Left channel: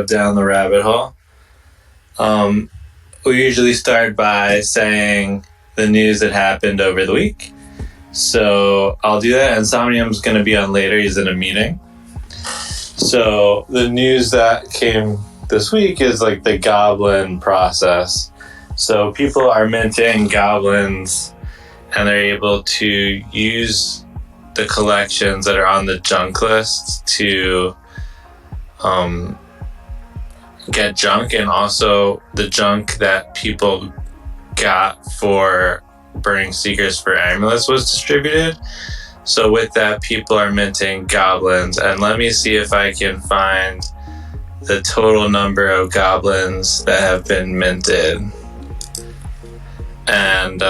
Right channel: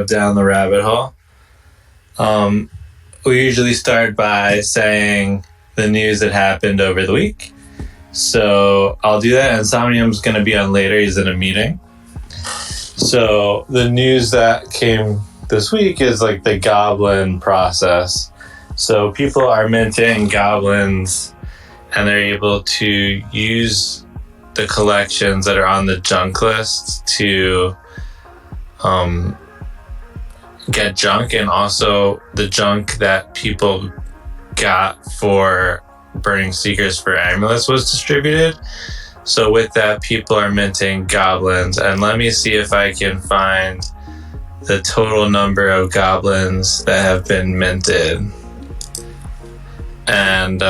of down the rabbit hole. We usually start by saying the news that happened over the week. So I'll do that. Insomnium's going to be on later. He's in a meeting. So the news that came this week is like the Goblin process. So people are minting Goblins and they're able to use the collections that are on the junk list to get junk, and also the junk that people got for burning secrets for amulets was distributed. So with that, people are minting Goblins, and let me see if I can find the total number of Goblins that have been minted. And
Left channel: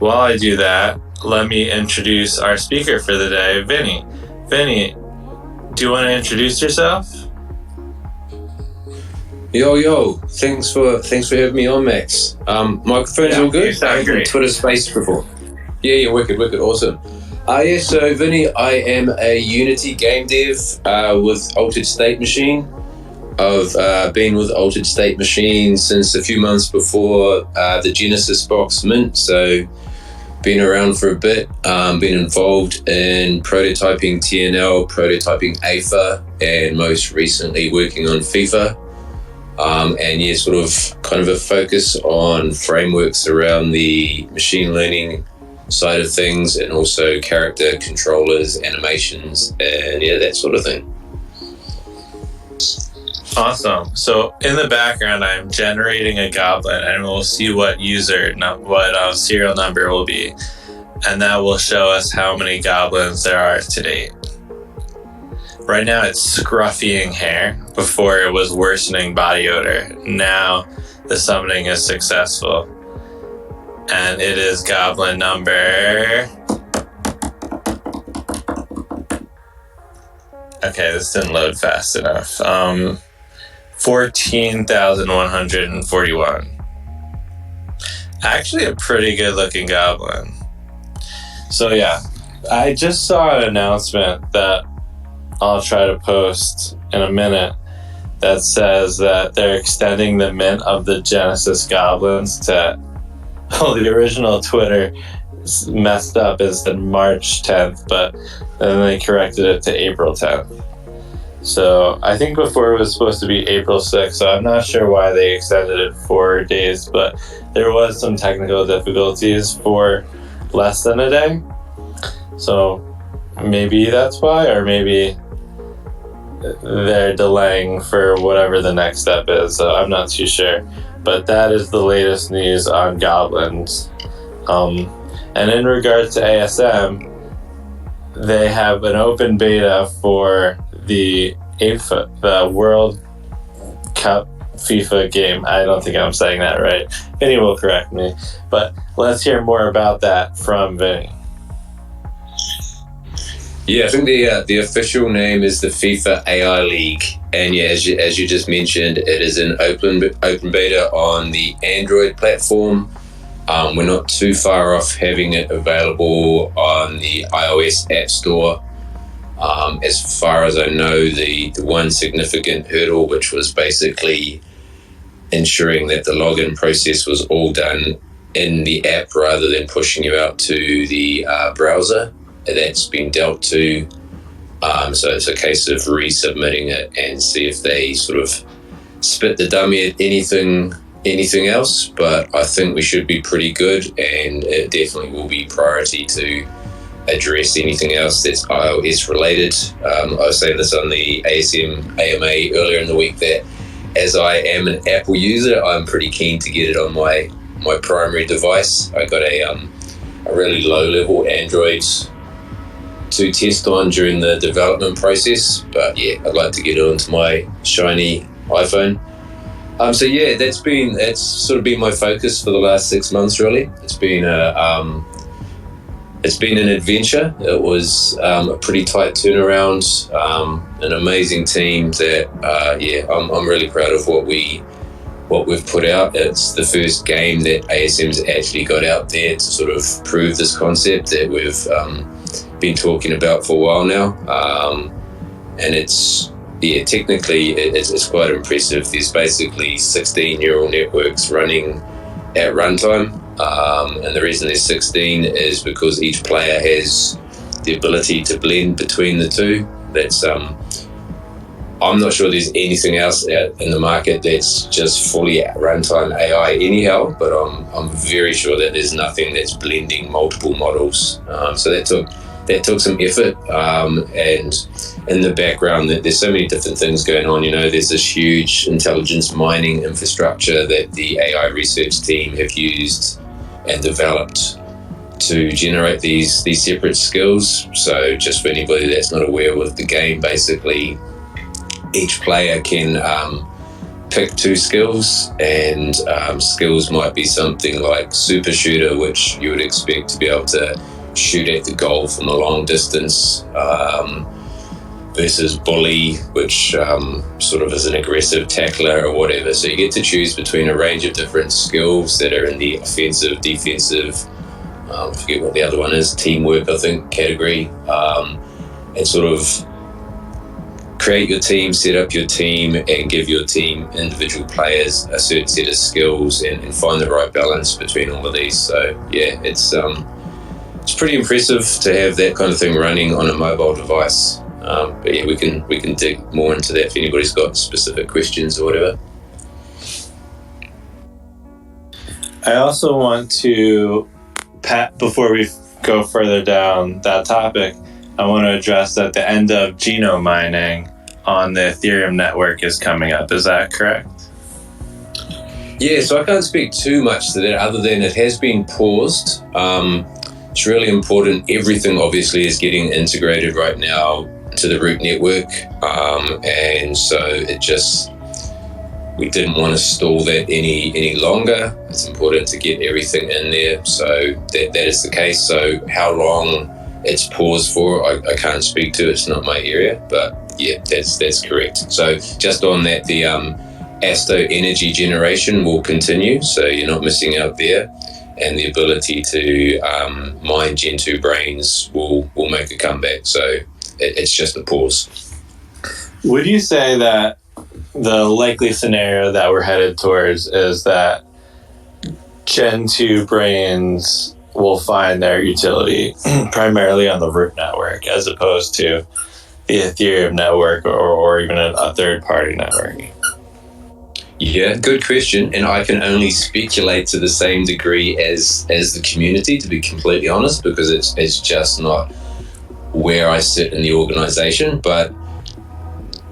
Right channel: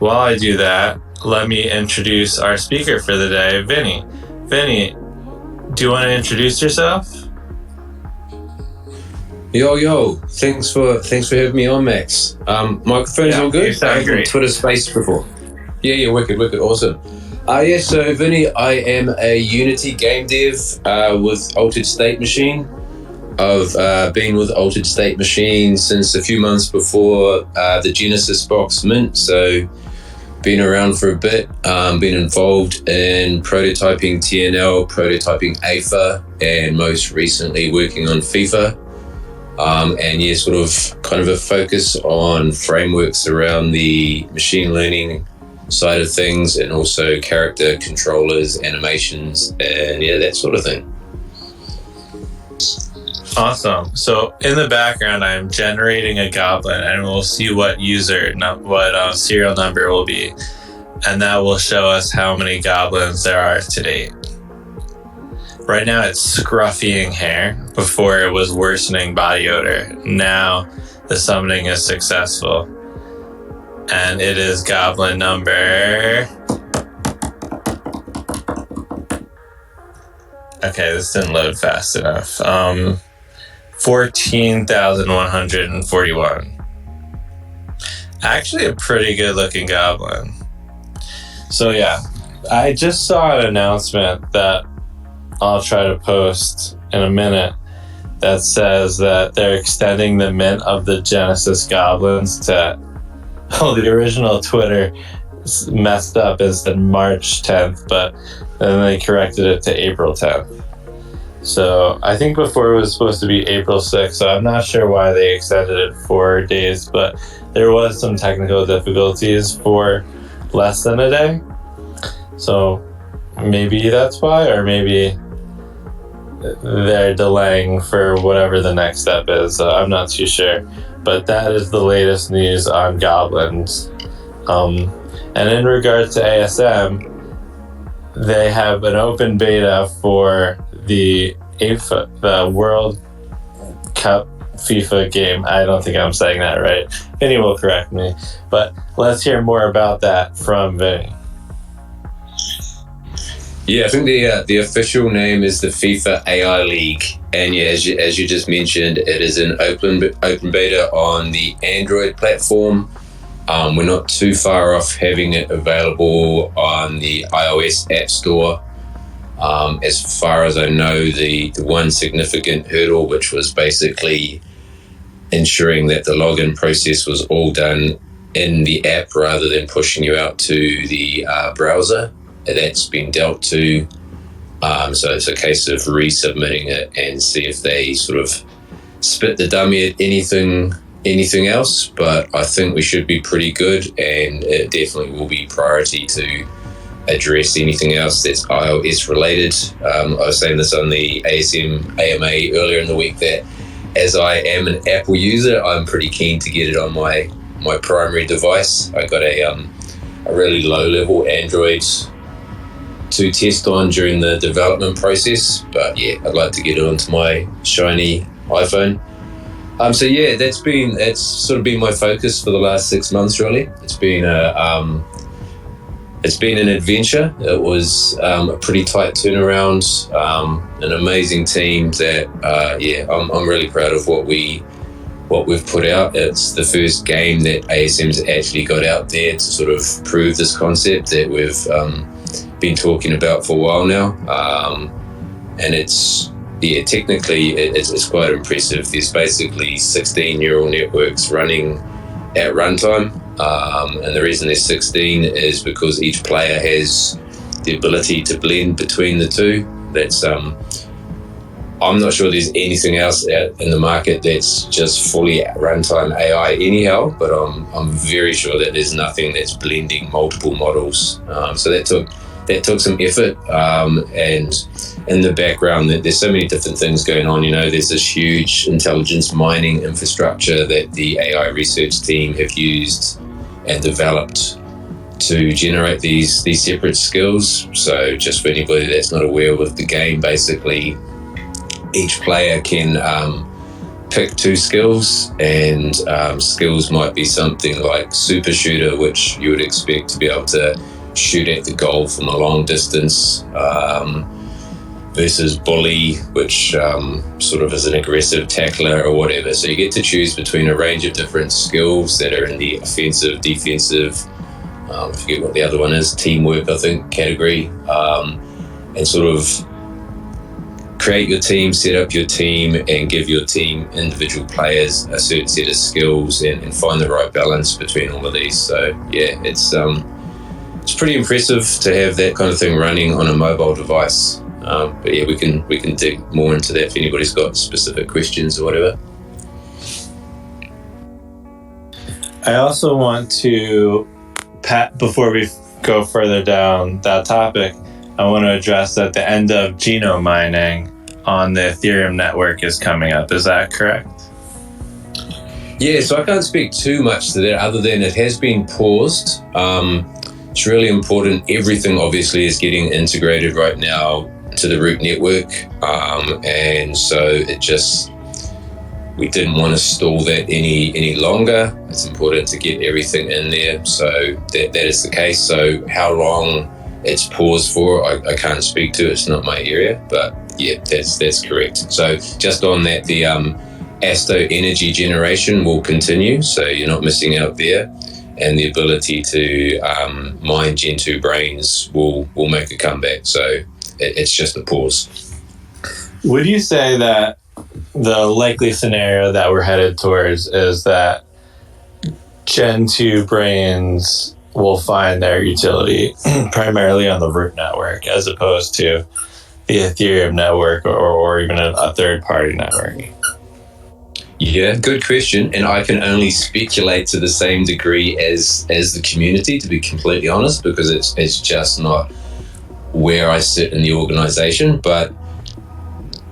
while I do that, let me introduce our speaker for the day, Vinnie. Vinnie, do you want to introduce yourself? Yo, thanks for having me on, Max. Microphone's all good? I've been Twitter Space before. Yeah, wicked, awesome. So Vinnie, I am a Unity game dev with Altered State Machine. I've been with Altered State Machine since a few months before the Genesis box mint, so been around for a bit, been involved in prototyping TNL, prototyping AFA, and most recently working on FIFA. And yeah, sort of kind of a focus on frameworks around the machine learning side of things, and also character controllers, animations, and yeah, that sort of thing. Awesome. So in the background, I'm generating a Goblin, and we'll see what serial number will be, and that will show us how many Goblins there are to date. Right now it's scruffying hair. Before it was worsening body odor. Now the summoning is successful. And it is Goblin number... Okay, this didn't load fast enough. 14,141. Actually a pretty good looking Goblin. So yeah, I just saw an announcement that I'll try to post in a minute that says that they're extending the mint of the Genesis Goblins to... the original Twitter messed up and said March 10th, but then they corrected it to April 10th. So I think before it was supposed to be April 6th, so I'm not sure why they extended it 4 days, but there was some technical difficulties for less than a day. So maybe that's why, or maybe they're delaying for whatever the next step is. So I'm not too sure, but that is the latest news on Goblins. And in regards to ASM, they have an open beta for the World Cup FIFA game. I don't think I'm saying that right. Vinny will correct me, but let's hear more about that from Vinny. Yeah, I think the official name is the FIFA AI League, and yeah, as you just mentioned, it is an open beta on the Android platform. We're not too far off having it available on the iOS App Store. As far as I know, the one significant hurdle, which was basically ensuring that the login process was all done in the app rather than pushing you out to the browser, that's been dealt to. So it's a case of resubmitting it and see if they sort of spit the dummy at anything else, but I think we should be pretty good, and it definitely will be priority to address anything else that's iOS related. I was saying this on the ASM AMA earlier in the week that as I am an Apple user, I'm pretty keen to get it on my primary device. I got a really low level Android to test on during the development process, but yeah, I'd like to get it onto my shiny iPhone. So yeah, that's sort of been my focus for the last 6 months. Really, it's been an adventure. It was a pretty tight turnaround, an amazing team that I'm really proud of what we've put out. It's the first game that ASM's actually got out there to sort of prove this concept that we've been talking about for a while now, and it's yeah, technically it's quite impressive. There's basically 16 neural networks running at runtime, and the reason there's 16 is because each player has the ability to blend between the two. That's I'm not sure there's anything else out in the market that's just fully runtime AI anyhow, but I'm very sure that there's nothing that's blending multiple models. So that took some effort, and in the background there's so many different things going on. There's this huge intelligence mining infrastructure that the AI research team have used and developed to generate these separate skills. So just for anybody that's not aware with the game, basically each player can pick 2 skills, and skills might be something like super shooter, which you would expect to be able to shoot at the goal from a long distance, versus bully, which sort of is an aggressive tackler or whatever. So you get to choose between a range of different skills that are in the offensive, defensive, I forget what the other one is, teamwork I think category, and sort of create your team, set up your team, and give your team individual players a certain set of skills, and find the right balance between all of these. So yeah, it's pretty impressive to have that kind of thing running on a mobile device. But yeah, we can dig more into that if anybody's got specific questions or whatever. I also want to, before we go further down that topic, I want to address that the end of genome mining on the Ethereum network is coming up. Is that correct? Yeah, so I can't speak too much to that other than it has been paused. It's really important. Everything obviously is getting integrated right now to the root network. And so we didn't want to stall that any longer. It's important to get everything in there. So that is the case. So how long it's paused for, I can't speak to. It's not my area, but yeah, that's correct. So just on that, the Asto energy generation will continue, so you're not missing out there, and the ability to mine Gen 2 brains will make a comeback. So it's just a pause. Would you say that the likely scenario that we're headed towards is that Gen 2 brains will find their utility primarily on the root network as opposed to the Ethereum network or even a third-party network? Yeah, good question. And I can only speculate to the same degree as the community, to be completely honest, because it's just not where I sit in the organization. But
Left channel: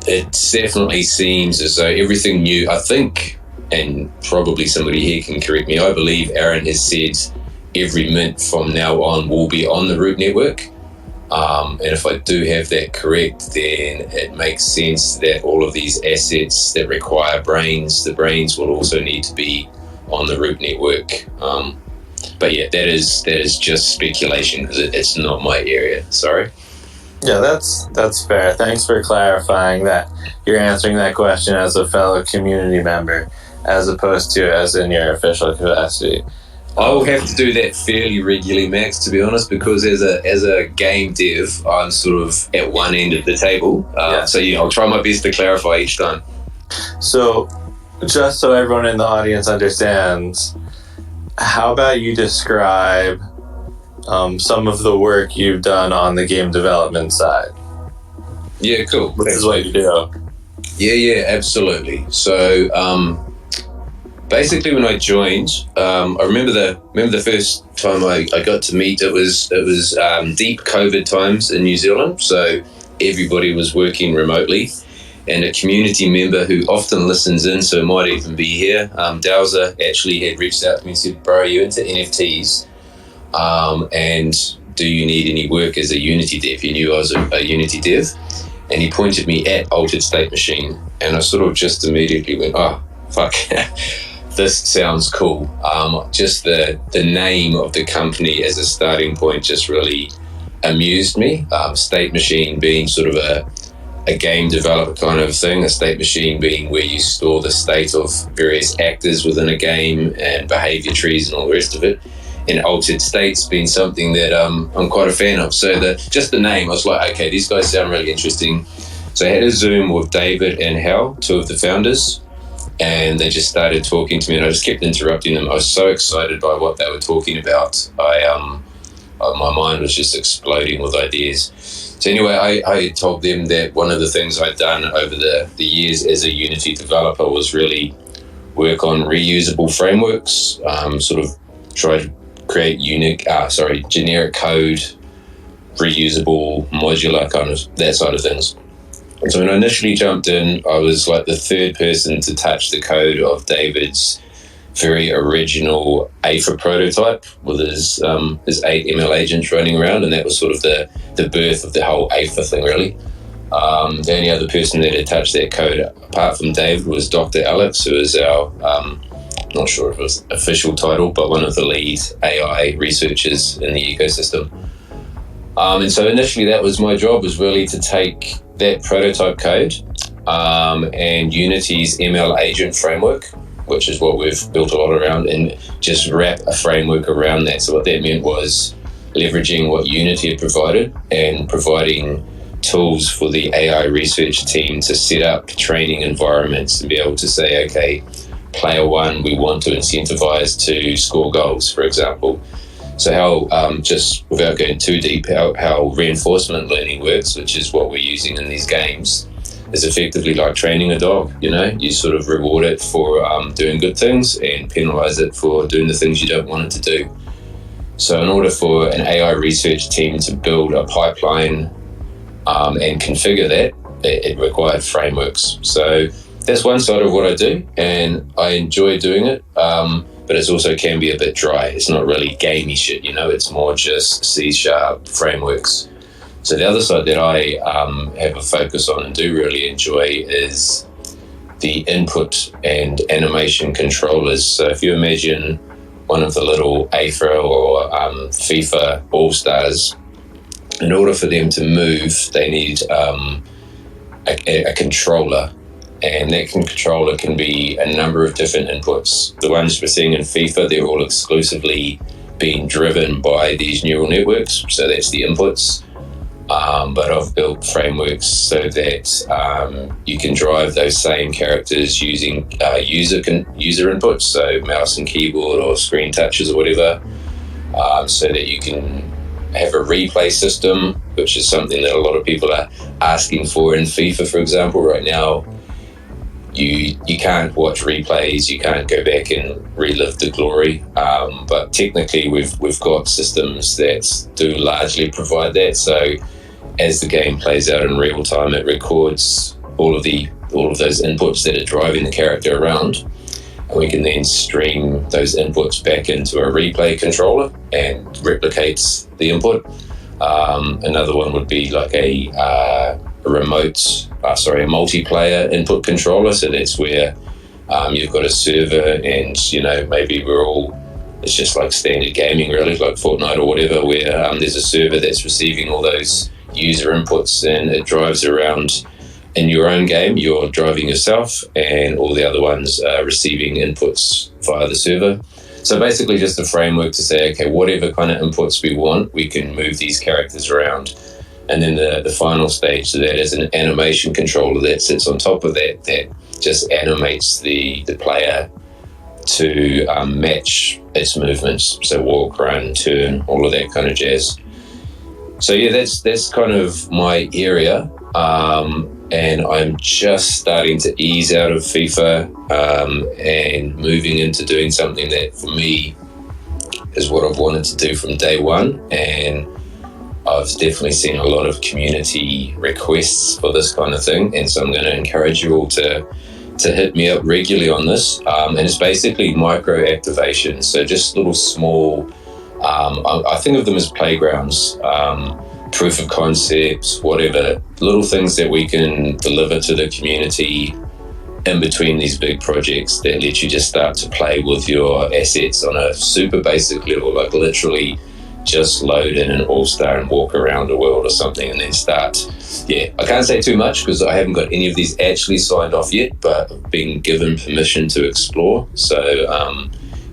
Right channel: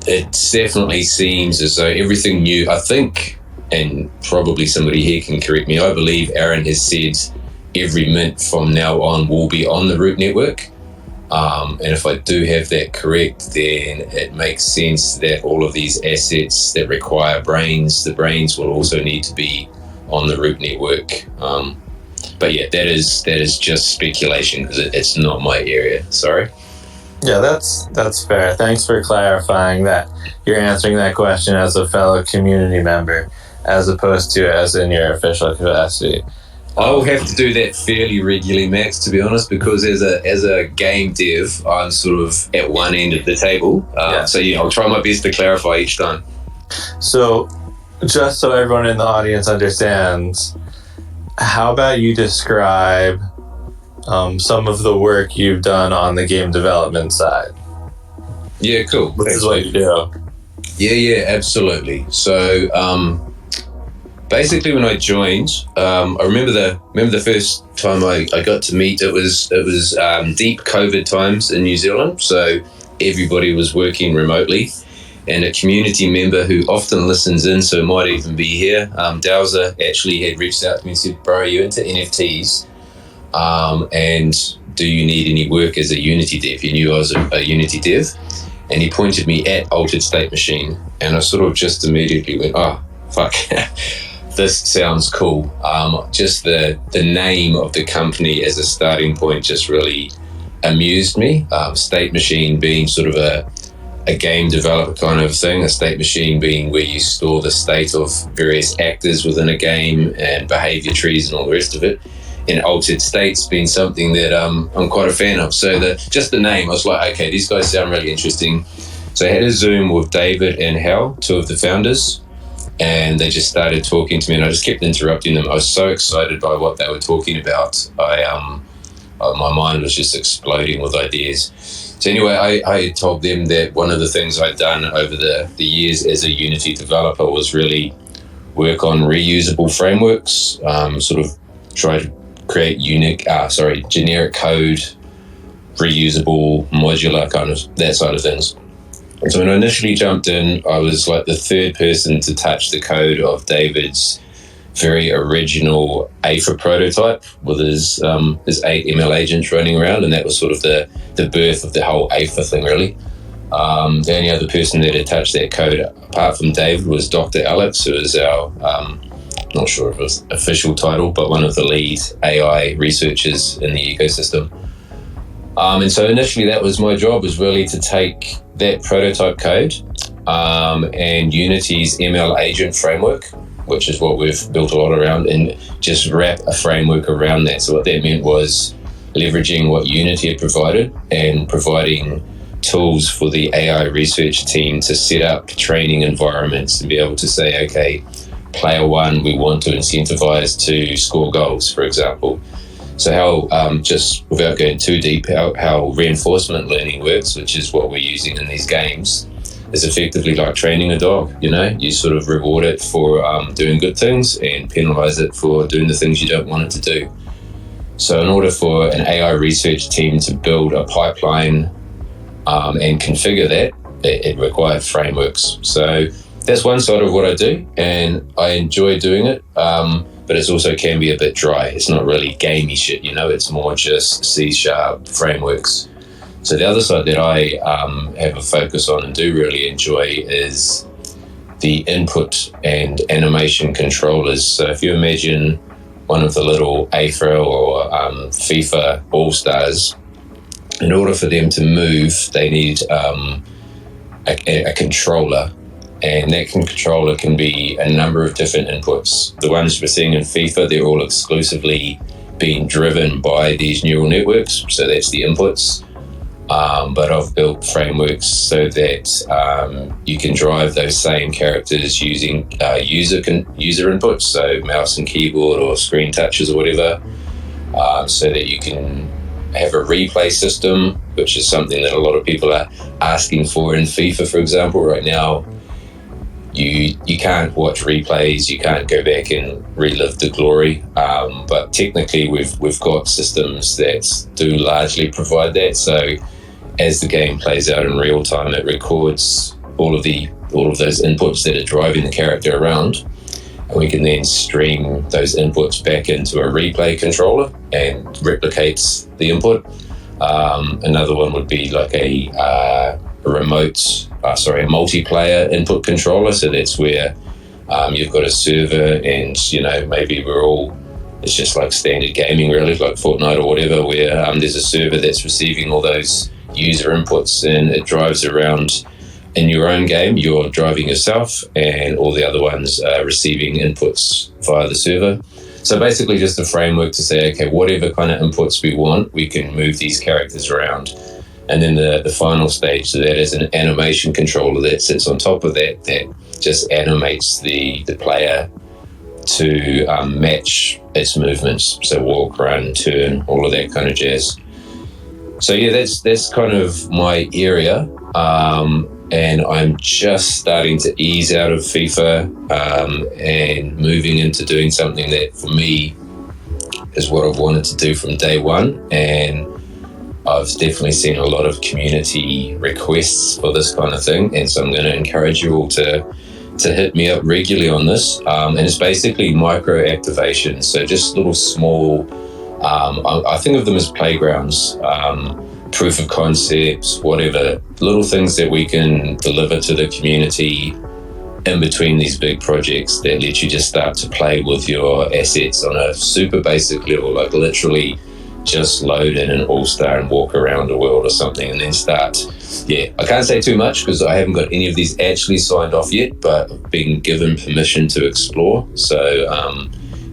it definitely seems as though everything new, I think, and probably somebody here can correct me, I believe Aaron has said every mint from now on will be on the root network. And if I do have that correct, then it makes sense that all of these assets that require brains, the brains will also need to be on the root network. But yeah, that is just speculation because it's not my area. Sorry. Yeah, that's fair. Thanks for clarifying that you're answering that question as a fellow community member as opposed to as in your official capacity. I'll have to do that fairly regularly, Max, to be honest, because as a game dev, I'm sort of at one end of the table. So yeah, I'll try my best to clarify each time. So, just so everyone in the audience understands, how about you describe some of the work you've done on the game development side? Yeah, cool. This is what you do. Yeah, absolutely. So, basically, when I joined, I remember the first time I got to meet. It was deep COVID times in New Zealand, so everybody was working remotely. And a community member who often listens in, so might even be here, Dowser, actually had reached out to me and said, "Bro, are you into NFTs? And do you need any work as a Unity dev?" He knew I was a Unity dev, and he pointed me at Altered State Machine, and I sort of just immediately went, "Oh, fuck." This sounds cool. Just the name of the company as a starting point just really amused me. State Machine being sort of a game developer kind of thing, a state machine being where you store the state of various actors within a game and behavior trees and all the rest of it. And altered states being something that I'm quite a fan of. So just the name, I was like, okay, these guys sound really interesting. So I had a Zoom with David and Hal, two of the founders, and they just started talking to me, and I just kept interrupting them. I was so excited by what they were talking about. My mind was just exploding with ideas. So anyway, I had told them that one of the things I'd done over the years as a Unity developer was really work on reusable frameworks, sort of try to create generic code, reusable, modular, kind of that side of things. And so when I initially jumped in, I was like the third person to touch the code of David's very original AFA prototype with his 8 ML agents running around, and that was sort of the birth of the whole AFA thing, really. The only other person that had touched that code, apart from David, was Dr. Alex, who is our, not sure if it was official title, but one of the lead AI researchers in the ecosystem. And so initially that was my job, was really to take that prototype code and Unity's ML agent framework, which is what we've built a lot around, and just wrap a framework around that. So what that meant was leveraging what Unity had provided and providing tools for the AI research team to set up training environments and be able to say, okay, player one, we want to incentivize to score goals, for example. So how, just without going too deep, how reinforcement learning works, which is what we're using in these games, is effectively like training a dog. You sort of reward it for doing good things and penalize it for doing the things you don't want it to do. So in order for an AI research team to build a pipeline and configure that, it required frameworks. So that's one side of what I do, and I enjoy doing it, but it also can be a bit dry. It's not really gamey shit, it's more just C# frameworks. So the other side that I have a focus on and do really enjoy is the input and animation controllers. So if you imagine one of the little AFA or FIFA All-Stars, in order for them to move, they need a controller, and that controller can be a number of different inputs. The ones we're seeing in FIFA, they're all exclusively being driven by these neural networks, so that's the inputs. But I've built frameworks so that you can drive those same characters using user inputs, so mouse and keyboard or screen touches or whatever, so that you can have a replay system, which is something that a lot of people are asking for in FIFA, for example. Right now, you can't watch replays, you can't go back and relive the glory, but technically we've got systems that do largely provide that. So as the game plays out in real time, it records all of those inputs that are driving the character around, and we can then stream those inputs back into a replay controller and replicates the input. Another one would be like a multiplayer input controller. So that's where you've got a server, and maybe it's just like standard gaming, really, like Fortnite or whatever, where there's a server that's receiving all those user inputs, and it drives around. In your own game, you're driving yourself, and all the other ones are receiving inputs via the server. So basically just a framework to say, okay, whatever kind of inputs we want, we can move these characters around. And then the final stage, so that is an animation controller that sits on top of that just animates the player to match its movements. So walk, run, turn, all of that kind of jazz. So yeah, that's kind of my area. And I'm just starting to ease out of FIFA and moving into doing something that for me is what I've wanted to do from day one. And I've definitely seen a lot of community requests for this kind of thing. And so I'm going to encourage you all to hit me up regularly on this. And it's basically micro activations. So just little small, I think of them as playgrounds, proof of concepts, whatever, little things that we can deliver to the community in between these big projects that let you just start to play with your assets on a super basic level, like literally just load in an all-star and walk around the world or something, and then start. Yeah, I can't say too much because I haven't got any of these actually signed off yet, but I've been given permission to explore. So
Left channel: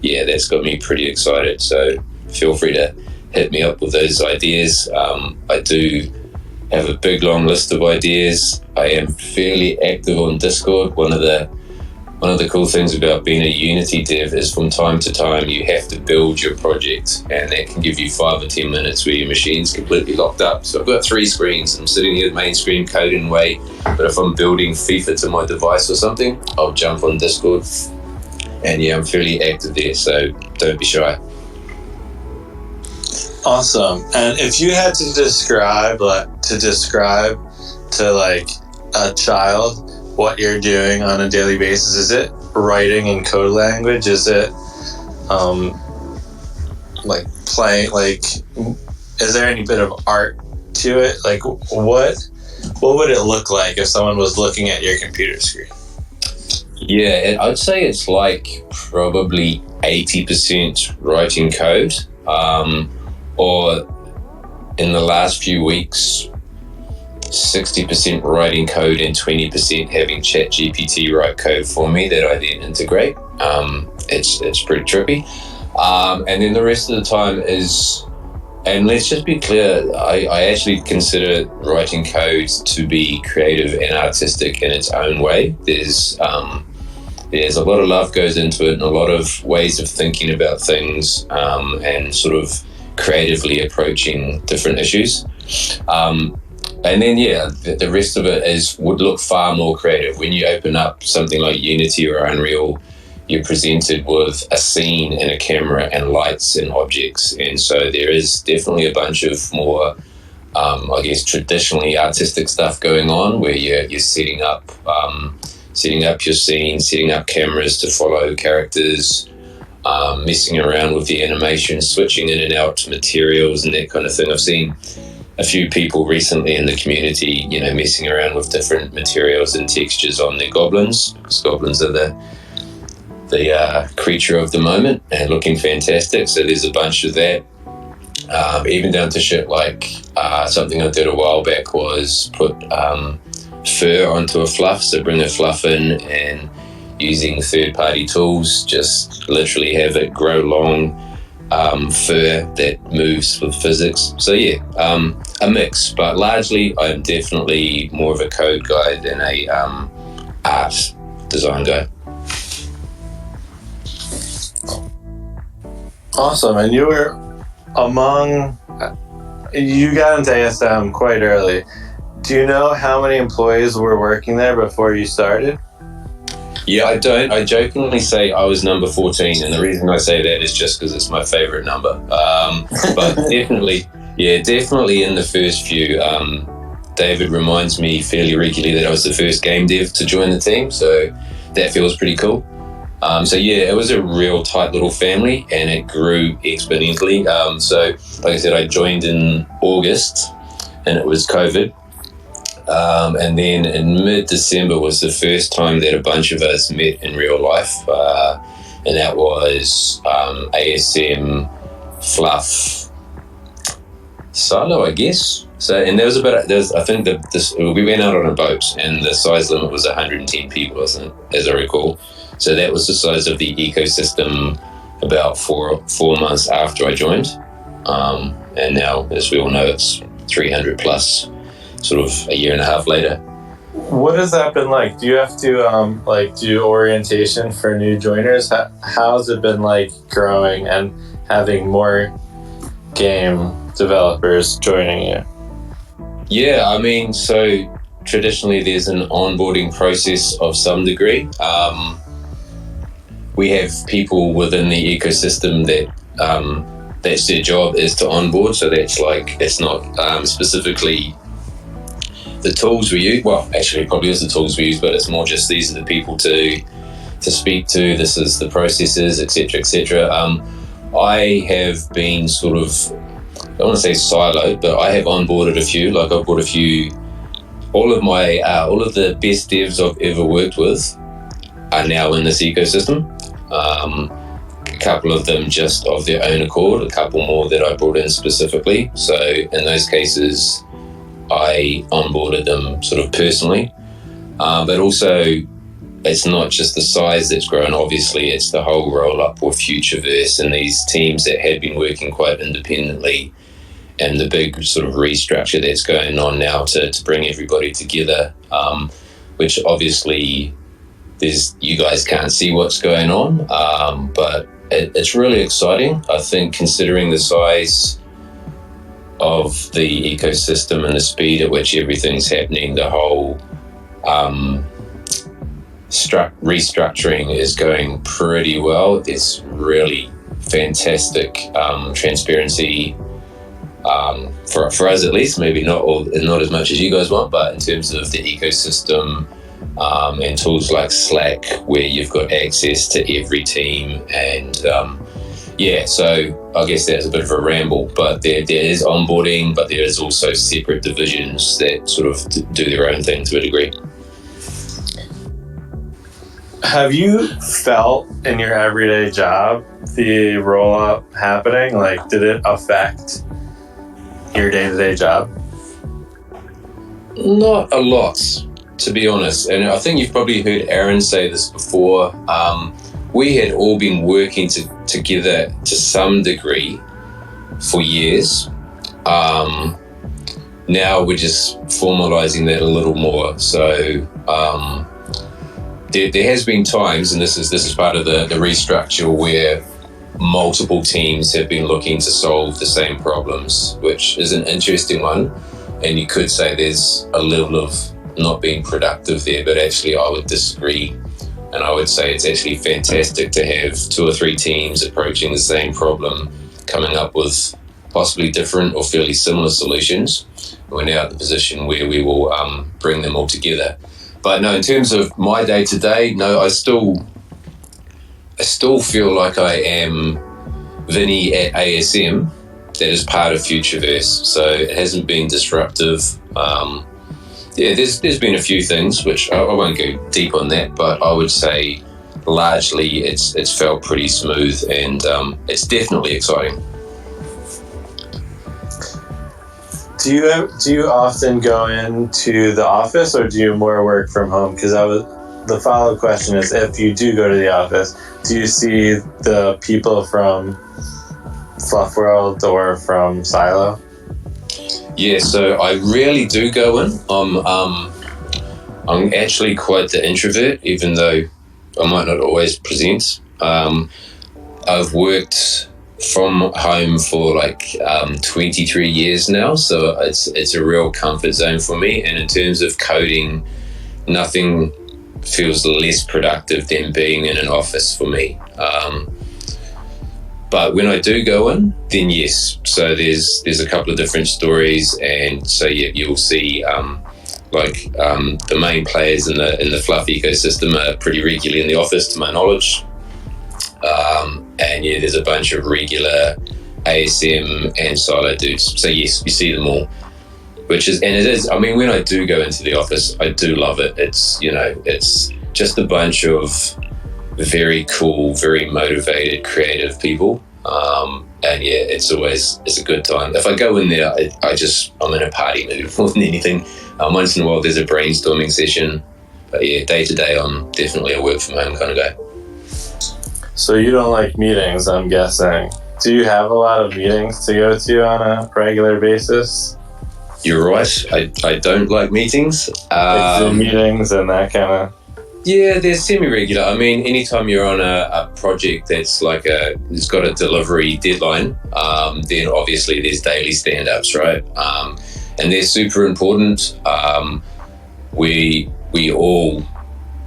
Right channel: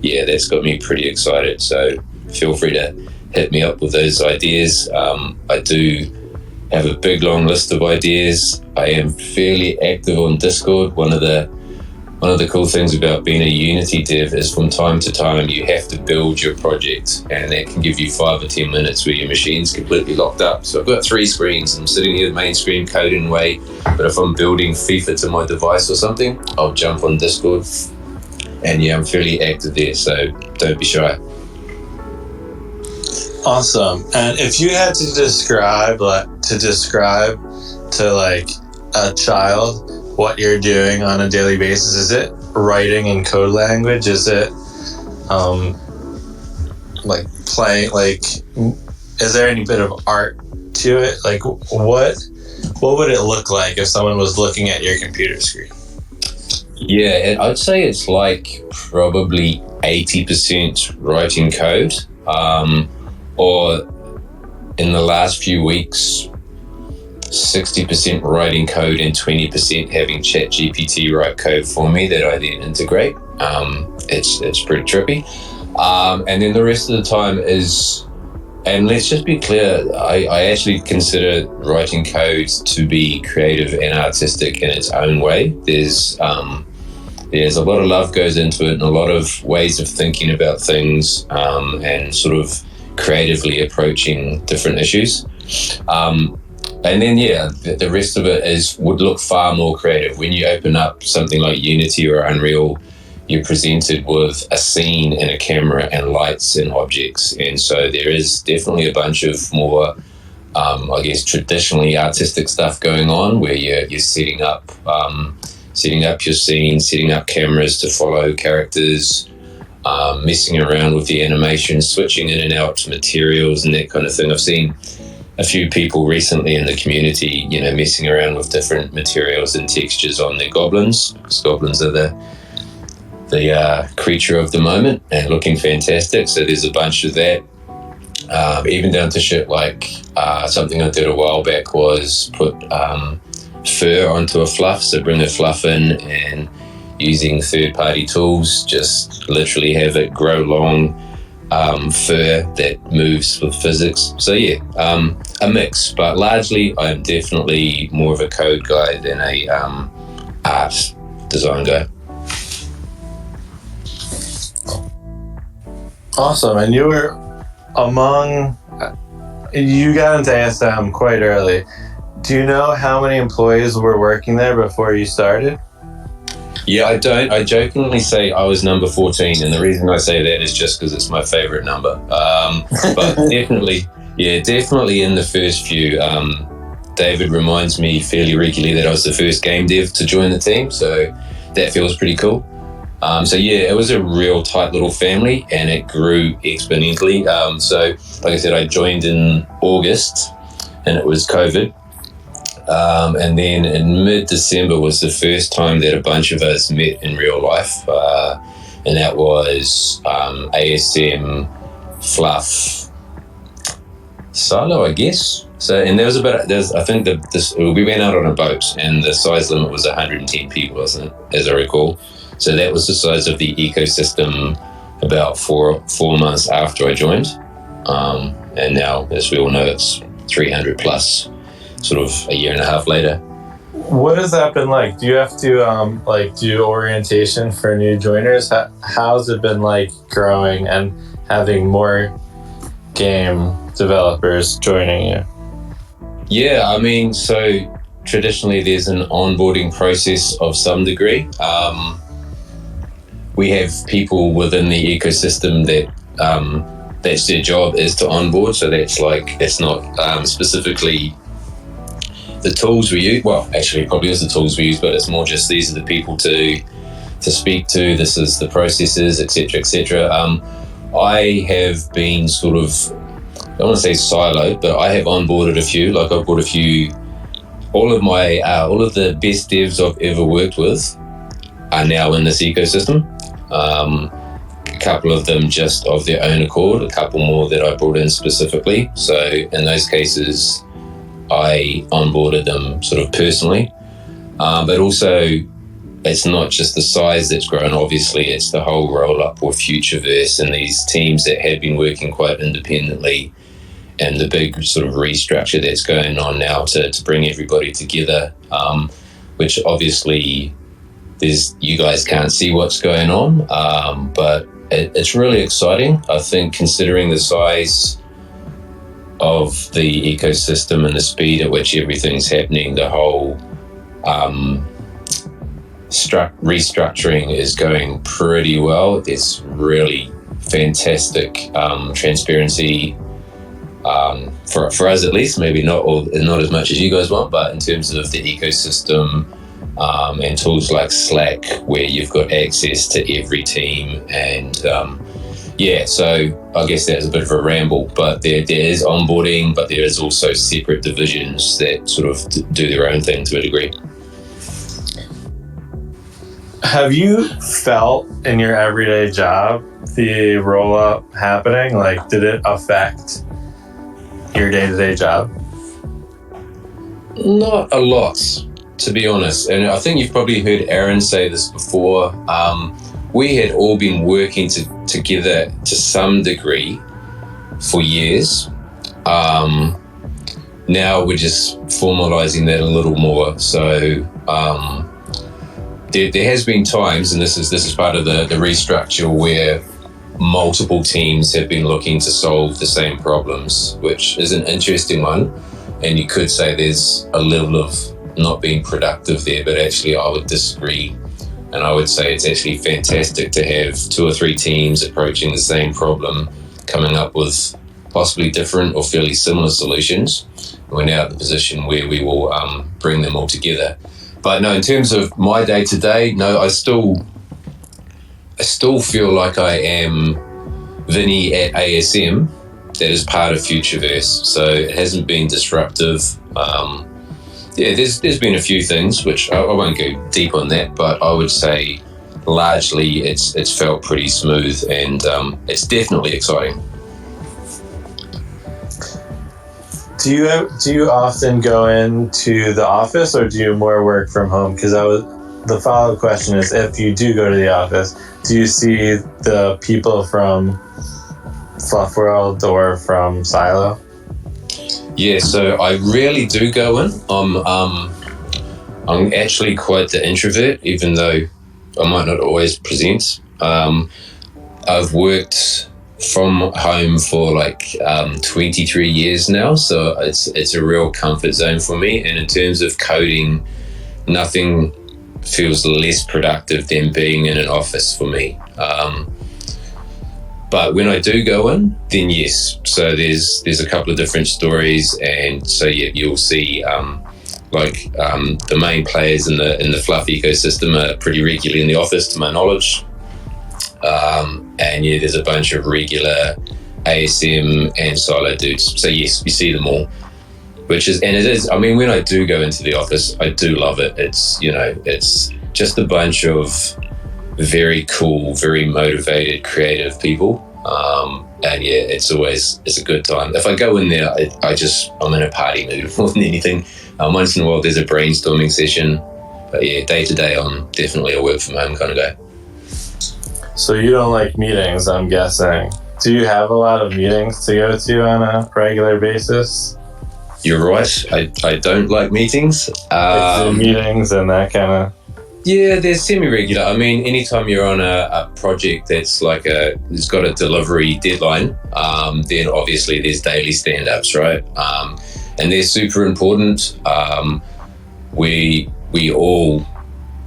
yeah, that's got me pretty excited. So feel free to hit me up with those ideas. I do have a big long list of ideas. I am fairly active on Discord. One of the cool things about being a Unity dev is from time to time you have to build your project, and that can give you 5 or 10 minutes where your machine's completely locked up. So I've got 3 screens. I'm sitting here at the main screen coding away, but if I'm building FIFA to my device or something, I'll jump on Discord, and yeah, I'm fairly active there, so don't be shy. Awesome. And if you had to describe to like a child what you're doing on a daily basis, is it writing in code language? Is it like playing, like, is there any bit of art to it? Like, what would it look like if someone was looking at your computer screen? Yeah, and I'd say it's like probably 80% writing code, or in the last few weeks, 60% writing code and 20% having ChatGPT write code for me that I then integrate. It's pretty trippy. And then the rest of the time is, and let's just be clear, I actually consider writing code to be creative and artistic in its own way. There's a lot of love goes into it and a lot of ways of thinking about things, and sort of creatively approaching different issues. And then, yeah, the rest of it would look far more creative. When you open up something like Unity or Unreal, you're presented with a scene and a camera and lights and objects. And so there is definitely a bunch of more, I guess, traditionally artistic stuff going on where you're setting up your scene, setting up cameras to follow characters, messing around with the animation, switching in and out materials and that kind of thing. I've seen a few people recently in the community, messing around with different materials and textures on their goblins, because goblins are the creature of the moment and looking fantastic. So there's a bunch of that. Even down to shit like something I did a while back was put fur onto a fluff. So bring a fluff in and using third-party tools, just literally have it grow long fur that moves with physics. So yeah, a mix, but largely I'm definitely more of a code guy than a art design guy. Awesome. And you were you got into ASM quite early. Do you know how many employees were working there before you started? Yeah, I don't. I jokingly say I was number 14, and the reason I say that is just because it's my favorite number. But definitely in the first few. David reminds me fairly regularly that I was the first game dev to join the team, so that feels pretty cool. So yeah, it was a real tight little family, and it grew exponentially. So like I said, I joined in August, and it was COVID. And then in mid-December was the first time that a bunch of us met in real life, and that was ASM FLUF Silo, I guess. So, and there was I think we went out on a boat, and the size limit was 110 people, as I recall. So that was the size of the ecosystem about four months after I joined, and now, as we all know, it's 300 plus. Sort of a year and a half later. What has that been like? Do you have to do orientation for new joiners? How has it been like growing and having more game developers joining you? Yeah, I mean, so traditionally there's an onboarding process of some degree. We have people within the ecosystem that that's their job is to onboard. So that's like, it's not specifically the tools we use. Well, actually, it probably is the tools we use, but it's more just these are the people to speak to. This is the processes, etc., etc. I have been sort of, I don't want to say siloed, but I have onboarded a few. Like I've brought a few. All of the best devs I've ever worked with are now in this ecosystem. A couple of them just of their own accord. A couple more that I brought in specifically. So in those cases, I onboarded them sort of personally, but also it's not just the size that's grown. Obviously, it's the whole Rollup or Futureverse and these teams that had been working quite independently and the big sort of restructure that's going on now to bring everybody together, which obviously you guys can't see what's going on, but it's really exciting. I think considering the size of the ecosystem and the speed at which everything's happening, the whole restructuring is going pretty well. It's really fantastic transparency for us, at least. Maybe not as much as you guys want, but in terms of the ecosystem and tools like Slack, where you've got access to every team, and so I guess that's a bit of a ramble, but there is onboarding, but there is also separate divisions that sort of do their own thing to a degree. Have you felt in your everyday job the roll-up happening? Like, did it affect your day-to-day job? Not a lot, to be honest. And I think you've probably heard Aaron say this before. We had all been working together to some degree for years. Now we're just formalizing that a little more. So there has been times, and this is part of the restructure, where multiple teams have been looking to solve the same problems, which is an interesting one. And you could say there's a level of not being productive there, but actually I would disagree. And I would say it's actually fantastic to have 2 or 3 teams approaching the same problem, coming up with possibly different or fairly similar solutions. We're now at the position where we will bring them all together. But no, in terms of my day-to-day, no, I still feel like I am Vinnie at ASM. That is part of Futureverse, so it hasn't been disruptive. There's been a few things, which I won't go deep on that, but I would say largely it's felt pretty smooth, and it's definitely exciting. Do you often go into the office, or do you more work from home? Because the follow-up question is, if you do go to the office, do you see the people from FLUF World or from Silo? Yeah, so I rarely do go in. I'm actually quite the introvert, even though I might not always present. I've worked from home for 23 years now, so it's a real comfort zone for me. And in terms of coding, nothing feels less productive than being in an office for me. But when I do go in, then yes. So there's a couple of different stories, and so you'll see the main players in the FLUF ecosystem are pretty regularly in the office, to my knowledge. And there's a bunch of regular ASM and Silo dudes. So yes, you see them all. I mean, when I do go into the office, I do love it. It's just a bunch of very cool, very motivated, creative people. It's a good time. If I go in there, I'm in a party mood more than anything. Once in a while there's a brainstorming session, but yeah, day to day I'm definitely a work from home kind of guy. So you don't like meetings, I'm guessing. Do you have a lot of meetings to go to on a regular basis? You're right, I don't like meetings. Meetings and that kind of... Yeah, they're semi-regular. I mean, anytime you're on a project that's it's got a delivery deadline, then obviously there's daily stand-ups, right? And they're super important. We all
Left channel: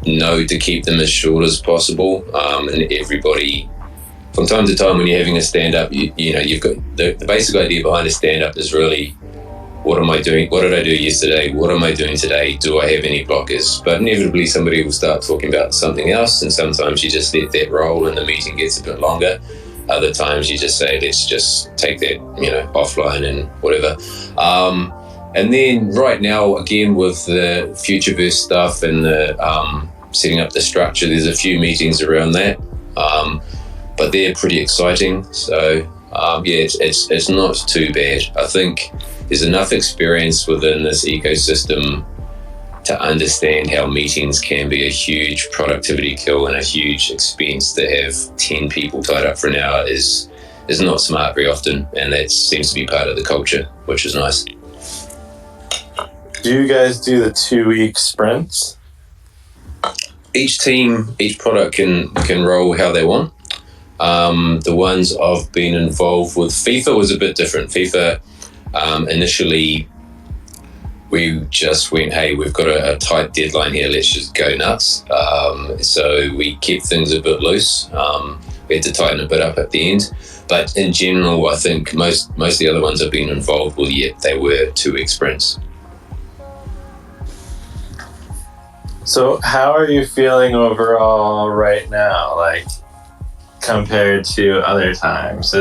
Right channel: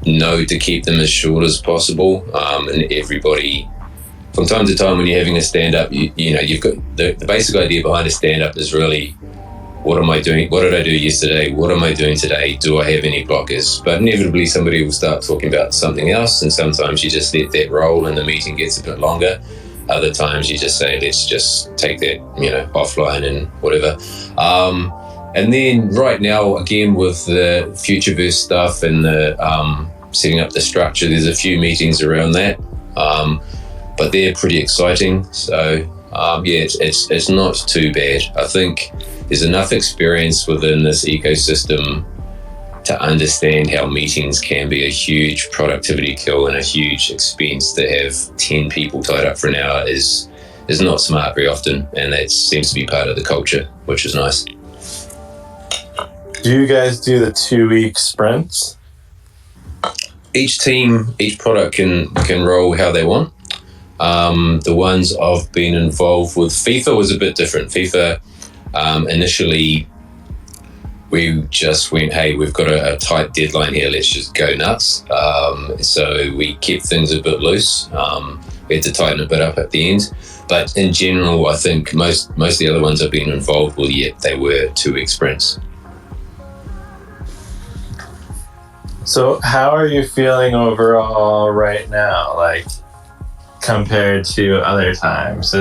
know to keep them as short as possible, and everybody, from time to time when you're having a stand-up, you've got the basic idea behind a stand-up is really, what am I doing? What did I do yesterday? What am I doing today? Do I have any blockers? But inevitably somebody will start talking about something else, and sometimes you just let that roll and the meeting gets a bit longer. Other times you just say, let's just take that, offline and whatever. And then right now, again, with the Futureverse stuff and the setting up the structure, there's a few meetings around that. But they're pretty exciting. So it's not too bad. I think there's enough experience within this ecosystem to understand how meetings can be a huge productivity kill and a huge expense. To have 10 people tied up for an hour is is not smart very often, and that seems to be part of the culture, which is nice. Do you guys do the 2-week sprints? Each team, each product can roll how they want. The ones I've been involved with, FIFA was a bit different. FIFA, initially, we just went, hey, we've got a tight deadline here, let's just go nuts. So we kept things a bit loose. We had to tighten a bit up at the end. But in general, I think most of the other ones I've been involved with, they were 2-week sprints. So how are you feeling overall right now, like compared to other times?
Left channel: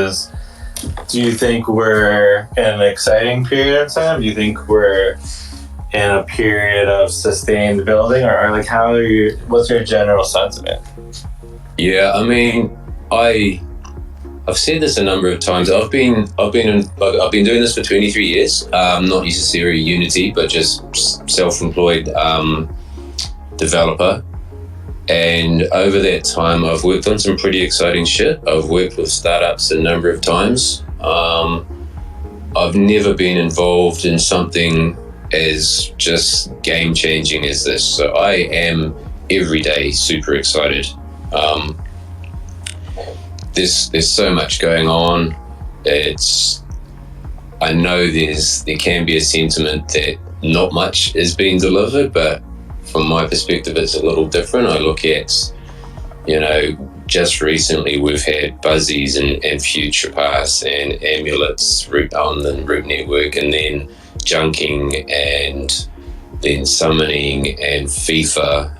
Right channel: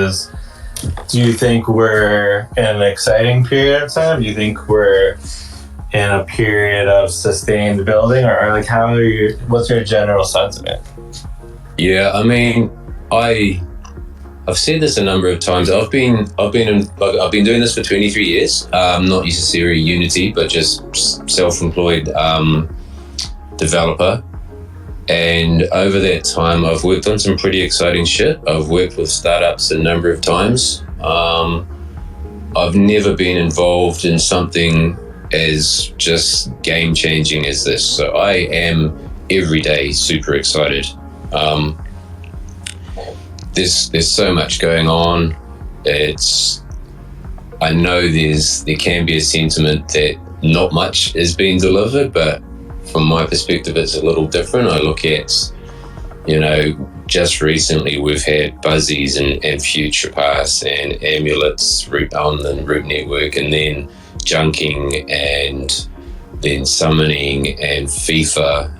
Do you think we're in an exciting period of time? Do you think we're in a period of sustained building, or like what's your general sentiment? Yeah, I mean, I've said this a number of times. I've been doing this for 23 years. Not necessarily Unity, but just self-employed developer. And over that time, I've worked on some pretty exciting shit. I've worked with startups a number of times. I've never been involved in something as just game-changing as this. So I am every day super excited. There's so much going on. I know there can be a sentiment that not much is being delivered, but from my perspective, it's a little different. I look at, just recently we've had Buzzies and Futureverse and Amulets on the Root Network, and then Junking and then Summoning and FIFA.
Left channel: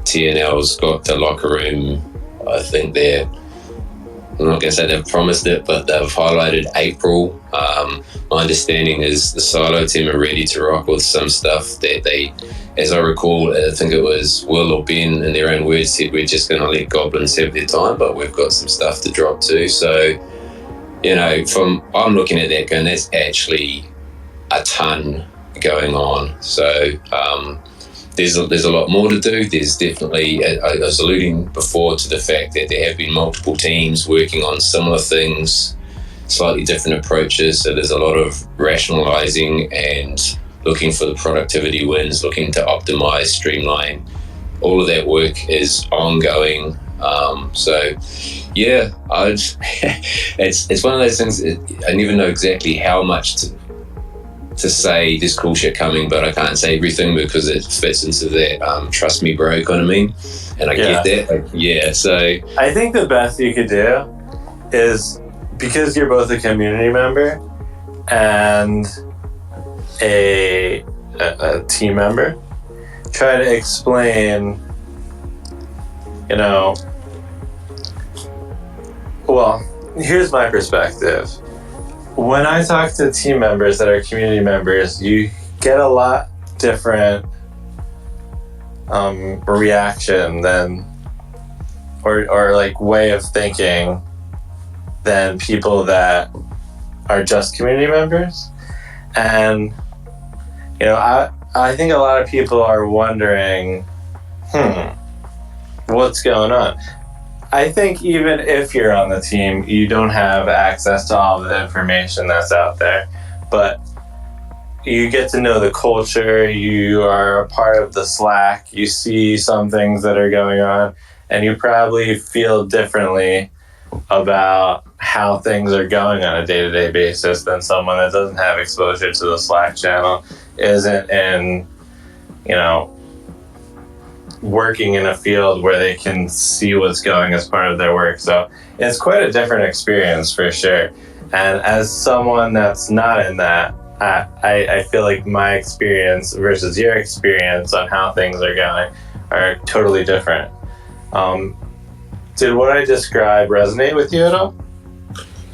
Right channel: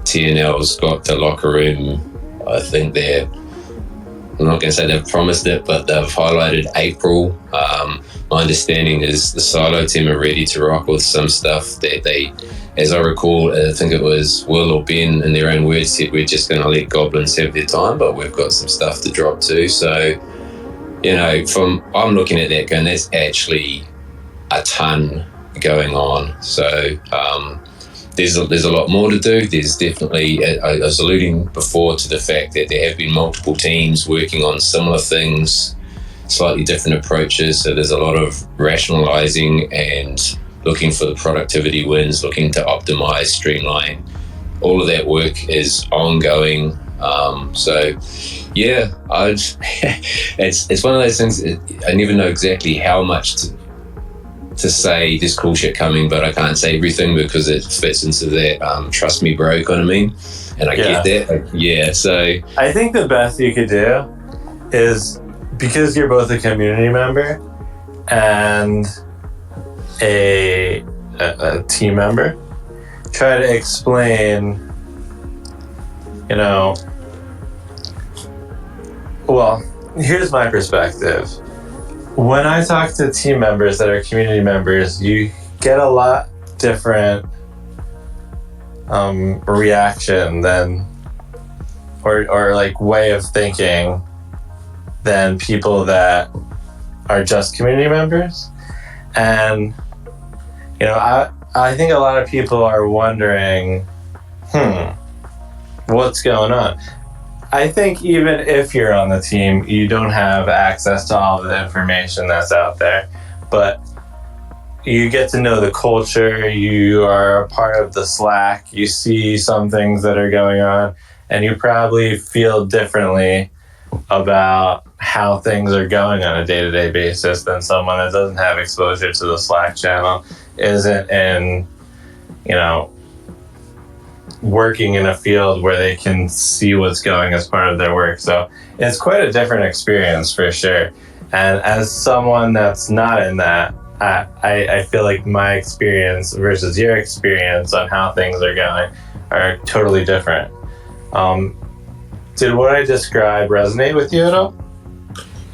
TNL's got the locker room. I think I'm not going to say they've promised it, but they've highlighted April. My understanding is the Silo team are ready to rock with some stuff that they, as I recall, and I think it was Will or Ben in their own words said, we're just going to let Goblins have their time, but we've got some stuff to drop too. So, I'm looking at that going, there's actually a ton going on. So, there's a lot more to do. There's definitely, I was alluding before to the fact that there have been multiple teams working on similar things, slightly different approaches. So there's a lot of rationalizing and looking for the productivity wins, looking to optimize, streamline. All of that work is ongoing. It's one of those things that I never know exactly how much to say there's cool shit coming, but I can't say everything because it fits into that trust me bro kind of meme, and I get that. So I think the best you could do is, because you're both a community member and a team member, try to explain, well, here's my perspective. When I talk to team members that are community members, you get a lot different reaction than, or like way of thinking than people that are just community members. And, I think a lot of people are wondering, what's going on? I think even if you're on the team, you don't have access to all the information that's out there, but you get to know the culture, you are a part of the Slack, you see some things that are going on, and you probably feel differently about how things are going on a day-to-day basis than someone that doesn't have exposure to the Slack channel, isn't in, working in a field where they can see what's going as part of their work. So it's quite a different experience for sure. And as someone that's not in that, I feel like my experience versus your experience on how things are going are totally different. Did what I described resonate with you at all?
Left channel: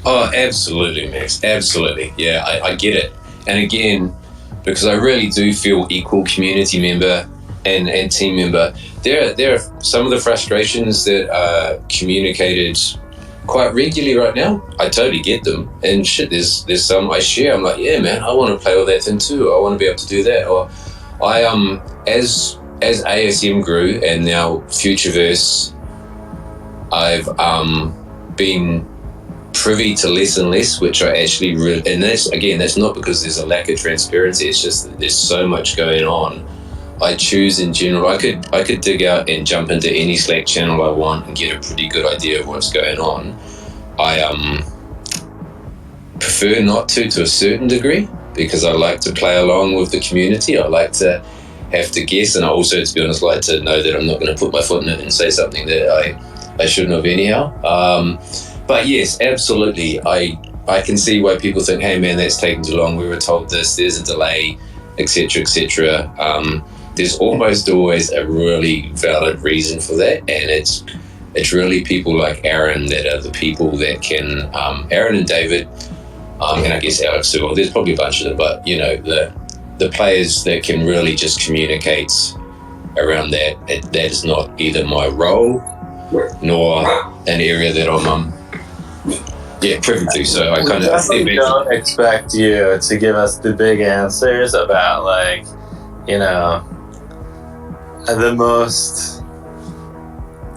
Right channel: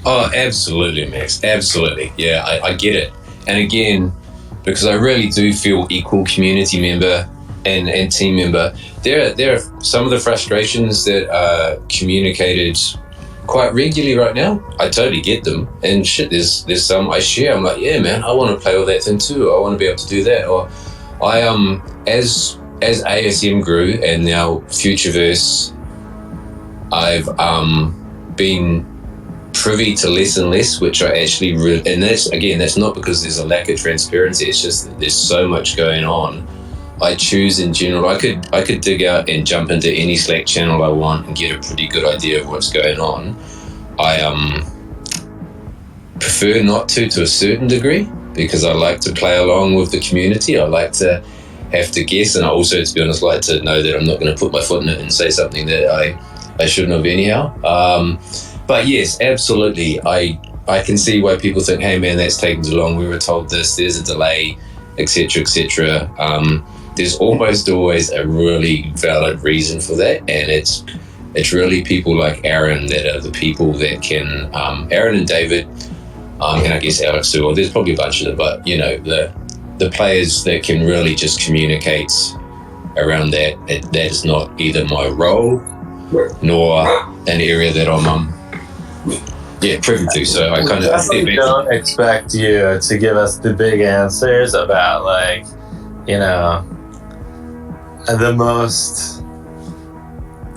Oh, absolutely, Max. Absolutely. Yeah, I get it. And again, because I really do feel equal community member and team member, there are some of the frustrations that are communicated quite regularly right now. I totally get them, and shit, there's some I share. I'm like, yeah, man, I want to play with that thing too. I want to be able to do that. Or I as ASM grew and now Futureverse, I've been privy to less and less, which I actually really, and that's not because there's a lack of transparency. It's just there's so much going on. I choose in general. I could dig out and jump into any Slack channel I want and get a pretty good idea of what's going on. I prefer not to a certain degree, because I like to play along with the community. I like to have to guess, and I also, to be honest, like to know that I'm not going to put my foot in it and say something that I shouldn't have anyhow. But yes, absolutely. I can see why people think, hey man, that's taking too long. We were told this, there's a delay, etc., etc. There's almost always a really valid reason for that, and it's really people like Aaron that are the people that can, Aaron and David, and I guess Alex too, or there's probably a bunch of them, but you know, the players that can really just communicate around that. That is not either my role nor an area that I'm privy to. So I kind of don't expect you to give us the big answers about, like, you know,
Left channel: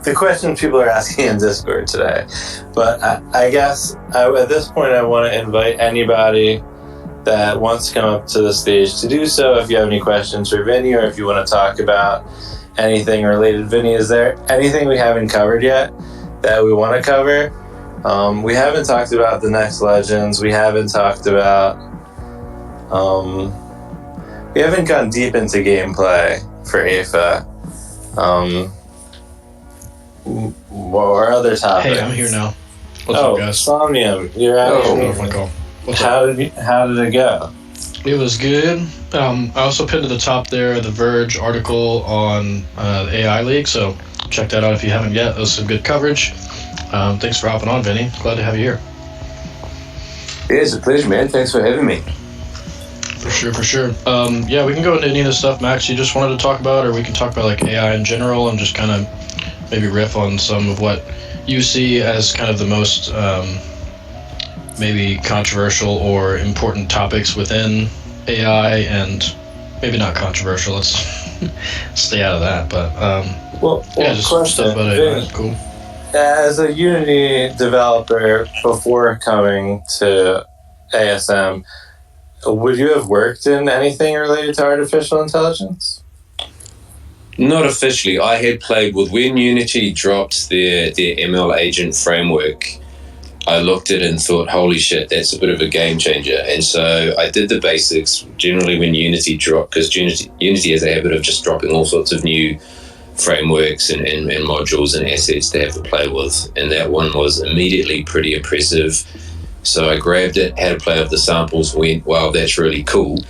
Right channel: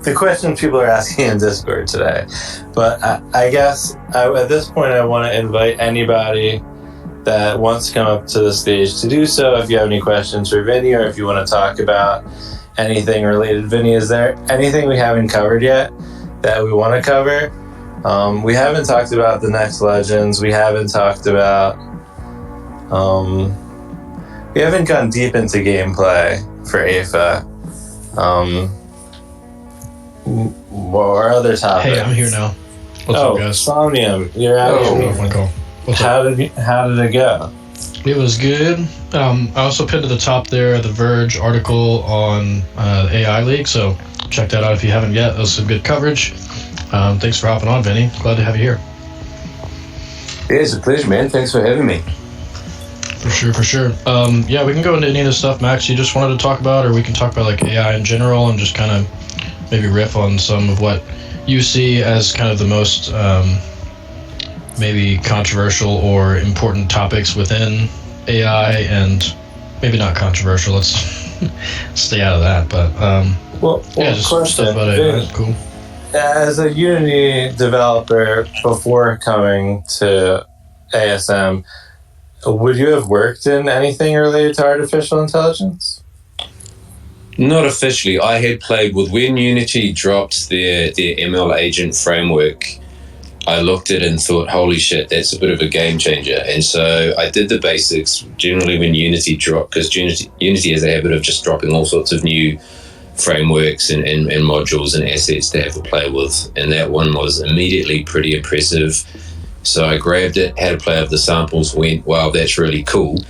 the questions people are asking in Discord today. But I guess at this point I want to invite anybody that wants to come up to the stage to do so. If you have any questions for Vinnie, or if you want to talk about anything related. Vinnie, is there anything we haven't covered yet that we want to cover? We haven't talked about the next Legends. We haven't talked about... we haven't gone deep into gameplay for AFA. Or other topics. Hey, I'm here now. What's up, guys? Somnium, you're out of my call. How did it go? It was good. I also pinned to the top there the Verge article on AI League, so check that out if you haven't yet. That was some good coverage. Thanks for hopping on, Vinnie. Glad to have you here. Yeah, it's a pleasure, man. Thanks for having me. For sure. Yeah, we can go into any of the stuff, Max, you just wanted to talk about, or we can talk about like AI in general and just kind of maybe riff on some of what you see as kind of the most maybe controversial or important topics within AI, and maybe not controversial, let's stay out of that, but just stuff about it. Right? Cool. As a Unity developer before coming to ASM, would you have worked in anything related to artificial intelligence? Not officially. I had played with, when Unity dropped their ML agent framework, I looked at it and thought, holy shit, that's a bit of a game changer. And so I did the basics. Generally when Unity dropped, because Unity has a habit of just dropping all sorts of new frameworks and modules and assets to have to play with. And that one was immediately pretty impressive. So I grabbed it, had a play of the samples, went, wow, that's really cool.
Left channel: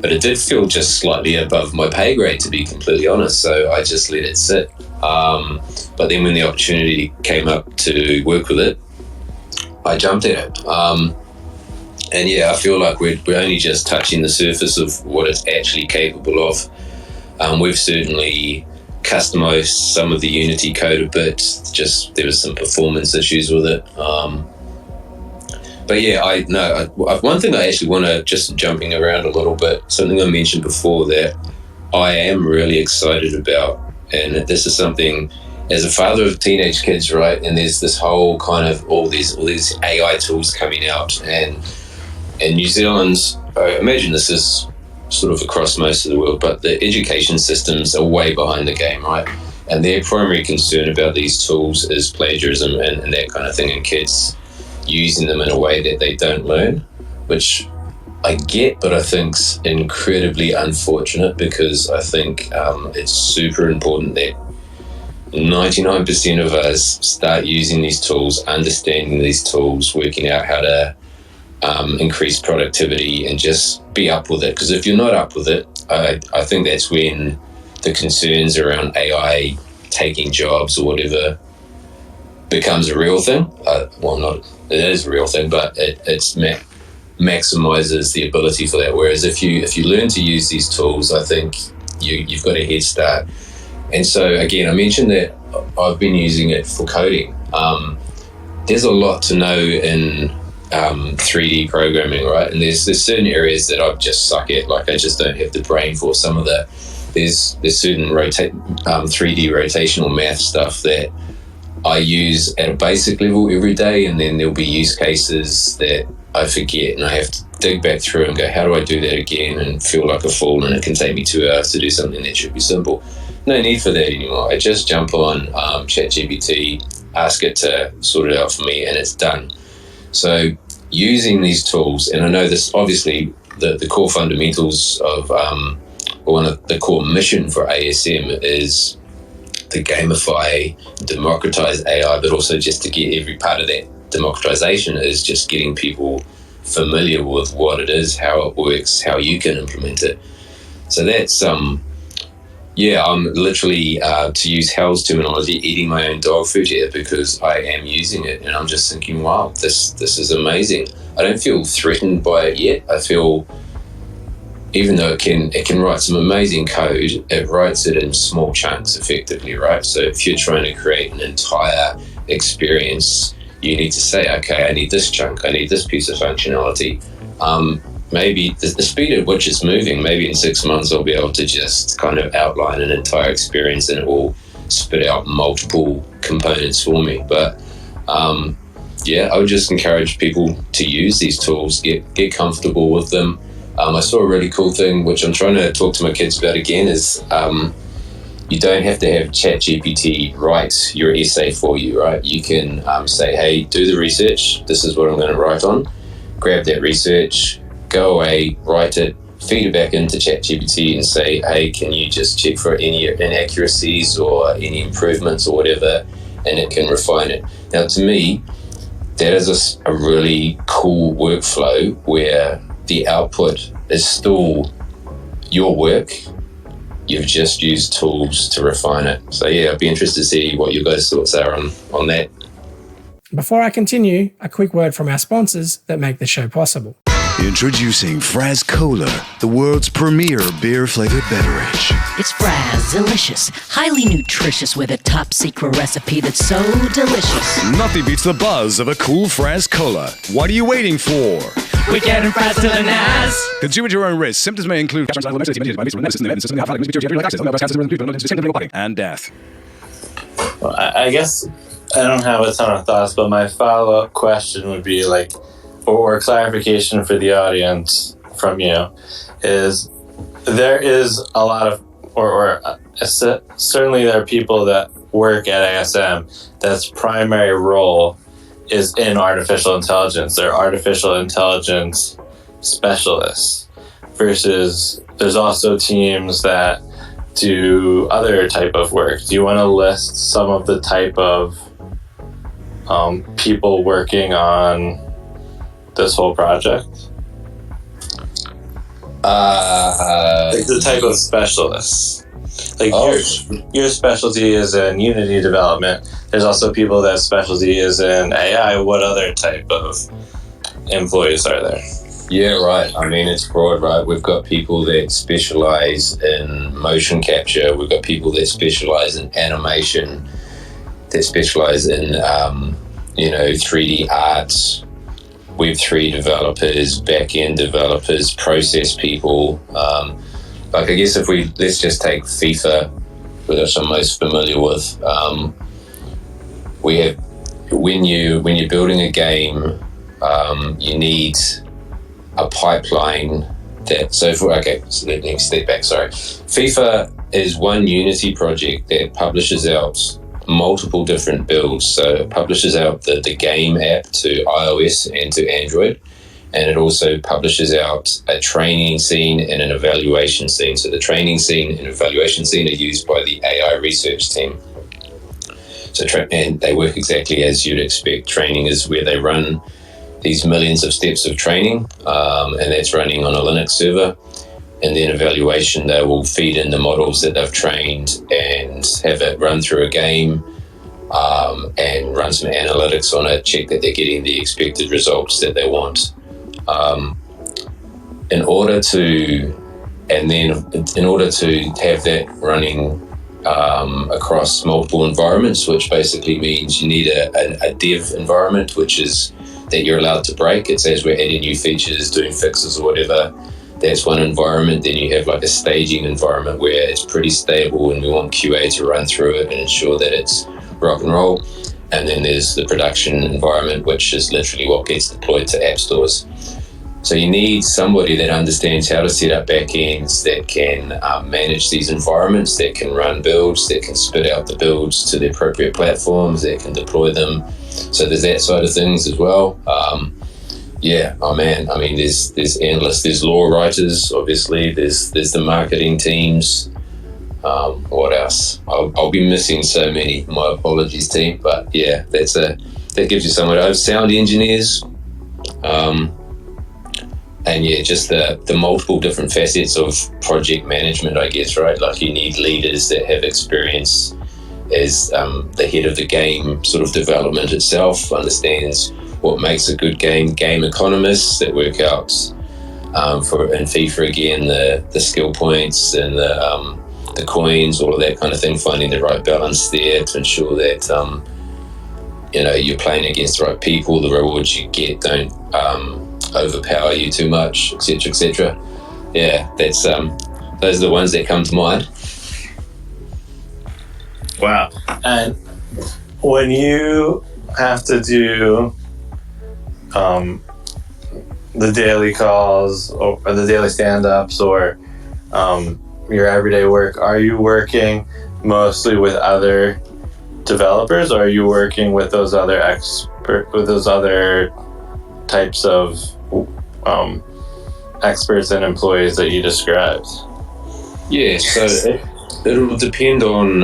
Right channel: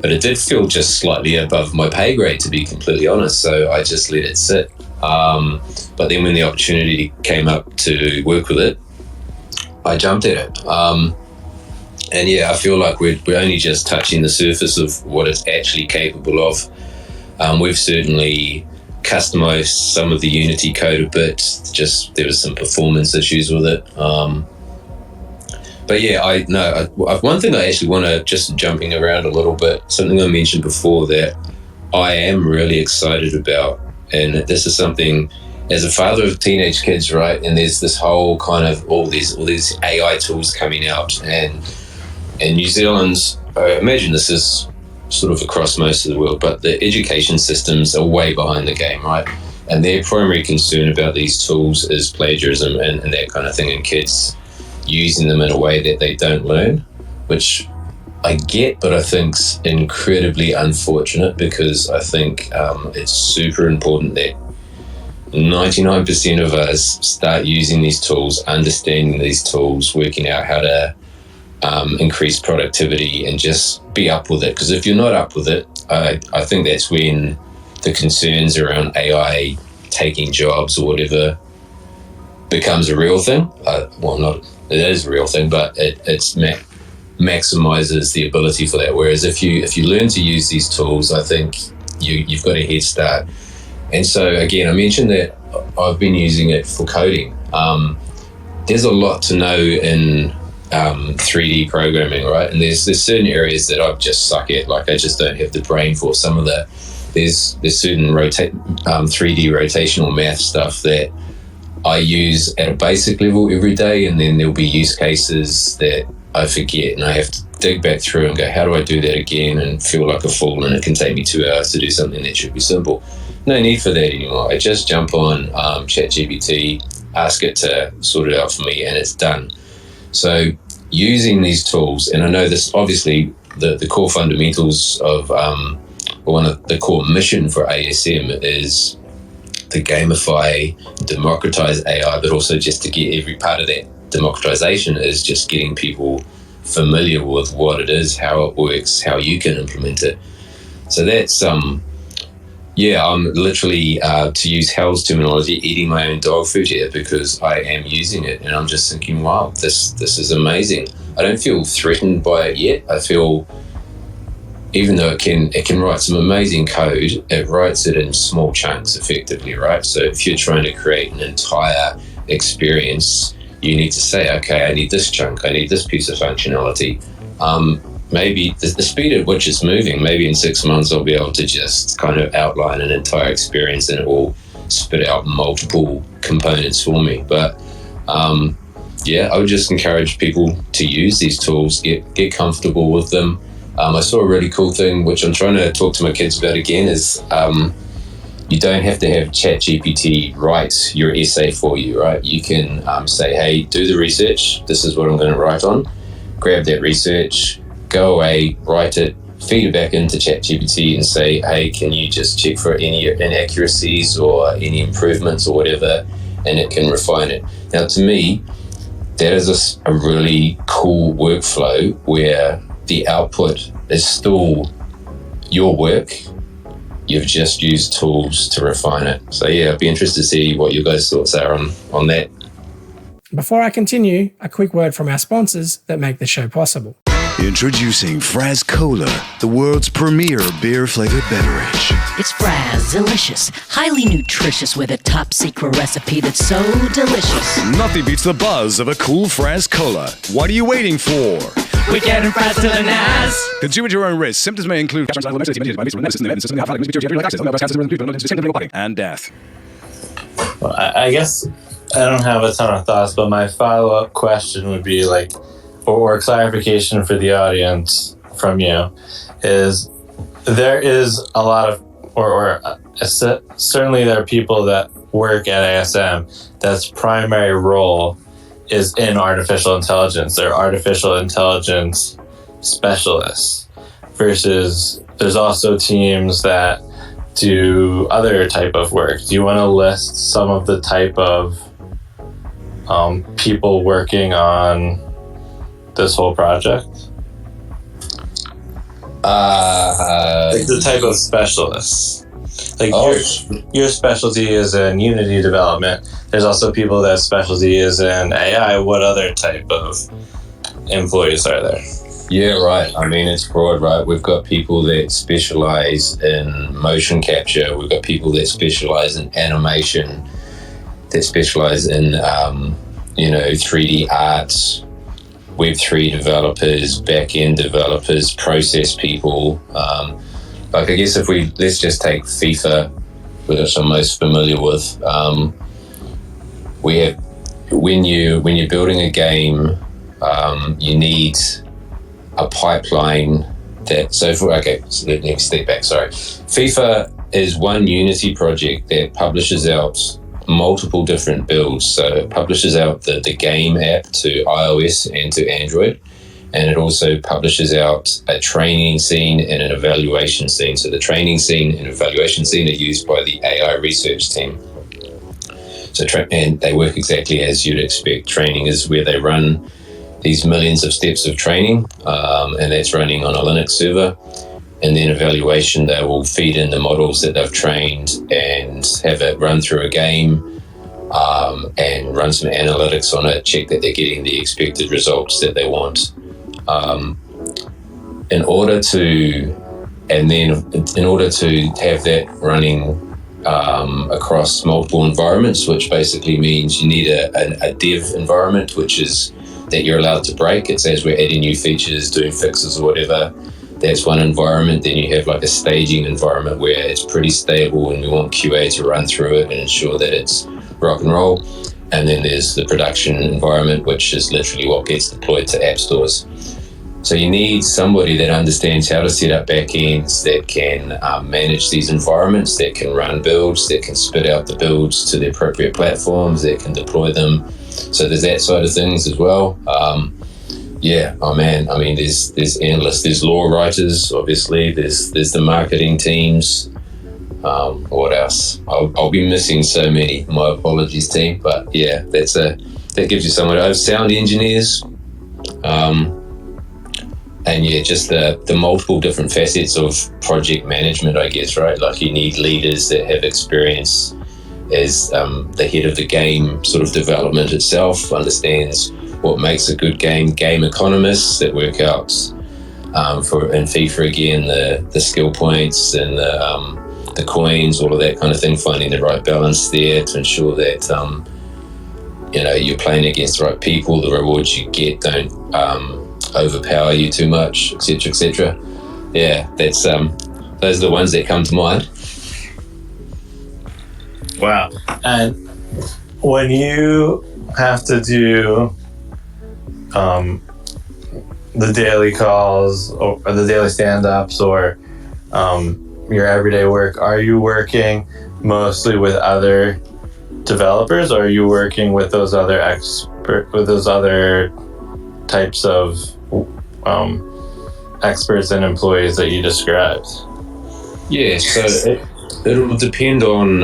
But it did feel just slightly above my pay grade, to be completely honest, so I just let it sit. But then when the opportunity came up to work with it, I jumped at it. And yeah, I feel like we're only just touching the surface of what it's actually capable of. We've certainly customized some of the Unity code a bit, just there was some performance issues with it. But yeah, one thing I actually want to, just jumping around a little bit, something I mentioned before that I am really excited about, and this is something, as a father of teenage kids, right, and there's this whole kind of all these AI tools coming out, and New Zealand's, I imagine this is sort of across most of the world, but the education systems are way behind the game, right? And their primary concern about these tools is plagiarism and that kind of thing, and kids using them in a way that they don't learn, which I get, but I think's incredibly unfortunate, because I think it's super important that 99% of us start using these tools, understanding these tools, working out how to increase productivity, and just be up with it. Because if you're not up with it, I think that's when the concerns around AI taking jobs or whatever becomes a real thing. It is a real thing, but it's maximizes the ability for that. Whereas if you learn to use these tools, I think you've got a head start. And so again, I mentioned that I've been using it for coding. There's a lot to know in 3D programming, right? And there's certain areas that I just suck at. Like, I just don't have the brain for some of the. There's certain 3D rotational math stuff that I use at a basic level every day, and then there'll be use cases that I forget and I have to dig back through and go, how do I do that again, and feel like a fool, and it can take me 2 hours to do something that should be simple. No need for that anymore. I just jump on ChatGPT, ask it to sort it out for me, and it's done. So using these tools, and I know this obviously the core fundamentals of or the core mission for ASM is to gamify, democratize AI, but also just to get every part of that democratization is just getting people familiar with what it is, how it works, how you can implement it. So that's I'm literally, to use Hal's terminology, eating my own dog food here, because I am using it and I'm just thinking, wow, this is amazing. I don't feel threatened by it yet. I feel, even though it can write some amazing code, it writes it in small chunks effectively, right? So if you're trying to create an entire experience, you need to say, okay, I need this chunk, I need this piece of functionality. Maybe the speed at which it's moving, maybe in 6 months I'll be able to just kind of outline an entire experience and it will spit out multiple components for me. But I would just encourage people to use these tools, get comfortable with them. I saw a really cool thing, which I'm trying to talk to my kids about again, is you don't have to have ChatGPT write your essay for you, right? You can say, hey, do the research. This is what I'm going to write on. Grab that research, go away, write it, feed it back into ChatGPT and say, hey, can you just check for any inaccuracies or any improvements or whatever, and it can refine it. Now, to me, that is a really cool workflow where the output is still your work. You've just used tools to refine it. So yeah, I'd be interested to see what your guys' thoughts are on that. Before I continue, a quick word from our sponsors that make the show possible. Introducing Fraz Cola, the world's premier beer-flavored beverage. It's Fraz, delicious, highly nutritious with a top-secret recipe that's so delicious. Nothing beats the buzz of a cool Fraz Cola. What are you waiting for? We're getting Fraz to the NAS. Consume at your own risk. Symptoms may include and death. Well, I guess I don't have a ton of thoughts, but my follow-up question would be like, or clarification for the audience from you, is there is a lot of, certainly there are people that work at ASM that's primary role is in artificial intelligence. They're artificial intelligence specialists, versus there's also teams that do other type of work. Do you want to list some of the type of people working on this whole project? Like the type of specialists. Like your specialty is in Unity development. There's also people that specialty is in AI. What other type of employees are there? Yeah, right. I mean, it's broad, right? We've got people that specialize in motion capture. We've got people that specialize in animation, that specialize in 3D arts, Web3 developers, back-end developers, process people. I guess let's just take FIFA, which I'm most familiar with. We have, when you're building a game, you need a pipeline so let me step back, sorry. FIFA is one Unity project that publishes out multiple different builds. So it publishes out the game app to iOS and to Android, and it also publishes out a training scene and an evaluation scene. So the training scene and evaluation scene are used by the AI research team. And they work exactly as you'd expect. Training is where they run these millions of steps of training, and that's running on a Linux server. And then evaluation, they will feed in the models that they've trained and have it run through a game, and run some analytics on it, check that they're getting the expected results that they want. In order to have that running across multiple environments, which basically means you need a dev environment, which is that you're allowed to break. It's as we're adding new features, doing fixes or whatever. That's one environment. Then you have like a staging environment where it's pretty stable, and we want QA to run through it and ensure that it's rock and roll. And then there's the production environment, which is literally what gets deployed to app stores. So you need somebody that understands how to set up backends, that can manage these environments, that can run builds, that can spit out the builds to the appropriate platforms, that can deploy them. So there's that side of things as well. There's endless. There's law writers, obviously. There's the marketing teams. What else? I'll be missing so many. My apologies, team. But yeah, that gives you somewhere to have sound engineers. And yeah, just the multiple different facets of project management, I guess, right? Like you need leaders that have experience as the head of the game sort of development itself, understands what makes a good game economists that work out in FIFA again, the skill points and the coins, all of that kind of thing, finding the right balance there to ensure that you're playing against the right people, the rewards you get don't overpower you too much, etc., etc. Yeah, that's those are the ones that come to mind. Wow. And when you have to do the daily calls or the daily stand-ups or your everyday work, are you working mostly with other developers, or are you working with those other types of experts and employees that you described? Yeah, so it'll depend on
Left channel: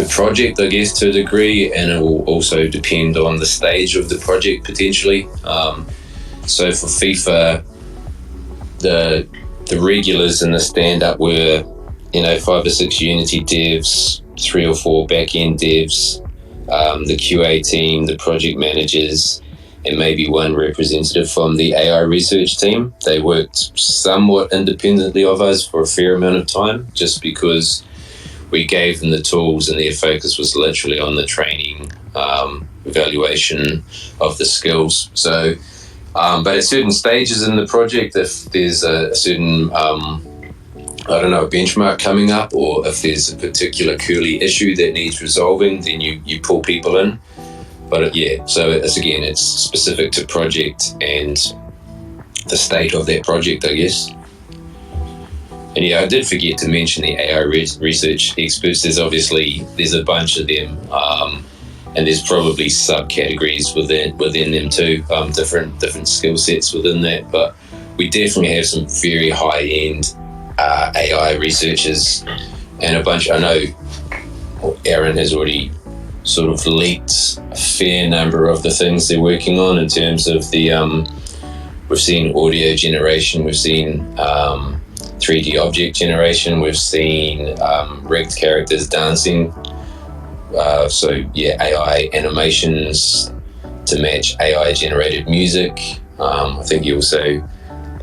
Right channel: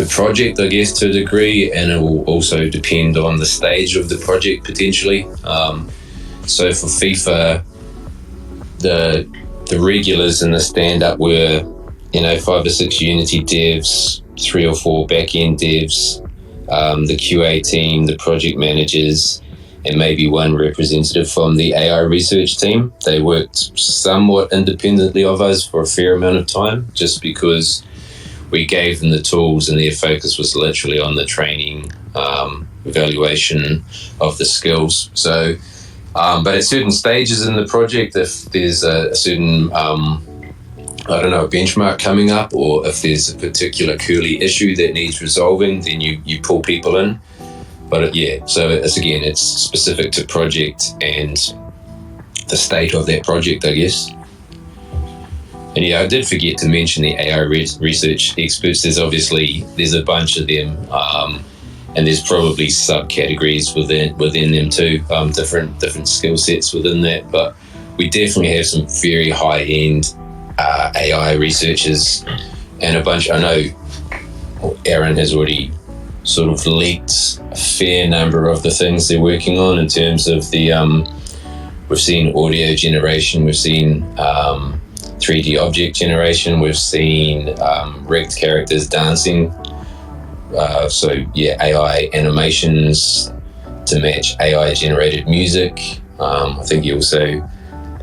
the project, I guess, to a degree, and it will also depend on the stage of the project potentially. So for FIFA, the regulars in the stand-up were 5 or 6 Unity devs, 3 or 4 back-end devs, the QA team, the project managers, and maybe one representative from the AI research team. They worked somewhat independently of us for a fair amount of time, just because we gave them the tools and their focus was literally on the training, evaluation of the skills. So, but at certain stages in the project, if there's a certain, a benchmark coming up, or if there's a particular curly issue that needs resolving, then you pull people in. But so it's specific to project and the state of that project, I guess. And yeah, I did forget to mention the AI research experts. There's a bunch of them, and there's probably subcategories within them too, different skill sets within that. But we definitely have some very high-end AI researchers, and a bunch. I know Aaron has already sort of leaked a fair number of the things they're working on in terms of the we've seen audio generation, we've seen 3D object generation, we've seen rigged characters dancing, AI animations to match AI generated music. I think he also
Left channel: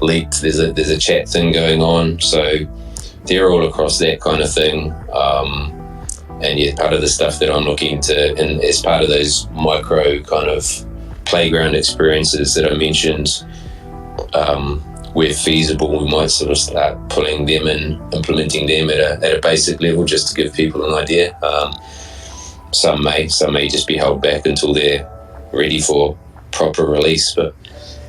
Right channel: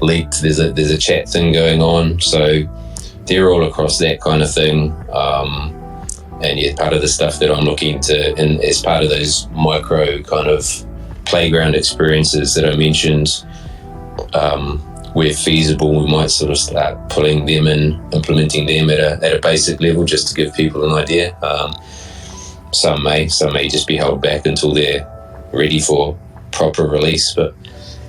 leaked there's a chat thing going on, so they're all across that kind of thing. And yeah, part of the stuff that I'm looking to, and as part of those micro kind of playground experiences that I mentioned, where feasible, we might sort of start pulling them and implementing them at a basic level, just to give people an idea. Some may just be held back until they're ready for proper release. But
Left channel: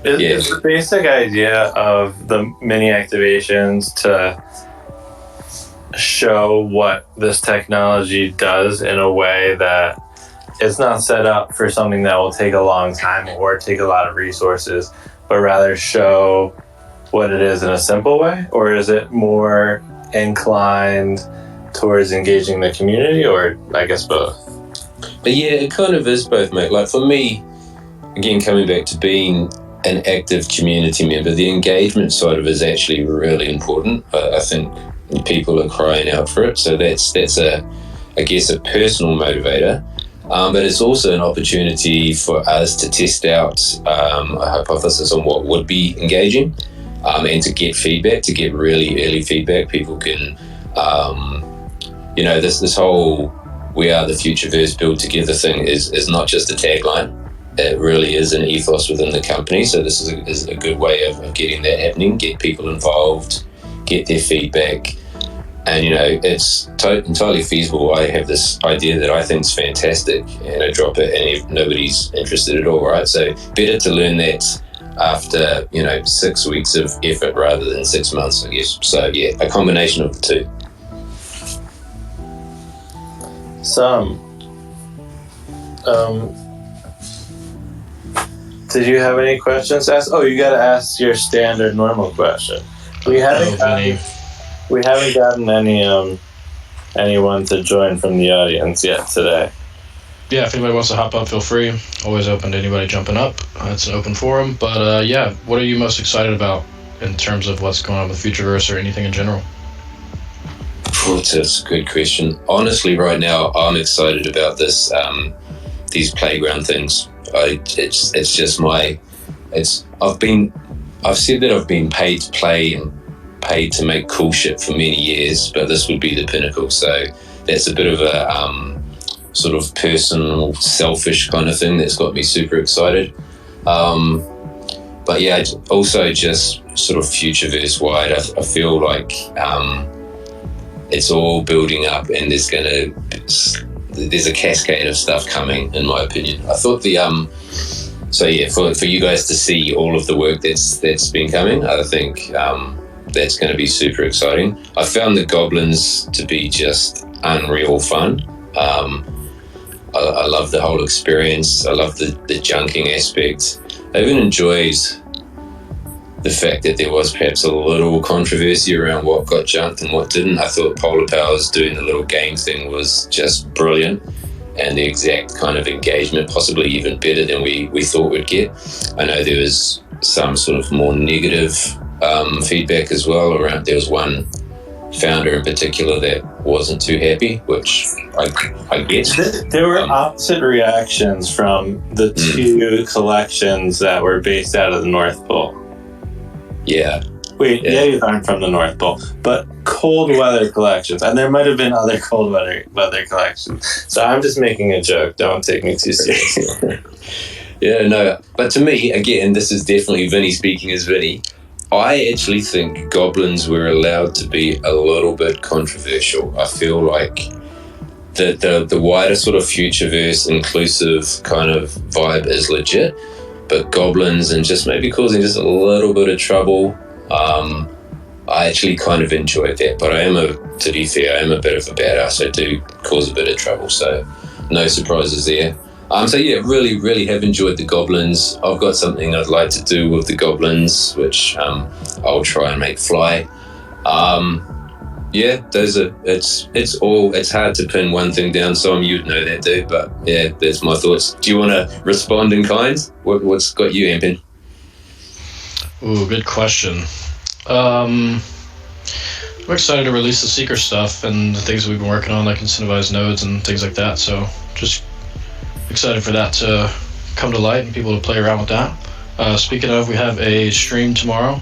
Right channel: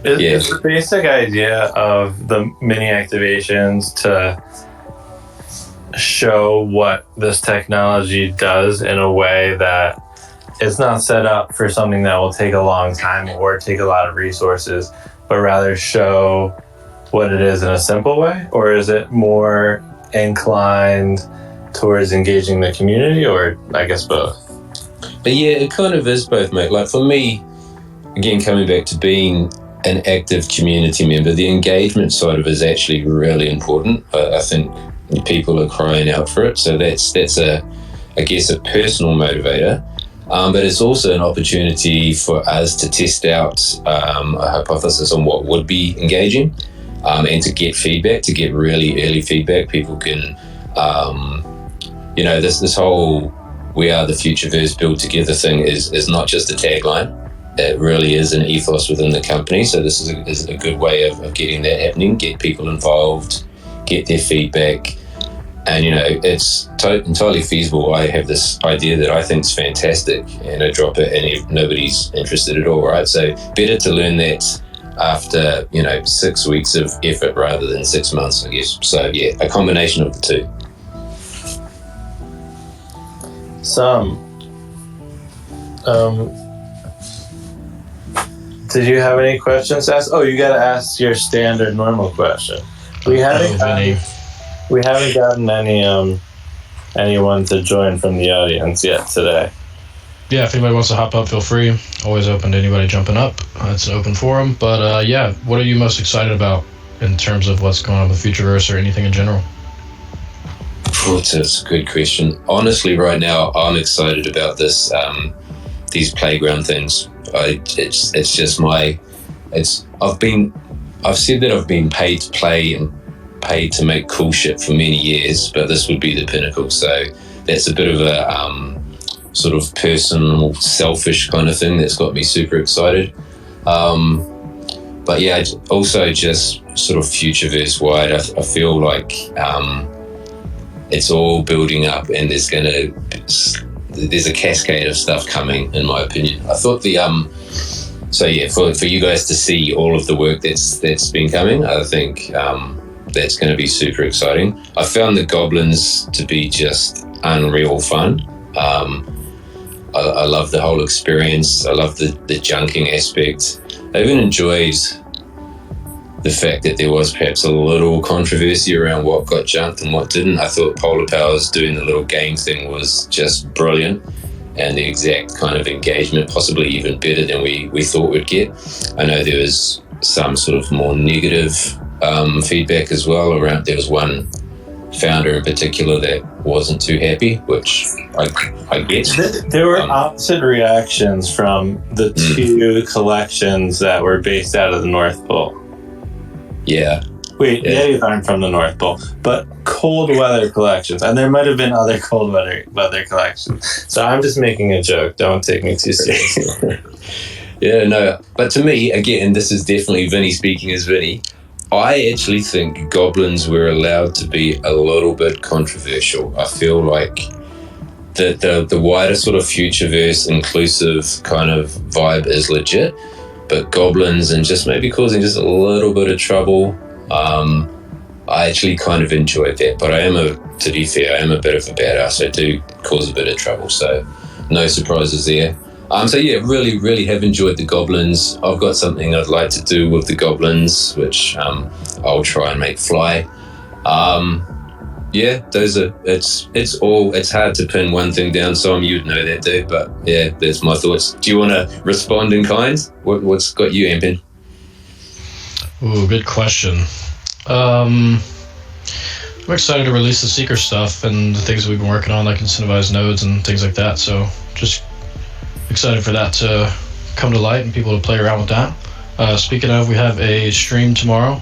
Is the basic idea of the mini activations to show what this technology does in a way that it's not set up for something that will take a long time or take a lot of resources, but rather show what it is in a simple way? Or is it more inclined towards engaging the community, or I guess both? Yeah, it kind of is both, mate. Like for me, again, coming back to being an active community member, the engagement side of it is actually really important. I think people are crying out for it, so that's a personal motivator, but it's also an opportunity for us to test out a hypothesis on what would be engaging, and to get feedback, to get really early feedback. People can this whole "we are the Futureverse, build together" thing is not just a tagline. It really is an ethos within the company, so this is a good way of getting that happening, get people involved, get their feedback, And it's entirely feasible. I have this idea that I think is fantastic, and I drop it, and nobody's interested at all, right? So better to learn that after 6 weeks of effort rather than 6 months, I guess. So yeah, a combination of the two. Did you have any questions asked? Oh, you gotta ask your standard normal question. We haven't gotten anyone to join from the audience yet today. Yeah, if anybody wants to hop up, feel free. Always open to anybody jumping up. It's an open forum. But yeah, what are you most excited about in terms of what's going on with Futureverse or anything in general? That's a good question. Honestly, right now, I'm excited about this. These playground things. It's just I've said that I've been paid to play and paid to make cool shit for many years, but this would be the pinnacle. So that's a bit of a sort of personal, selfish kind of thing that's got me super excited. But yeah, also just sort of Futureverse wide, I feel like it's all building up, and there's a cascade of stuff coming, in my opinion. I thought for you guys to see all of the work that's been coming, I think that's going to be super exciting. I found the Goblins to be just unreal fun. I love the whole experience. I love the junking aspect. I even enjoyed the fact that there was perhaps a little controversy around what got junked and what didn't. I thought Polar Powers doing the little game thing was just brilliant, and the exact kind of engagement, possibly even better than we thought we'd get. I know there was some sort of more negative feedback as well around. There was one founder in particular that wasn't too happy, which I get. There were opposite reactions from the two collections that were based out of the North Pole. Yeah. Wait, Yetis aren't from the North Pole, but cold weather collections, and there might have been other cold weather collections. So I'm just making a joke. Don't take me too seriously. Yeah, no. But to me, again, this is definitely Vinny speaking as Vinny. I actually think Goblins were allowed to be a little bit controversial. I feel like the wider sort of Futureverse inclusive kind of vibe is legit, but Goblins and just maybe causing just a little bit of trouble, I actually kind of enjoyed that. But to be fair, I am a bit of a badass. I do cause a bit of trouble, so no surprises there. So yeah, really, really have enjoyed the Goblins. I've got something I'd like to do with the Goblins, which I'll try and make fly. Yeah, it's hard to pin one thing down, so you'd know that, dude. But yeah, that's my thoughts. Do you want to respond in kind? What's got you amping? Ooh, good question. I'm excited to release the Seeker stuff and the things that we've been working on, like incentivized nodes and things like that. So just excited for that to come to light and people to play around with that. Speaking of, we have a stream tomorrow.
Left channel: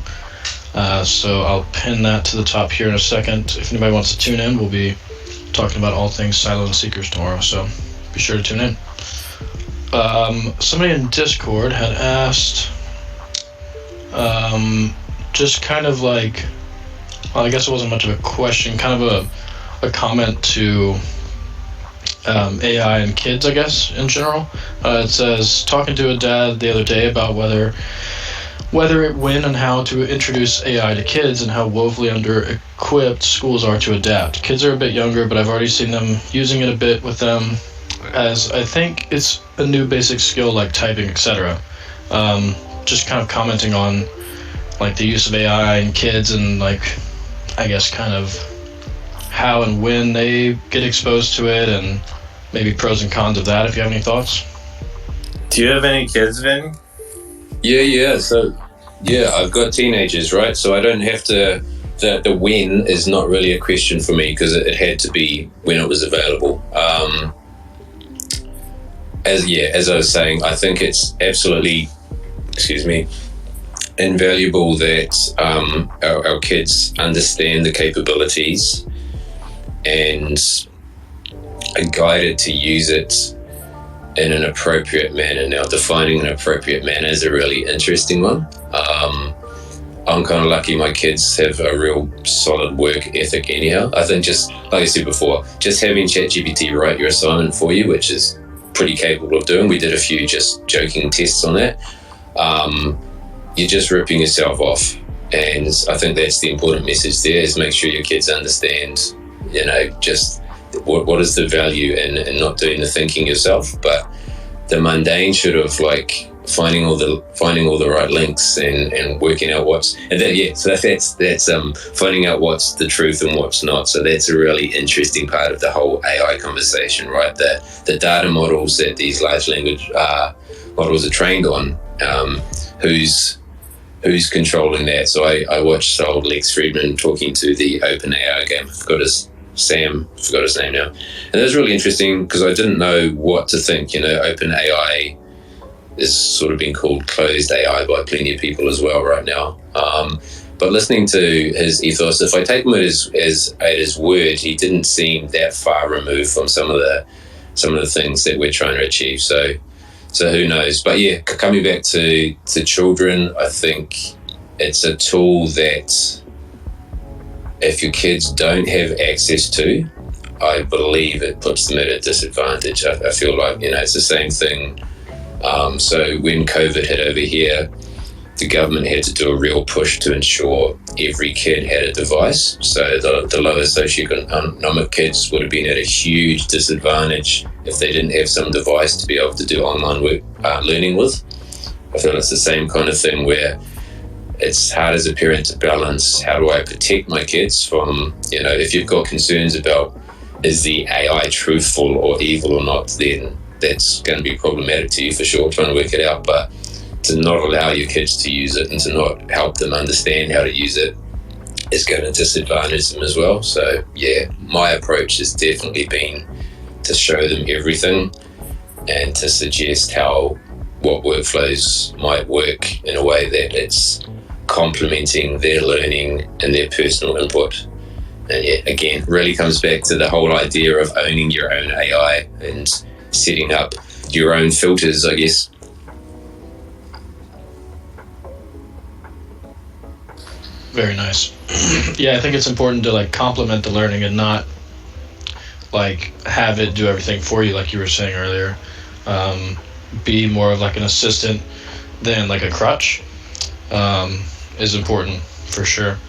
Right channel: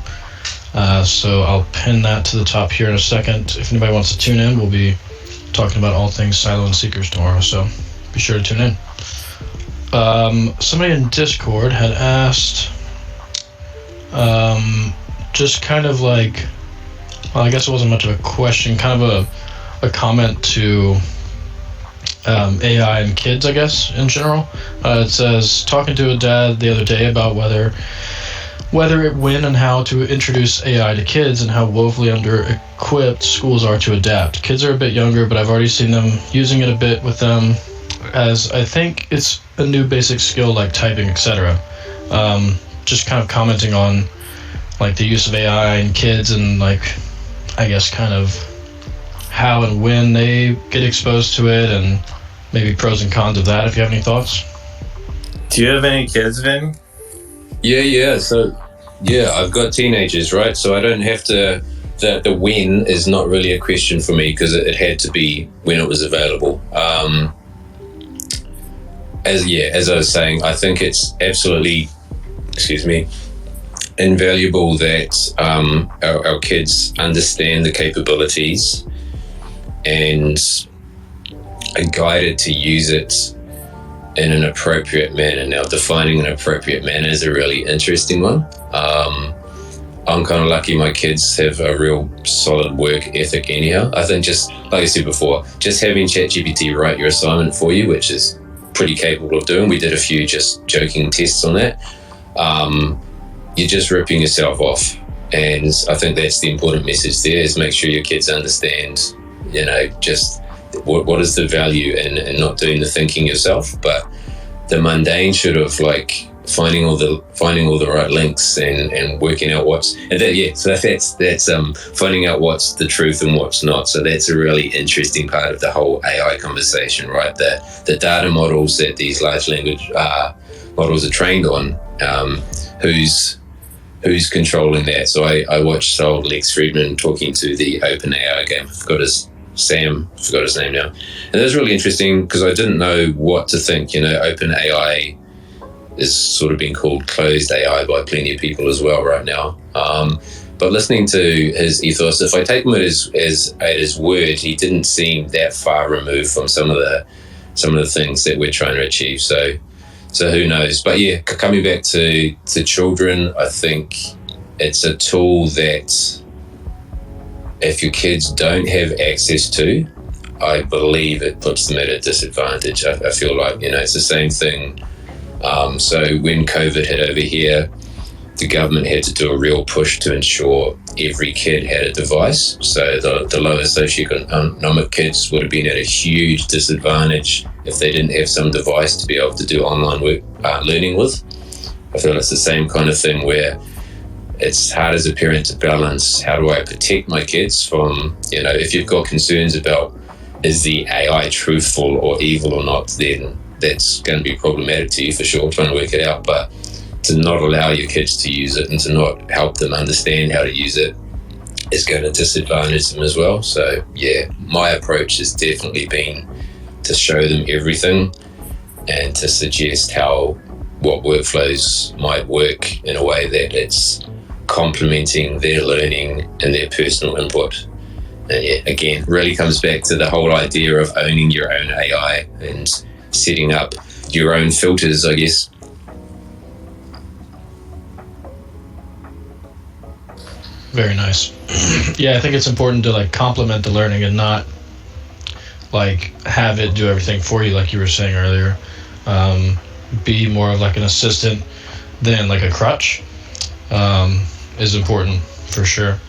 So I'll pin that to the top here in a second. If anybody wants to tune in, we'll be talking about all things Silo and Seekers tomorrow, so be sure to tune in. Somebody in Discord had asked, just kind of like, well, I guess it wasn't much of a question, kind of a comment to AI and kids, I guess, in general. It says, talking to a dad the other day about whether, when, and how to introduce AI to kids and how woefully under-equipped schools are to adapt. Kids are a bit younger, but I've already seen them using it a bit with them, as I think it's a new basic skill like typing, etc. Just kind of commenting on like the use of AI in kids and like, I guess, kind of how and when they get exposed to it, and maybe pros and cons of that, if you have any thoughts. Do you have any kids, Vin? Yeah. So, yeah, I've got teenagers, right? So I don't have to. The when is not really a question for me because it had to be when it was available. As I was saying, I think it's absolutely, invaluable that our kids understand the capabilities and are guided to use it in an appropriate manner. Now, defining an appropriate manner is a really interesting one. I'm kind of lucky my kids have a real solid work ethic anyhow. I think just, like I said before, just having ChatGPT write your assignment for you, which is pretty capable of doing. We did a few just joking tests on that. You're just ripping yourself off. And I think that's the important message there, is make sure your kids understand, just what is the value in not doing the thinking yourself, but the mundane should have like finding all the right links and working out what's that's finding out what's the truth and what's not. So that's a really interesting part of the whole AI conversation, right? The data models that these large language models are trained on, who's controlling that. So I watched old Lex Friedman talking to the OpenAI game. Forgot his name now. And that was really interesting because I didn't know what to think. OpenAI is sort of being called closed AI by plenty of people as well right now. But listening to his ethos, if I take him at his word, he didn't seem that far removed from some of the things that we're trying to achieve. So who knows? But yeah, coming back to children, I think it's a tool that if your kids don't have access to, I believe it puts them at a disadvantage. I feel like, it's the same thing. So when COVID hit over here, the government had to do a real push to ensure every kid had a device. So the lower socioeconomic kids would have been at a huge disadvantage if they didn't have some device to be able to do online learning with. I feel it's the same kind of thing where it's hard as a parent to balance, how do I protect my kids from, if you've got concerns about is the AI truthful or evil or not, then that's going to be problematic to you for sure, trying to work it out. But to not allow your kids to use it and to not help them understand how to use it is going to disadvantage them as well. So yeah, my approach has definitely been to show them everything and to suggest what workflows might work in a way that it's complementing their learning and their personal input. And yeah, again, really comes back to the whole idea of owning your own AI and setting up your own filters, I guess. Very nice. Yeah, I think it's important to complement the learning and not have it do everything for you, like you were saying earlier. Be more of an assistant than a crutch is important for sure.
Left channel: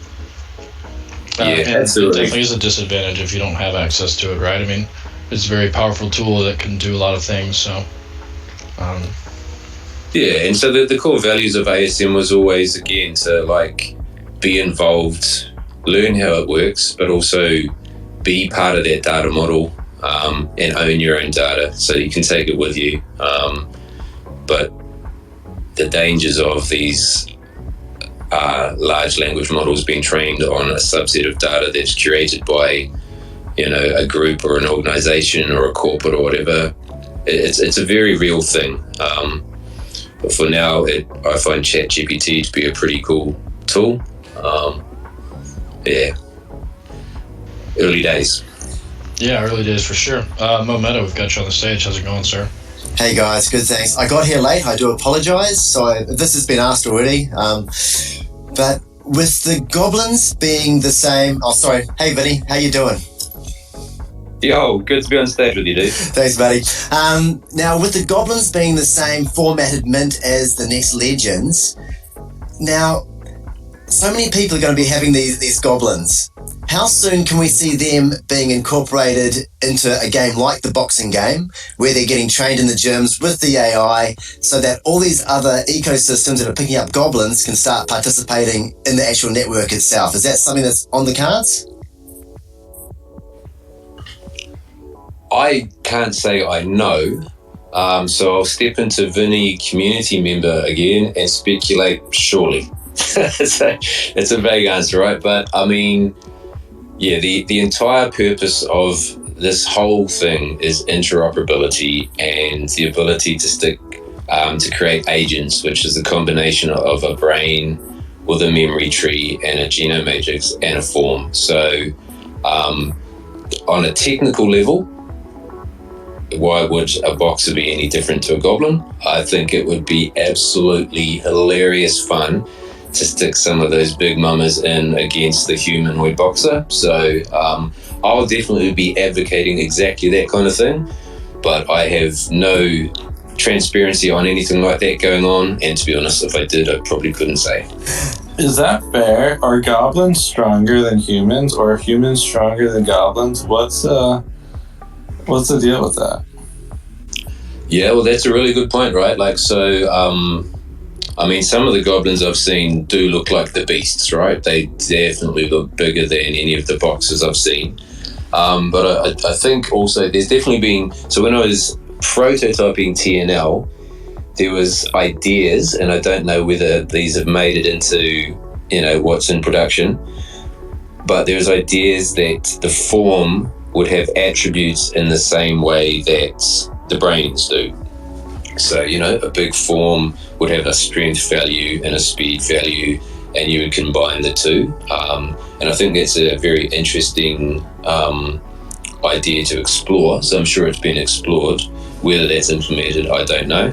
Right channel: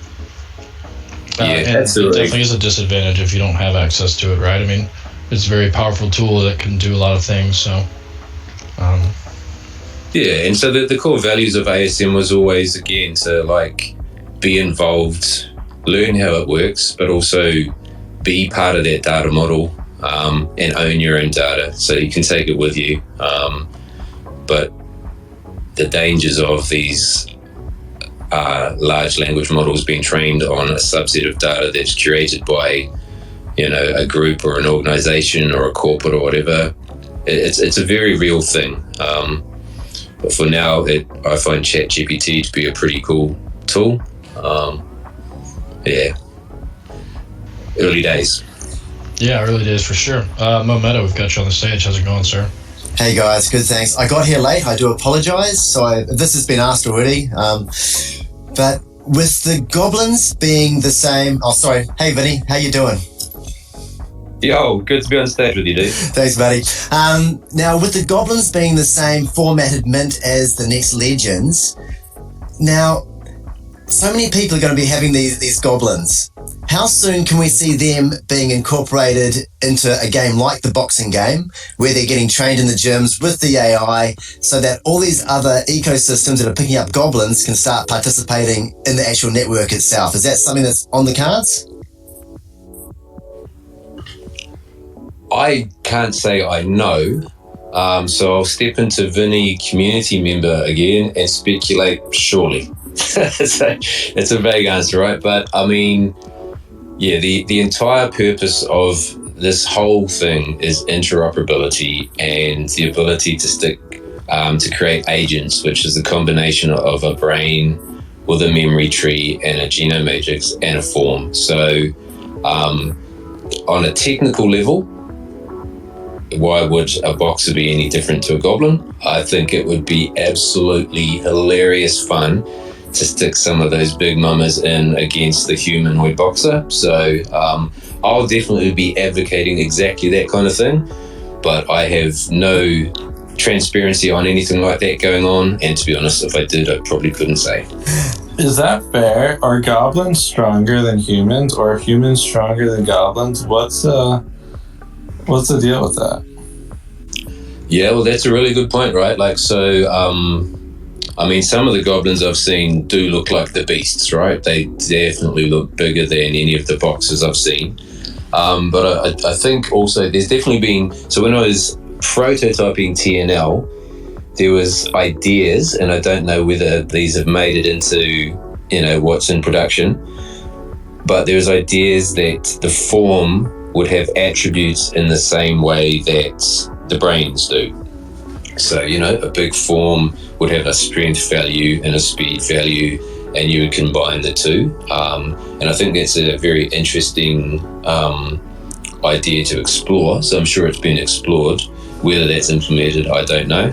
Yeah, and absolutely. It definitely is a disadvantage if you don't have access to it, right? I mean, it's a very powerful tool that can do a lot of things. So, yeah, and so the core values of ASM was always, again, to be involved, learn how it works, but also be part of that data model and own your own data so you can take it with you. But the dangers of these large language models being trained on a subset of data that's curated by a group or an organization or a corporate or whatever, it's a very real thing. For now, I find ChatGPT to be a pretty cool tool. Yeah, early days. Yeah, early days for sure. Momento, we've got you on the stage. How's it going, sir? Hey guys, good, thanks. I got here late, I do apologise. So this has been asked already. But with the Goblins being the same... Oh, sorry. Hey Vinny, how you doing? Yo, good to be on stage with you, dude. Thanks, buddy. Now, with the Goblins being the same formatted mint as the next Legends, now, so many people are going to be having these Goblins. How soon can we see them being incorporated into a game like the boxing game, where they're getting trained in the gyms with the AI, so that all these other ecosystems that are picking up Goblins can start participating in the actual network itself? Is that something that's on the cards? I can't say I know, so I'll step into Vinnie community member again and speculate surely. That's a vague answer, right? But I mean, yeah, the entire purpose of this whole thing is interoperability and the ability to create agents, which is a combination of a brain with a memory tree and a genome matrix and a form. So on a technical level, why would a boxer be any different to a goblin? I think it would be absolutely hilarious fun to stick some of those big mamas in against the humanoid boxer. So I'll definitely be advocating exactly that kind of thing, but I have no transparency on anything like that going on, and to be honest, if I did, I probably couldn't say. Is that fair? Are goblins stronger than humans, or are humans stronger than goblins? What's the deal with that? Yeah, well, that's a really good point, right? Like, so, I mean, some of the goblins I've seen do look like the beasts, right? They definitely look bigger than any of the boxes I've seen. But I think also there's definitely been, so when I was prototyping TNL, there was ideas, and I don't know whether these have made it into, what's in production, but there was ideas that the form would have attributes in the same way that the brains do. So, a big form would have a strength value and a speed value, and you would combine the two. And I think that's a very interesting idea to explore. So I'm sure it's been explored. Whether that's implemented, I don't know.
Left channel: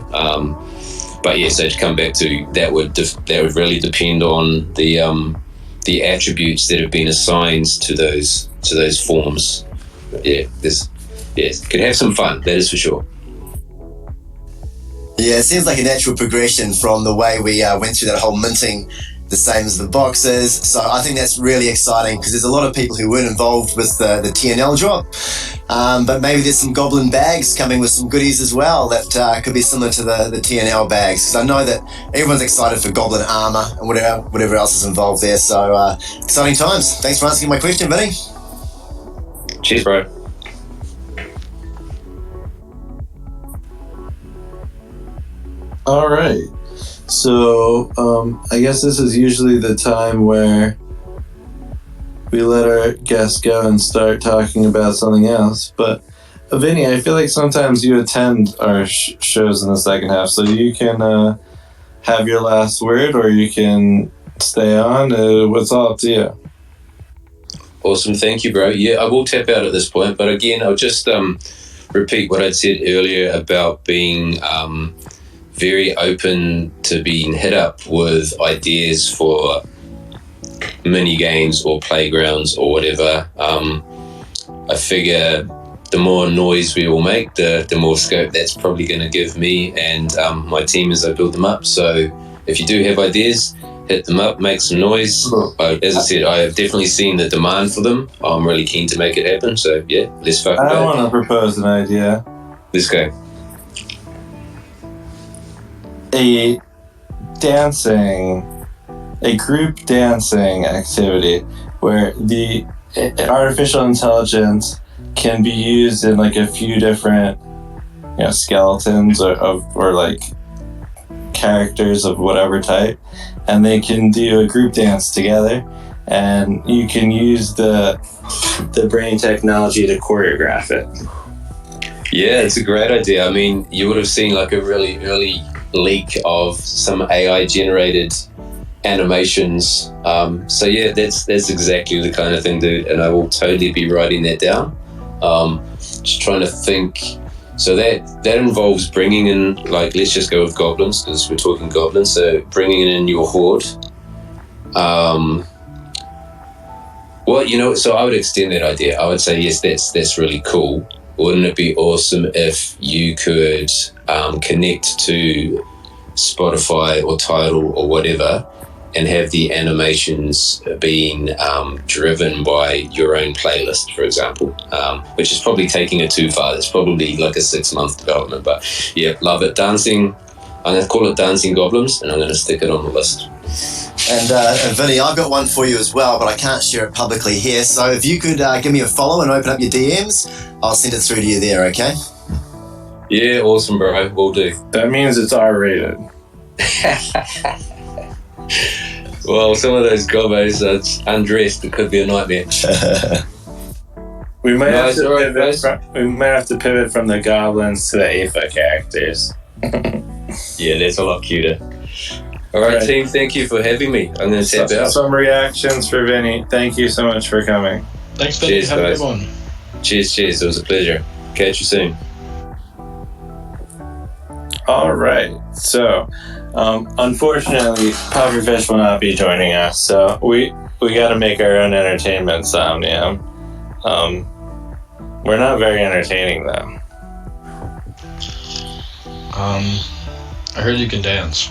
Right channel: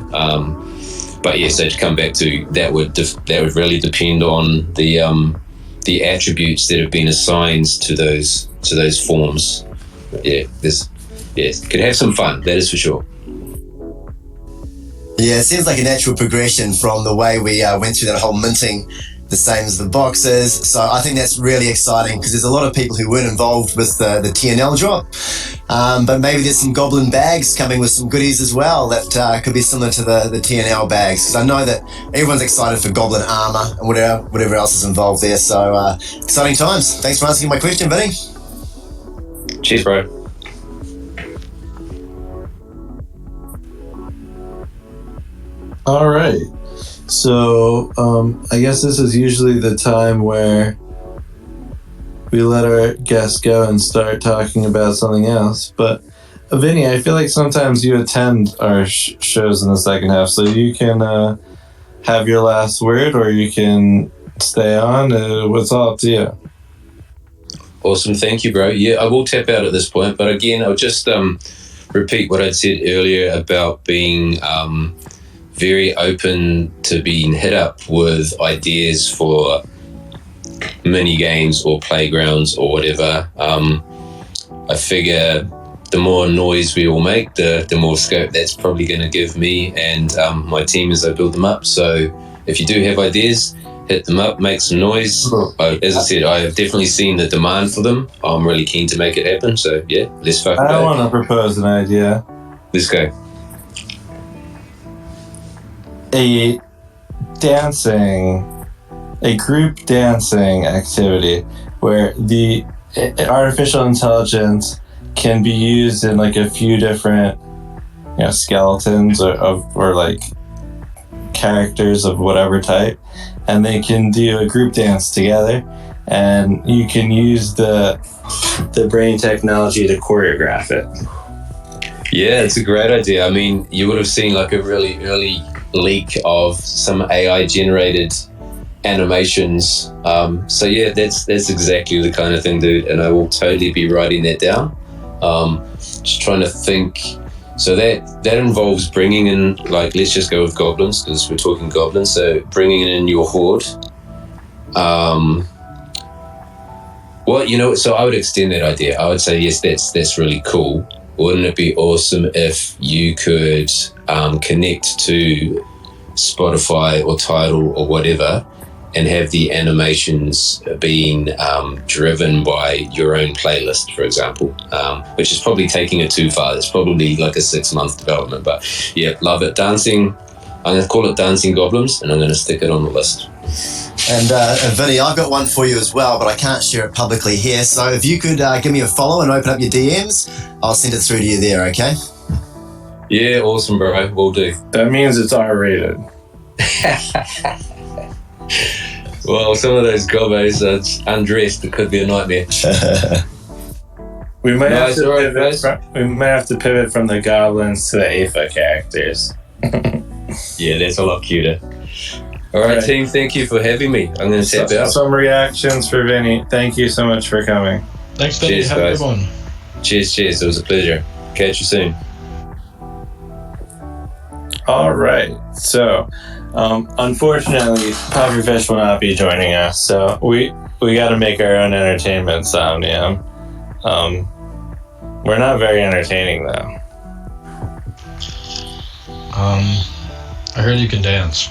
But yes, to come back to that would really depend on the attributes that have been assigned to those forms. Yeah, could have some fun. That is for sure. Yeah, it seems like a natural progression from the way we went through that whole minting, the same as the boxes. So I think that's really exciting because there's a lot of people who weren't involved with the TNL drop. But maybe there's some goblin bags coming with some goodies as well that could be similar to the TNL bags. Because I know that everyone's excited for goblin armor and whatever else is involved there. So exciting times. Thanks for answering my question, Vinnie. Cheers, bro. All right. So, I guess this is usually the time where we let our guests go and start talking about something else. But, Vinny, I feel like sometimes you attend our shows in the second half, so you can have your last word, or you can stay on. It's all up to you. Awesome. Thank you, bro. Yeah, I will tap out at this point, but again, I'll just repeat what I said earlier about being very open to being hit up with ideas for mini games or playgrounds or whatever. I figure the more noise we all make, the more scope that's probably going to give me and my team as I build them up. So if you do have ideas, hit them up, make some noise. As I said, I have definitely seen the demand for them. I'm really keen to make it happen. So yeah, let's fucking go. I want to propose an idea. Let's go. A group dancing activity where the artificial intelligence can be used in like a few different skeletons or like characters of whatever type, and they can do a group dance together, and you can use the brain technology to choreograph it. Yeah, it's a great idea. I mean, you would have seen like a really early leak of some AI generated animations. So yeah, that's exactly the kind of thing, dude, and I will totally be writing that down. Just trying to think. So that involves bringing in, like, let's just go with goblins because we're talking goblins. So bringing in your horde. Well, so I would extend that idea. I would say yes, that's really cool. Wouldn't it be awesome if you could connect to Spotify or Tidal or whatever and have the animations being driven by your own playlist, for example, which is probably taking it too far. It's probably like a 6-month development, but yeah, love it. Dancing, I'm going to call it Dancing Goblins, and I'm going to stick it on the list. And Vinny, I've got one for you as well, but I can't share it publicly here. So if you could give me a follow and open up your DMs, I'll send it through to you there, okay? Yeah, awesome, bro. Will do. That means it's R-rated. Well, some of those gobos that's undressed, it could be a nightmare. We might have to pivot from the goblins to the Aether characters. Yeah, that's a lot cuter. All right, team, thank you for having me. I'm going to tap out. Some reactions for Vinny. Thank you so much for coming. Thanks, Vinny. Cheers, have guys. a good one. Cheers. It was a pleasure. Catch you soon. All right. So, Unfortunately, Pufferfish will not be joining us, so we got to make our own entertainment sound, yeah. We're not very entertaining, though. I heard you can dance.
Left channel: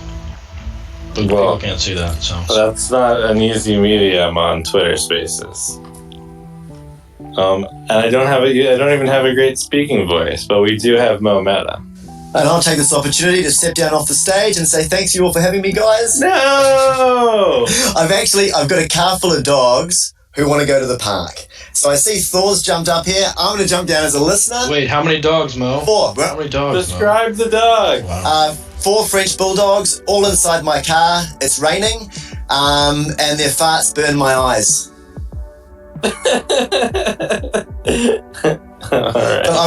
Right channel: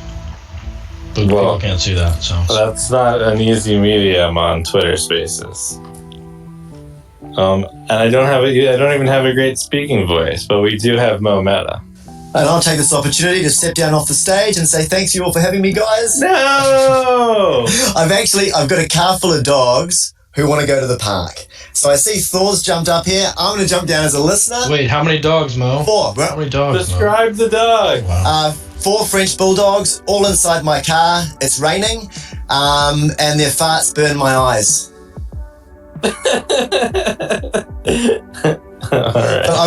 But people can't see that, so. That's not an easy medium on Twitter Spaces. And I don't even have a great speaking voice, but we do have Mo Meta. And I'll take this opportunity to step down off the stage and say thanks to you all for having me, guys. No! I've got a car full of dogs who want to go to the park. So I see Thor's jumped up here. I'm going to jump down as a listener. Wait, how many dogs, Mo? 4. How many dogs, Describe the dog. 4 French bulldogs, all inside my car. It's raining, and their farts burn my eyes. All right. But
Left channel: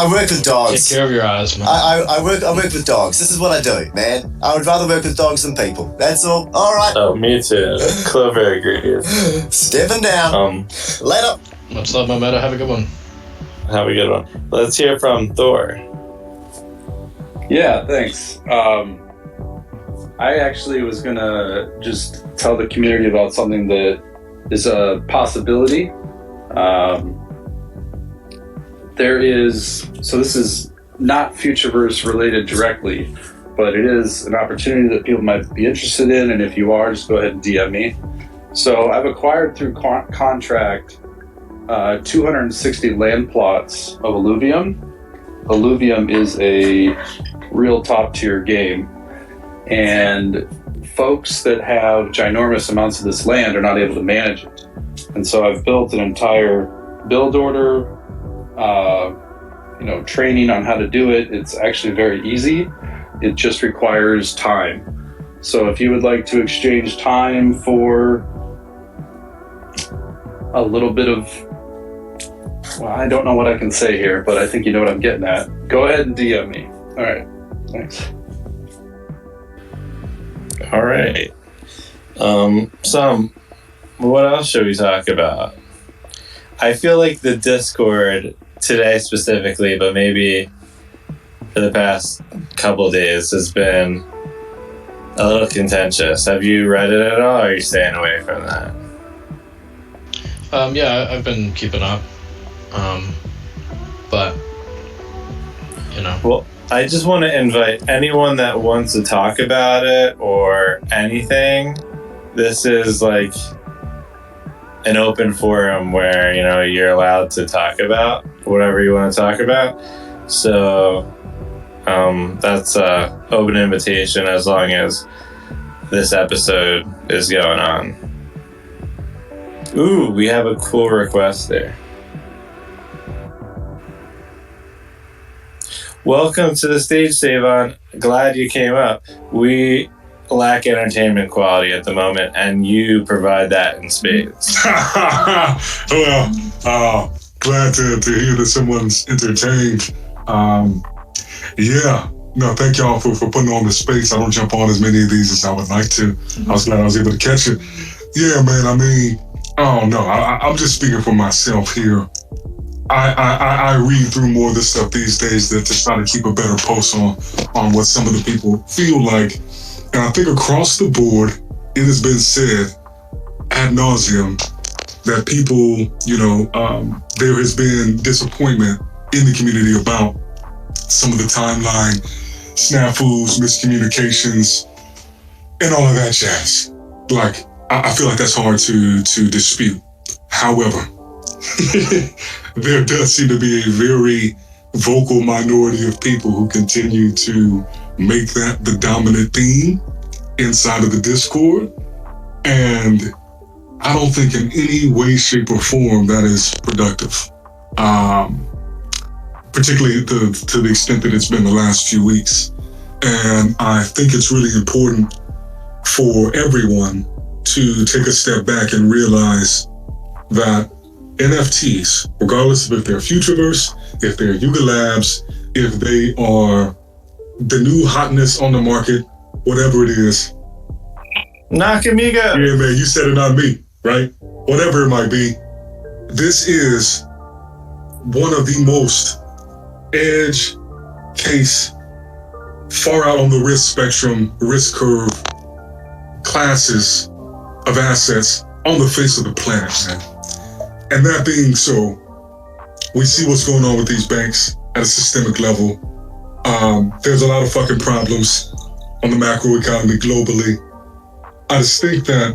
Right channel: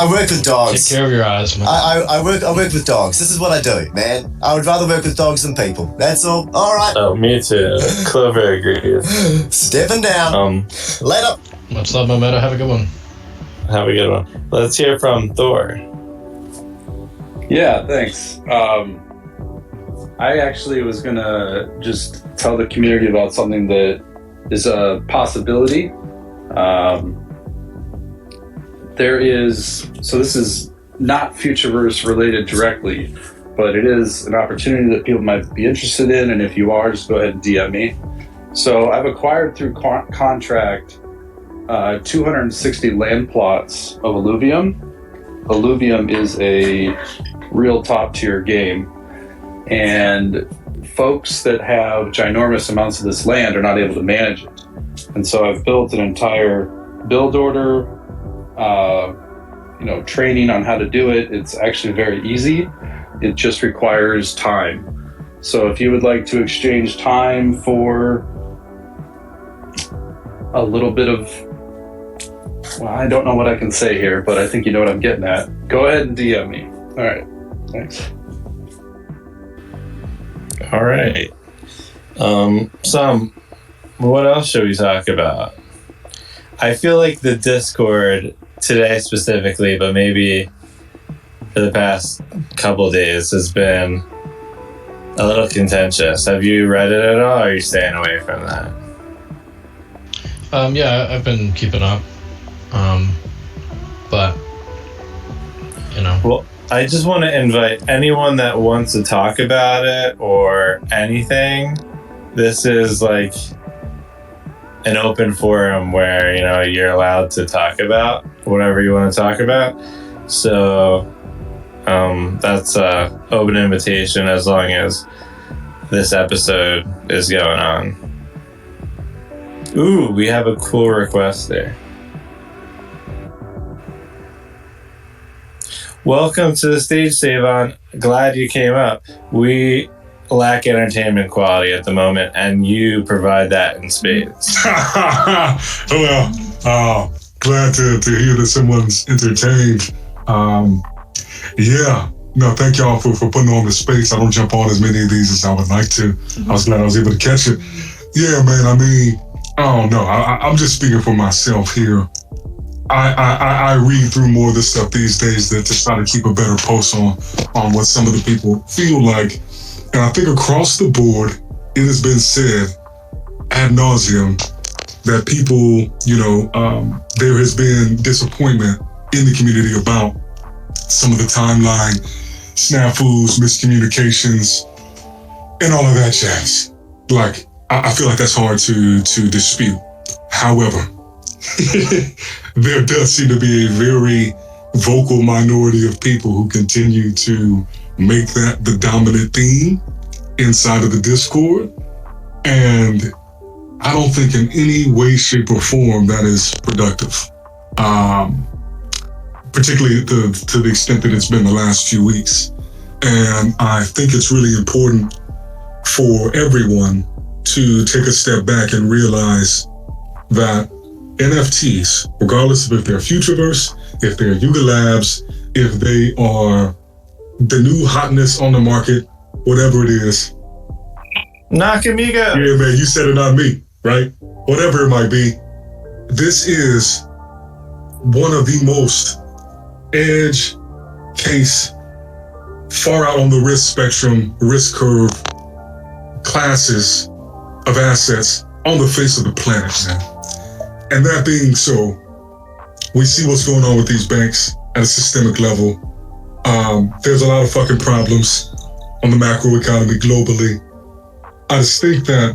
I work with dogs. Take care of your eyes, Mo. I work with dogs. This is what I do, man. I would rather work with dogs than people. That's all. All right. Oh, me too. Clover agrees. Stepping down. Later. Much love, Mo Meta. Have a good one. Have a good one. Let's hear from Thor. Yeah, thanks. I actually was gonna just tell the community about something that is a possibility. This is not Futureverse related directly, but it is an opportunity that people might be interested in, and if you are, just go ahead and DM me. So I've acquired through contract 260 land plots of Alluvium. Alluvium is a real top tier game, and folks that have ginormous amounts of this land are not able to manage it. And so I've built an entire build order, training on how to do it. It's actually very easy. It just requires time. So if you would like to exchange time for a little bit of, I don't know what I can say here, but I think you know what I'm getting at. Go ahead and DM me. All right. Thanks. All right. So, what else should we talk about? I feel like the Discord today specifically, but maybe for the past couple days, has been a little contentious. Have you read it at all, or are you staying away from that? Yeah, I've been keeping up. But, Well, I just want to invite anyone that wants to talk about it or anything. This is like an open forum where, you're allowed to talk about whatever you want to talk about. So, that's an open invitation as long as this episode is going on. Ooh, we have a cool request there. Welcome to the stage, Savon. Glad you came up. We lack entertainment quality at the moment, and you provide that in spades. Well, glad to hear that someone's entertained. Thank y'all for putting on the space. I don't jump on as many of these as I would like to. I was glad I was able to catch it. Yeah, man, I don't know. I'm just speaking for myself here. I read through more of this stuff these days to try to keep a better pulse on what some of the people feel like. And I think across the board, it has been said ad nauseum that people, there has been disappointment in the community about some of the timeline snafus, miscommunications, and all of that jazz. Like, I feel like that's hard to dispute. However, there does seem to be a very vocal minority of people who continue to make that the dominant theme inside of the Discord. And I don't think in any way, shape, or form that is productive. Particularly to the extent that it's been the last few weeks. And I think it's really important for everyone to take a step back and realize that NFTs, regardless of if they're Futureverse, if they're Yuga Labs, if they are the new hotness on the market, whatever it is. Nakamiga! Yeah, man, you said it on me, right? Whatever it might be. This is one of the most edge case far out on the risk spectrum, risk curve classes of assets on the face of the planet, man. And that being so, we see what's going on with these banks at a systemic level. There's a lot of fucking problems on the macro economy globally. I just think that,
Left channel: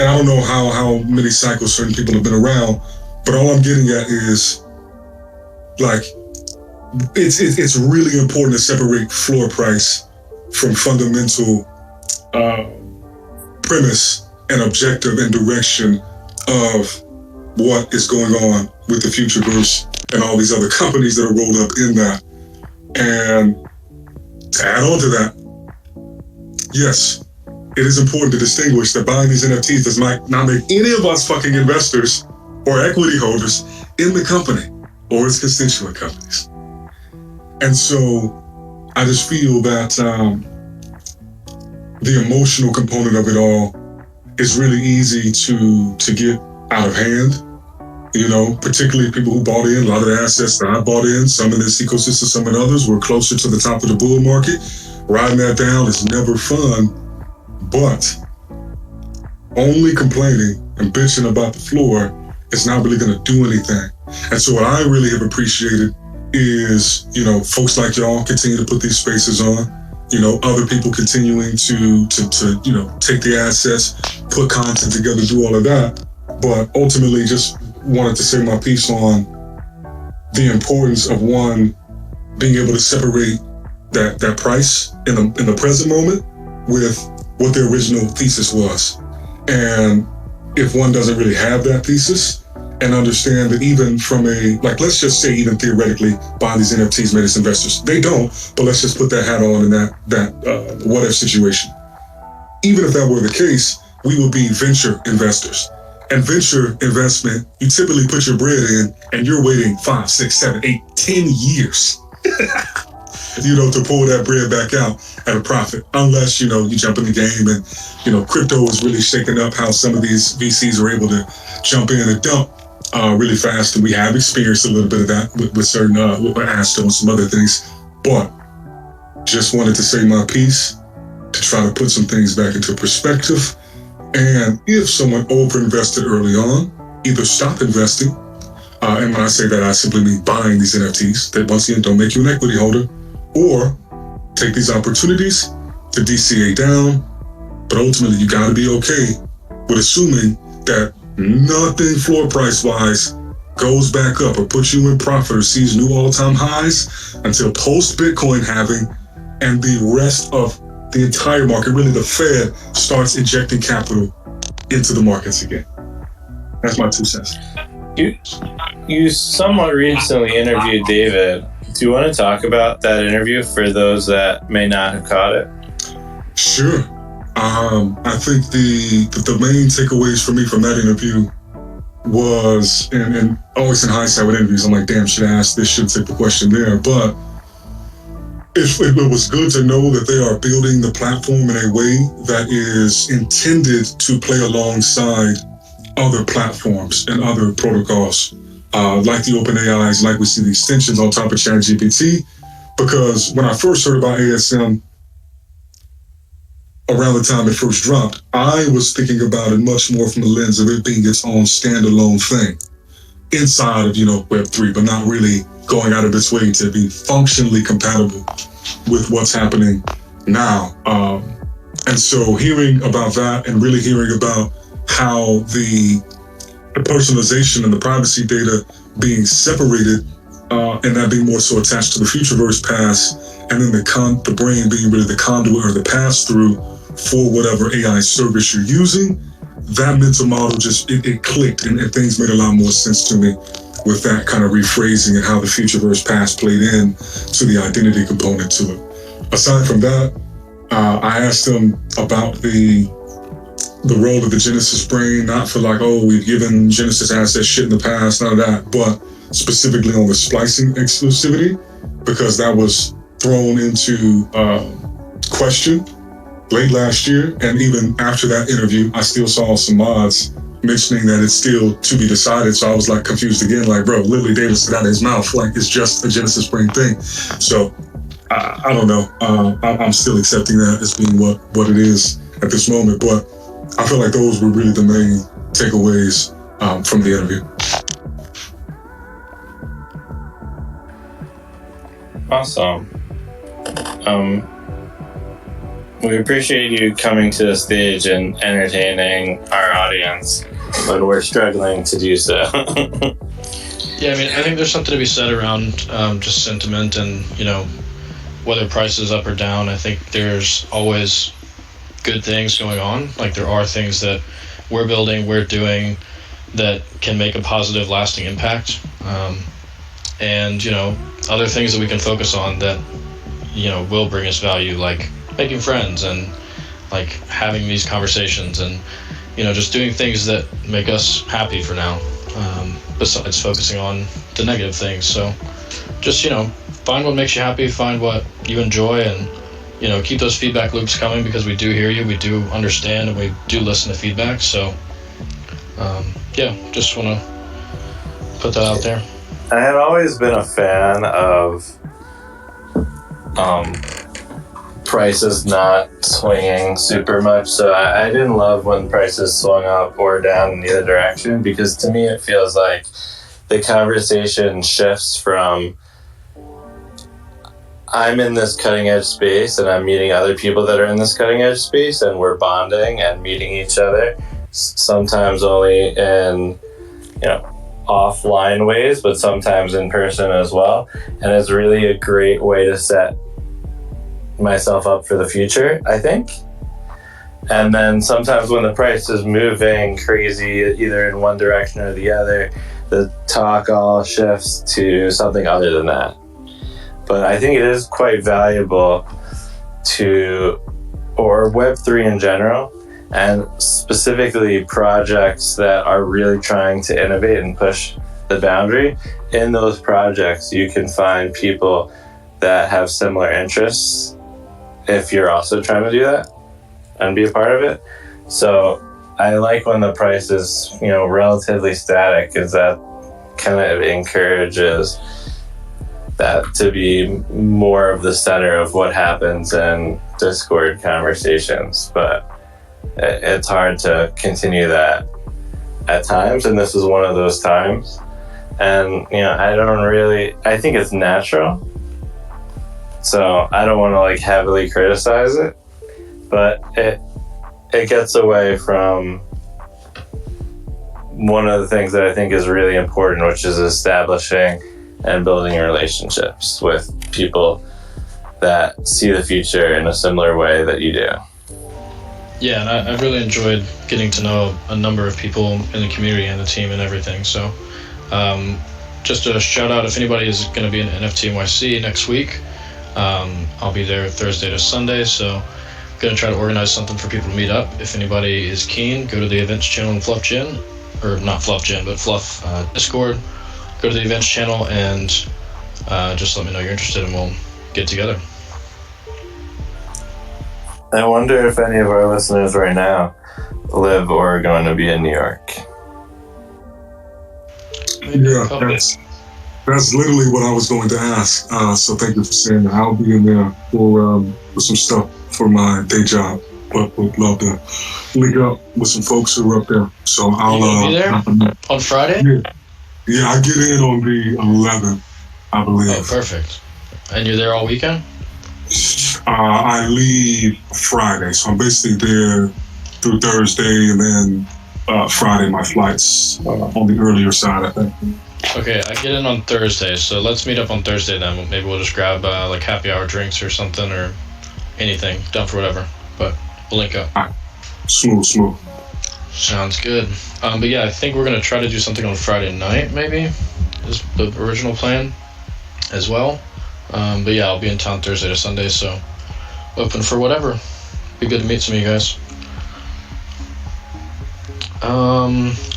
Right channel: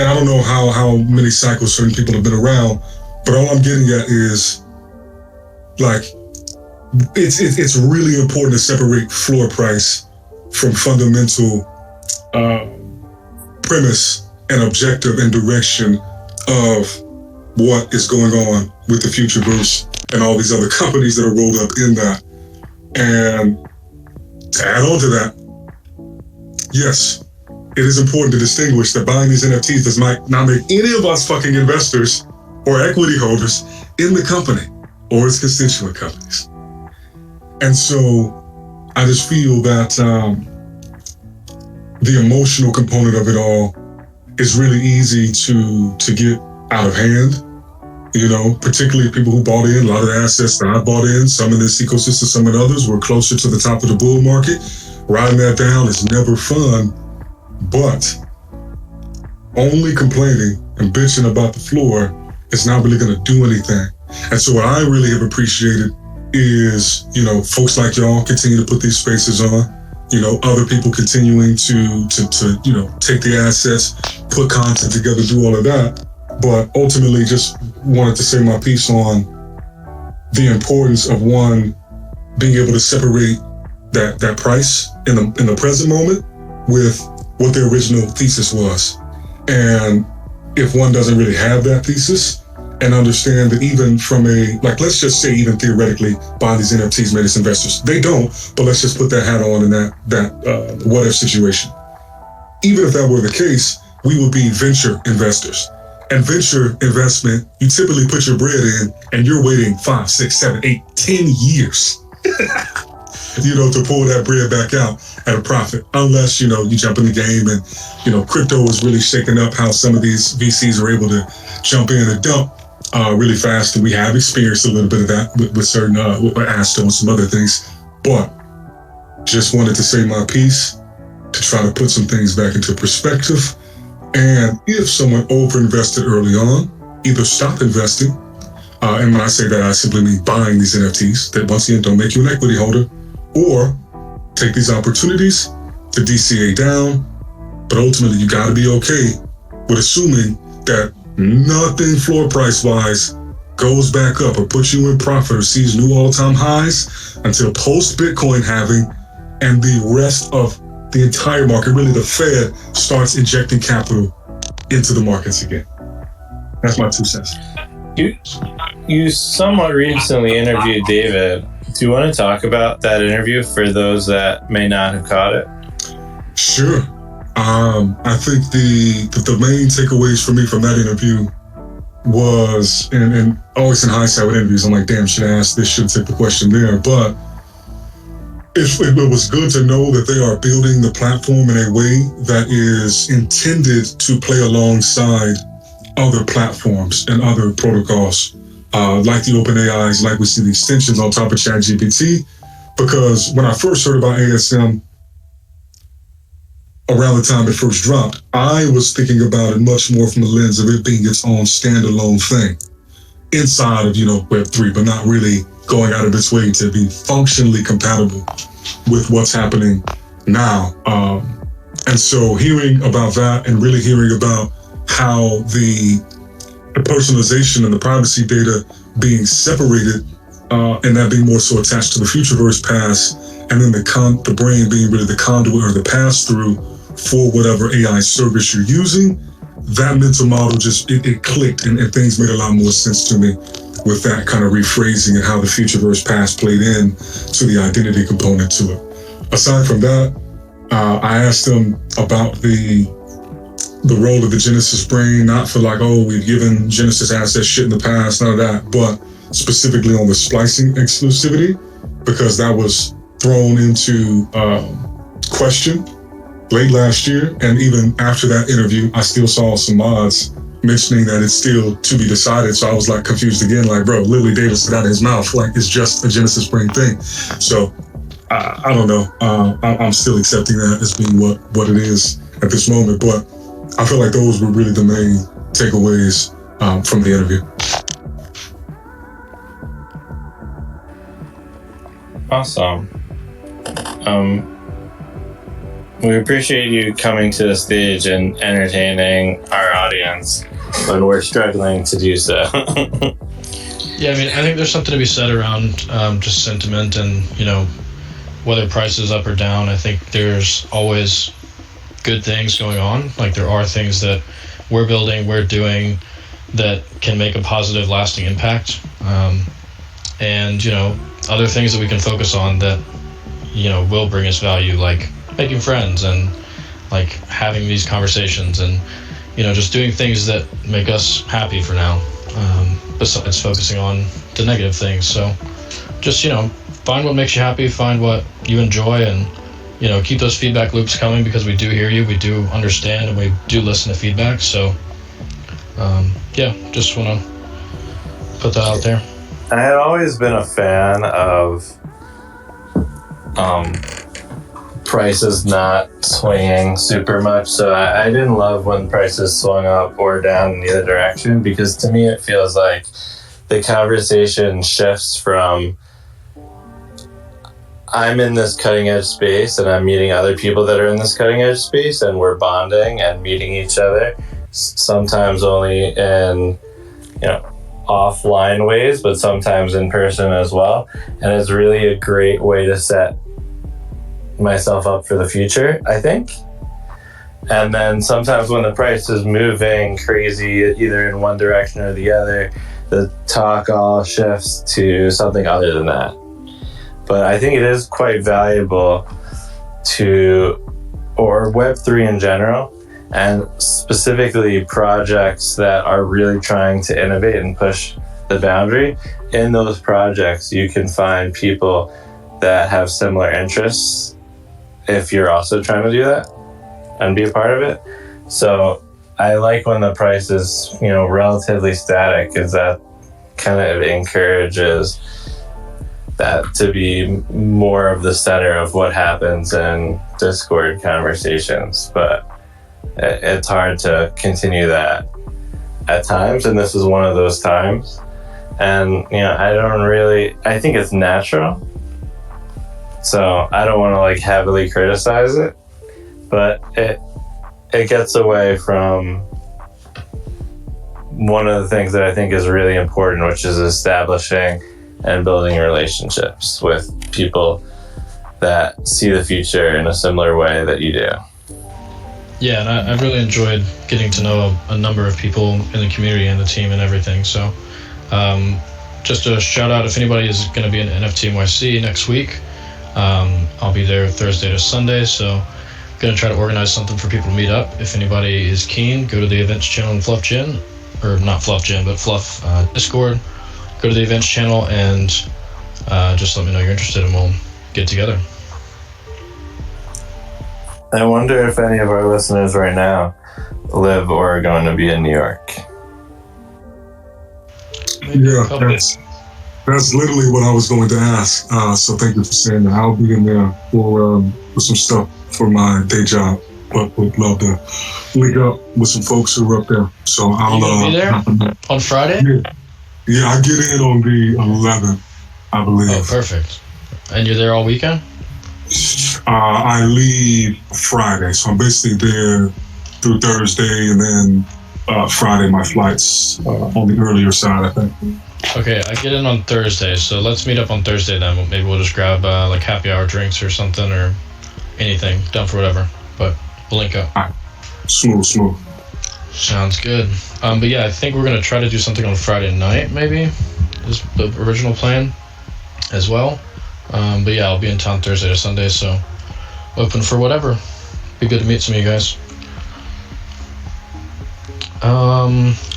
and I don't know how many cycles certain people have been around, but all I'm getting at is, like, it's really important to separate floor price from fundamental premise and objective and direction of what is going on with the Futureverse and all these other companies that are rolled up in that. And to add on to that, yes, it is important to distinguish that buying these NFTs does not make any of us fucking investors or equity holders in the company or its constituent companies. And so I just feel that the emotional component of it all is really easy to get out of hand. You know, particularly people who bought in, a lot of the assets that I bought in, some in this ecosystem, some in others, were closer to the top of the bull market. Riding that down is never fun, but only complaining and bitching about the floor is not really going to do anything. And so what I really have appreciated is, you know, folks like y'all continue to put these spaces on, you know, other people continuing to you know, take the assets, put content together, do all of that. But ultimately just wanted to say my piece on the importance of, one, being able to separate that price in the present moment with what the original thesis was. And if one doesn't really have that thesis and understand that even from a, like, let's just say even theoretically buying these NFTs made us investors. They don't, but let's just put that hat on in that what if situation. Even if that were the case, we would be venture investors. And venture investment, you typically put your bread in and you're waiting 5, 6, 7, 8, 10 years, you know, to pull that bread back out at a profit. Unless, you know, you jump in the game and, you know, crypto is really shaking up how some of these VCs are able to jump in and dump really fast. And we have experienced a little bit of that with certain Astro and some other things. But just wanted to say my piece to try to put some things back into perspective. And if someone overinvested early on, either stop investing, and when I say that, I simply mean buying these NFTs that once again don't make you an equity holder, or take these opportunities to DCA down. But ultimately, you got to be okay with assuming that nothing floor price wise goes back up or puts you in profit or sees new all-time highs until post-Bitcoin halving and the rest of the entire market, really the Fed, starts injecting capital into the markets again. That's my 2 cents. You somewhat recently interviewed David. Do you want to talk about that interview for those that may not have caught it? Sure. I think the main takeaways for me from that interview was, and always in hindsight with interviews, I'm like, damn, should I ask this, should take the question there, but it was good to know that they are building the platform in a way that is intended to play alongside other platforms and other protocols, like the OpenAIs, like we see the extensions on top of ChatGPT. Because when I first heard about ASM, around the time it first dropped, I was thinking about it much more from the lens of it being its own standalone thing inside of, you know, Web3, but not really going out of its way to be functionally compatible with what's happening now. And so hearing about that and really hearing about how the personalization and the privacy data being separated, and that being more so attached to the Futureverse pass, and then the brain being really the conduit or the pass-through for whatever AI service you're using, that mental model just, it clicked and things made a lot more sense to me with that kind of rephrasing and how the Futureverse pass played in to the identity component to it. Aside from that, I asked them about the role of the Genesis brain, not for like, oh, we've given Genesis assets shit in the past, none of that, but specifically on the splicing exclusivity, because that was thrown into question late last year. And even after that interview, I still saw some mods mentioning that it's still to be decided. So I was like confused again, like, bro, literally David said out of his mouth, like it's just a Genesis brain thing. So I don't know. I'm still accepting that as being what it is at this moment. But I feel like those were really the main takeaways from the interview. Awesome. We appreciate you coming to the stage and entertaining our audience when we're struggling to do so. Yeah, I mean, I think there's something to be said around just sentiment and, whether price is up or down. I think there's always good things going on. Like, there are things that we're building, we're doing that can make a positive, lasting impact. And, other things that we can focus on that, will bring us value, like making friends and, like, having these conversations and, just doing things that make us happy for now. Besides focusing on the negative things. So just, find what makes you happy, find what you enjoy, and, keep those feedback loops coming, because we do hear you, we do understand, and we do listen to feedback. So, just want to put that out there. I had always been a fan of prices not swinging super much, so I didn't love when prices swung up or down in either direction, because to me it feels like the conversation shifts from I'm in this cutting edge space and I'm meeting other people that are in this cutting edge space and we're bonding and meeting each other, sometimes only in offline ways, but sometimes in person as well. And it's really a great way to set myself up for the future, I think. And then sometimes when the price is moving crazy, either in one direction or the other, the talk all shifts to something other than that. But I think it is quite valuable or Web3 in general, and specifically projects that are really trying to innovate and push the boundary. In those projects, you can find people that have similar interests if you're also trying to do that and be a part of it. So I like when the price is, relatively static, because that kind of encourages that to be more of the center of what happens in Discord conversations. But it's hard to continue that at times, and this is one of those times. And, I think it's natural. So I don't want to heavily criticize it, but it gets away from one of the things that I think is really important, which is establishing and building relationships with people that see the future in a similar way that you do. Yeah, and I've really enjoyed getting to know a number of people in the community and the team and everything. So just a shout out, if anybody is going to be in NFT NYC next week, I'll be there Thursday to Sunday, so I'm going to try to organize something for people to meet up. If anybody is keen, go to the events channel in FLUF Gen, or not FLUF Gen, but FLUF Discord. Go to the events channel and just let me know you're interested and we'll get together. I wonder if any of our listeners right now live or are going to be in New York. Yeah, that's literally what I was going to ask. So thank you for saying that. I'll be in there for some stuff for my day job, but would love to link up with some folks who are up there. So I'll be there on Friday? Yeah, I get in on the 11th, I believe. Oh, perfect. And you're there all weekend? I leave Friday, so I'm basically there through Thursday, and then Friday my flight's on the earlier side, I think. Okay, I get in on Thursday, so let's meet up on Thursday then. Maybe we'll just grab happy hour drinks or something, or anything, down for whatever. But we'll link up. All right. Smooth. Sounds good. But yeah, I think we're going to try to do something on Friday night, maybe, is the original plan as well. But yeah, I'll be in town Thursday to Sunday, so open for whatever. Be good to meet some of you guys.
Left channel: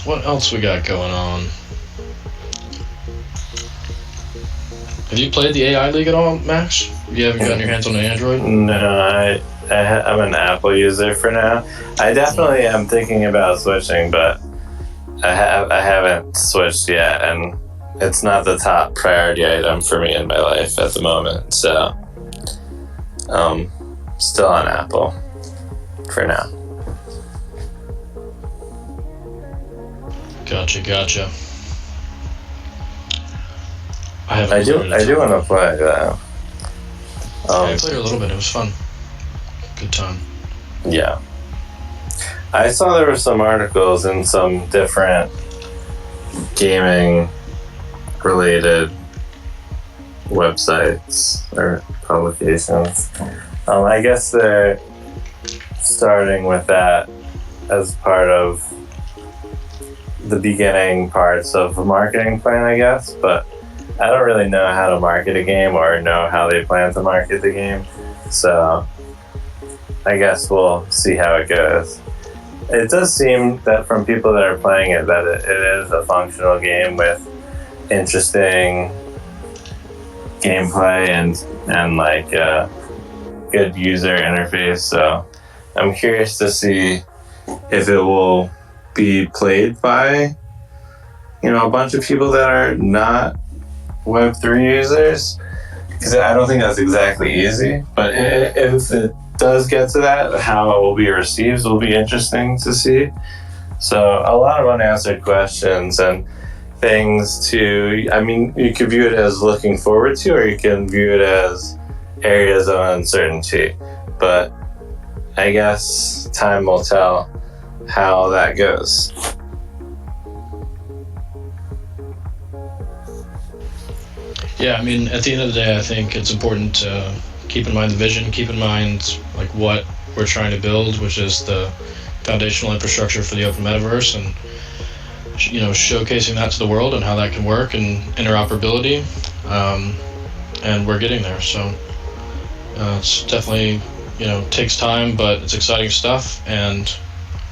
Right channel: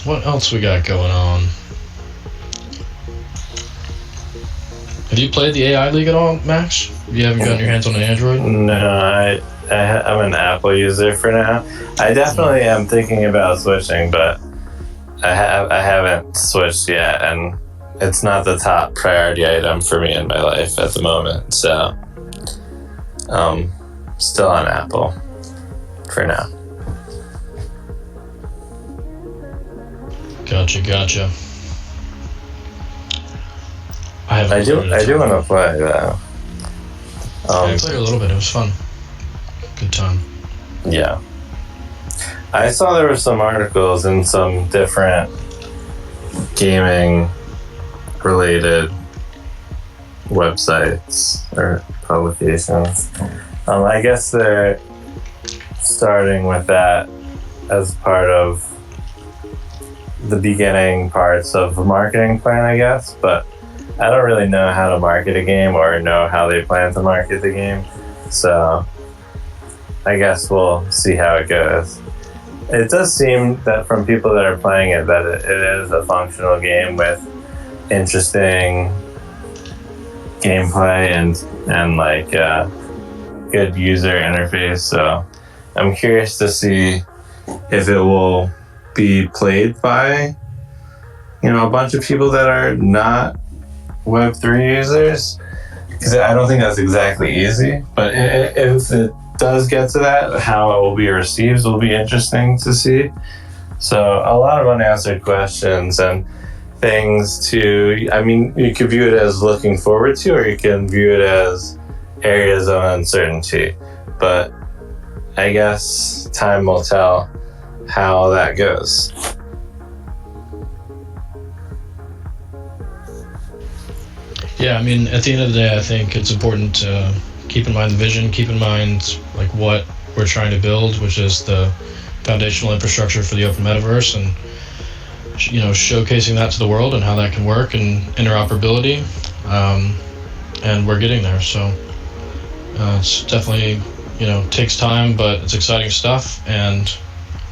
What else we got going on? Have you played the AI League at all, Max? You haven't gotten your hands on an Android? No, I'm an Apple user for now. I definitely am thinking about switching, but I haven't switched yet, and it's not the top priority item for me in my life at the moment. So Still on Apple for now. Gotcha. I do want to play that. I played a little bit. It was fun. Good time. Yeah. I saw there were some articles in some different gaming related websites or publications. I guess they're starting with that as part of the beginning parts of the marketing plan, I guess, but I don't really know how to market a game or know how they plan to market the game, so I guess we'll see how it goes. It does seem that from people that are playing it that it is a functional game with interesting gameplay and like a good user interface, so I'm curious to see if it will be played by, you know, a bunch of people that are not Web3 users, because I don't think that's exactly easy, but if it does get to that, how it will be received will be interesting to see. So a lot of unanswered questions and things to, I mean, you could view it as looking forward to, or you can view it as areas of uncertainty, but I guess time will tell how that goes. Yeah, I mean, at the end of the day, I think it's important to keep in mind the vision, keep in mind like what we're trying to build, which is the foundational infrastructure for the open metaverse, and you know, showcasing that to the world and how that can work and interoperability, and we're getting there. So it's definitely, you know, takes time, but it's exciting stuff, and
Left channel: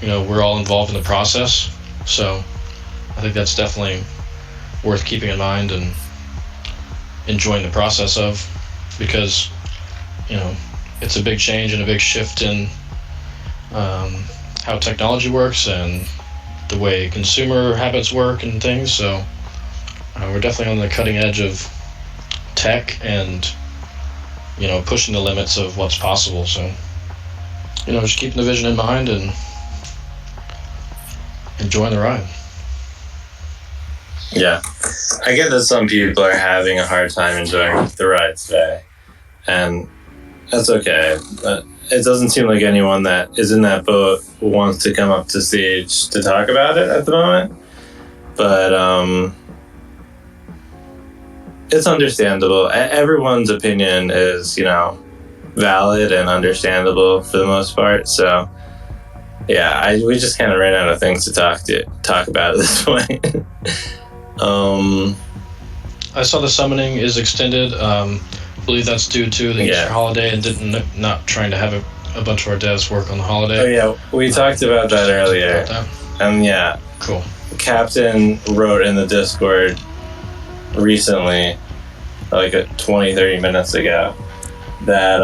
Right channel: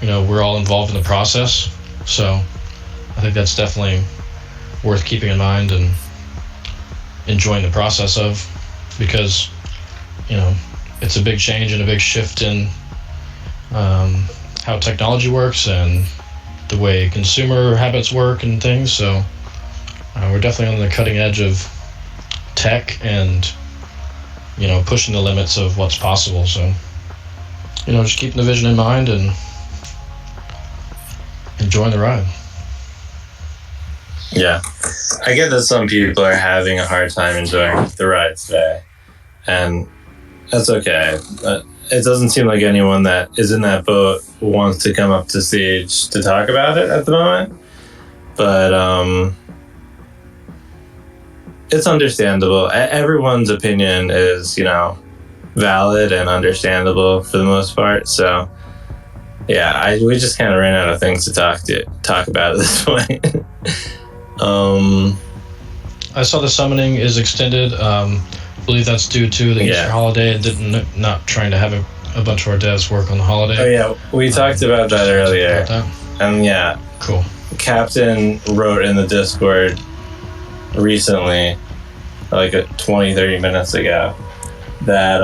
you know, we're all involved in the process. So I think that's definitely worth keeping in mind and enjoying the process of, because you know, it's a big change and a big shift in how technology works and the way consumer habits work and things. So we're definitely on the cutting edge of tech and, you know, pushing the limits of what's possible. So, you know, just keeping the vision in mind and enjoying the ride. Yeah, I get that some people are having a hard time enjoying the ride today, and that's okay. But it doesn't seem like anyone that is in that boat wants to come up to stage to talk about it at the moment. But it's understandable. Everyone's opinion is, you know, valid and understandable for the most part. So yeah, we just kind of ran out of things to talk about at this point. I saw the summoning is extended. I believe that's due to the Easter holiday and not trying to have a bunch of our devs work on the holiday. Oh yeah, we talked about that earlier. And yeah, cool. Captain wrote in the Discord recently, like 20-30 minutes ago, that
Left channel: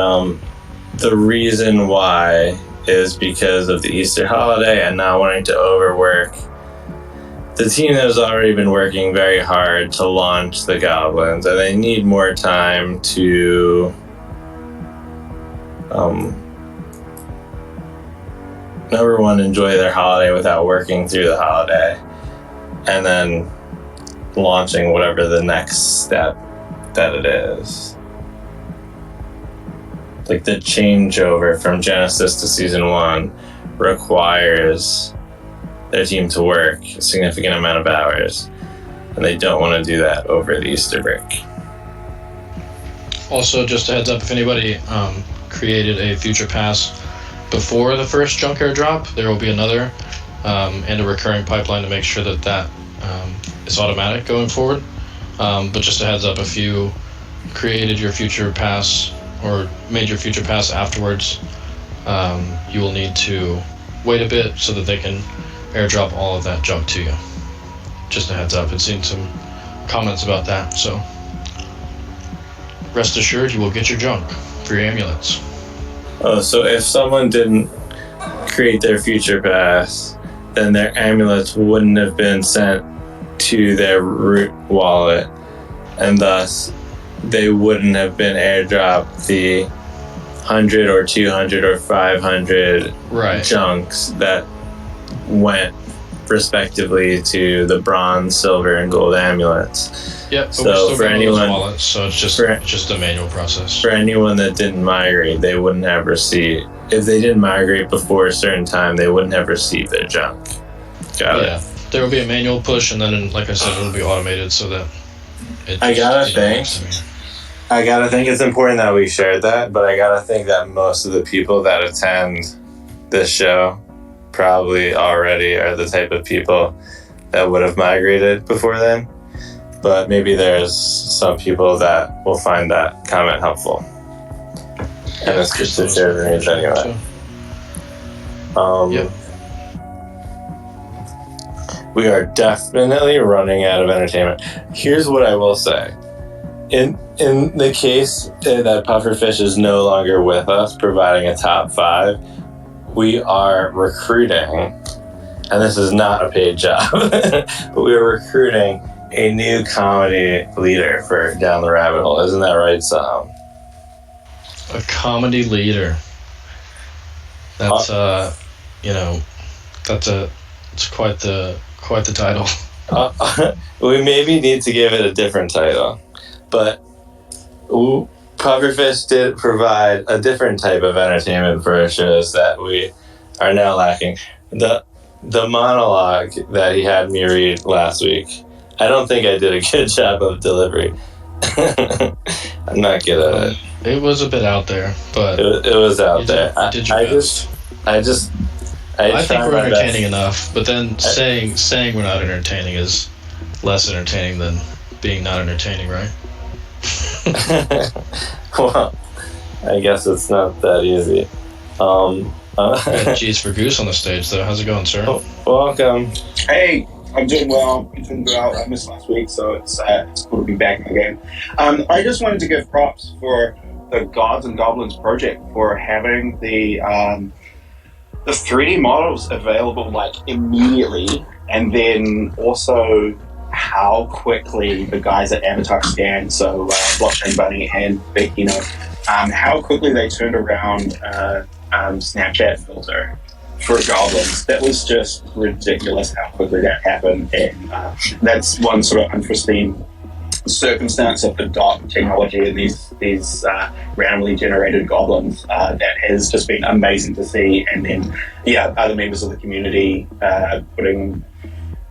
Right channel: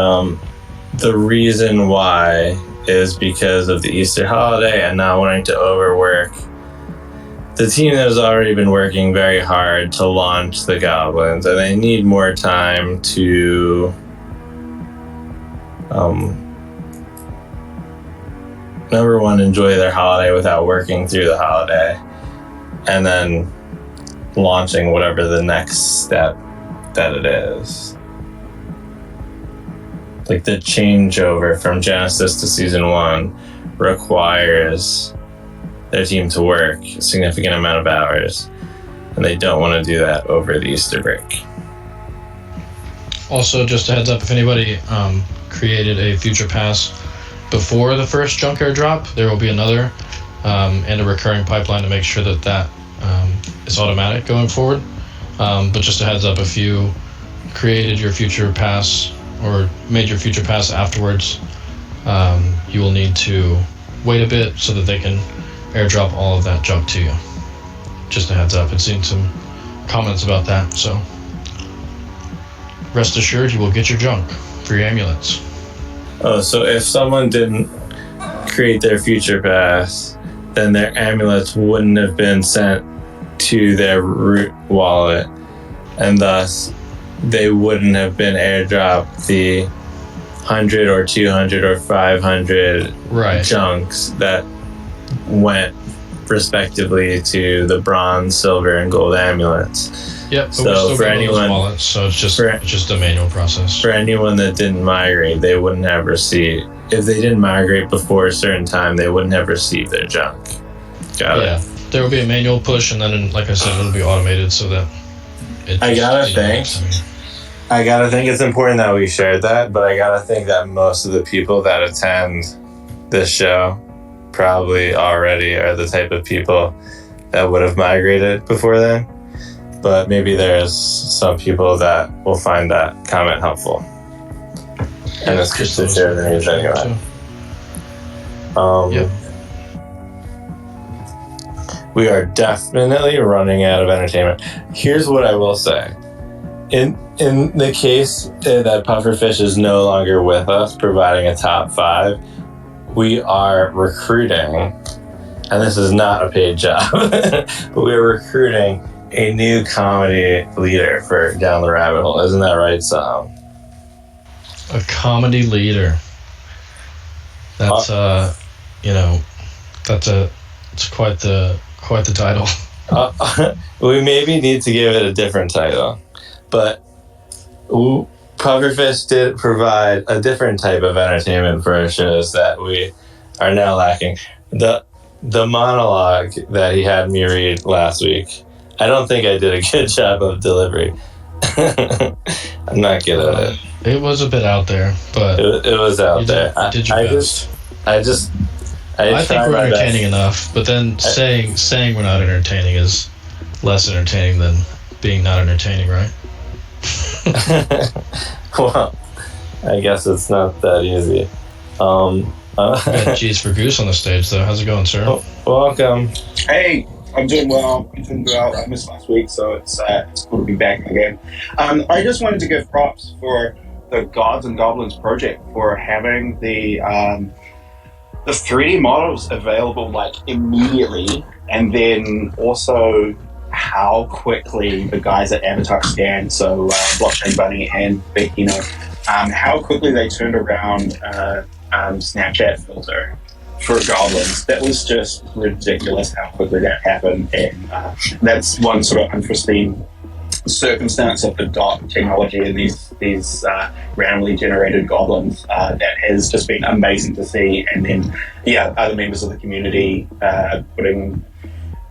the reason why is because of the Easter holiday and not wanting to overwork the team that has already been working very hard to launch the Goblins, and they need more time to number one, enjoy their holiday without working through the holiday, and then launching whatever the next step that it is. Like the changeover from Genesis to Season 1 requires their team to work a significant amount of hours, and they don't want to do that over the Easter break. Also, just a heads up, if anybody created a future pass before the first junk airdrop, there will be another and a recurring pipeline to make sure that is automatic going forward. But just a heads up, if you created your future pass or made your future pass afterwards, you will need to wait a bit so that they can airdrop all of that junk to you. Just a heads up. I've seen some comments about that, so rest assured you will get your junk for your amulets. Oh, so if someone didn't create their future pass, then their amulets wouldn't have been sent to their root wallet, and thus they wouldn't have been airdropped the 100 or 200 or 500 chunks that went respectively to the bronze, silver, and gold amulets. Yep. So for anyone, wallets, so it's just a manual process. For anyone that didn't migrate, they would never see. If they didn't migrate before a certain time, they would never see their junk. Got it. There will be a manual push, and then, like I said, it'll be automated so that. I gotta think it's important that we shared that, but I gotta think that most of the people that attend this show probably already are the type of people that would have migrated before then. But maybe there's some people that will find that comment helpful. And it's good to share the news anyway. We are definitely running out of entertainment. Here's what I will say. In the case that Pufferfish is no longer with us providing a top 5, we are recruiting, and this is not a paid job, but we are recruiting a new comedy leader for Down the Rabbit Hole. Isn't that right, Sam? A comedy leader. That's it's quite the title. We maybe need to give it a different title, but Pufferfish did provide a different type of entertainment for our shows that we are now lacking. The monologue that he had me read last week, I don't think I did a good job of delivery. I'm not good at it. It was a bit out there, but it was out there. Did your best. I think we're entertaining enough, but then saying we're not entertaining is less entertaining than being not entertaining, right? Well, I guess it's not that easy. G's for Goose on the stage, though. How's it going, sir? Welcome. Hey, I'm doing well. I missed last week, so it's cool to be back again. I just wanted to give props for the Gods and Goblins project for having the 3D models available like immediately, and then also how quickly the guys at Avatar Scan, so Blockchain Bunny and Big, how quickly they turned around Snapchat filter for Goblins. It was just ridiculous how quickly that happened, and that's one sort of unforeseen circumstance of the dot technology and these randomly generated goblins that has just been amazing to see. And then other members of the community putting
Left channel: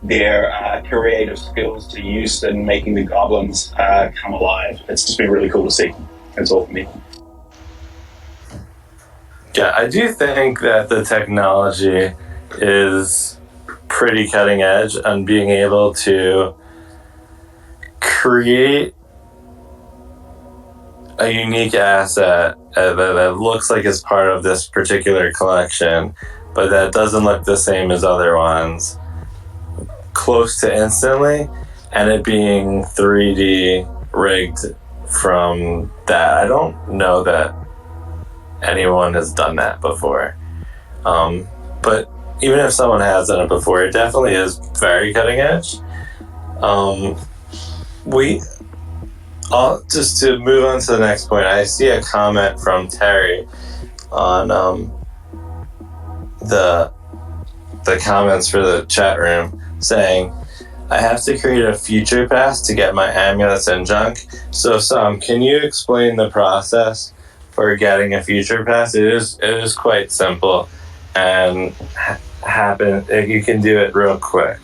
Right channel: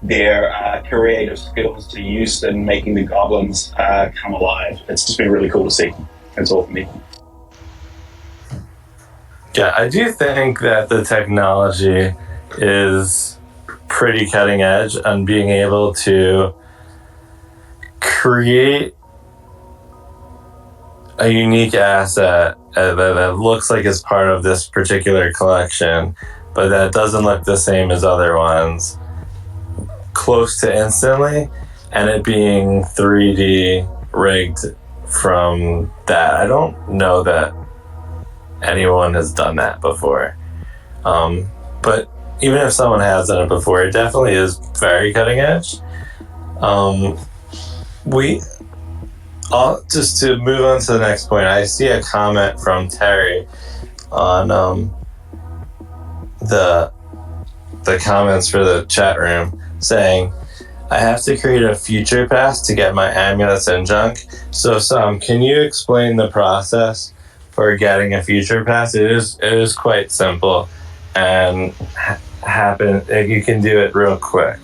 their creative skills to use in making the goblins come alive. It's just been really cool to see. That's all for me. Yeah, I do think that the technology is pretty cutting edge on being able to create a unique asset that looks like it's part of this particular collection, but that doesn't look the same as other ones, close to instantly, and it being 3D rigged from that. I don't know that anyone has done that before. But even if someone has done it before, it definitely is very cutting edge. Just to move on to the next point, I see a comment from Terry on the comments for the chat room saying, I have to create a future pass to get my amulets and junk. So Sam, can you explain the process for getting a future pass? It is quite simple and you can do it real quick.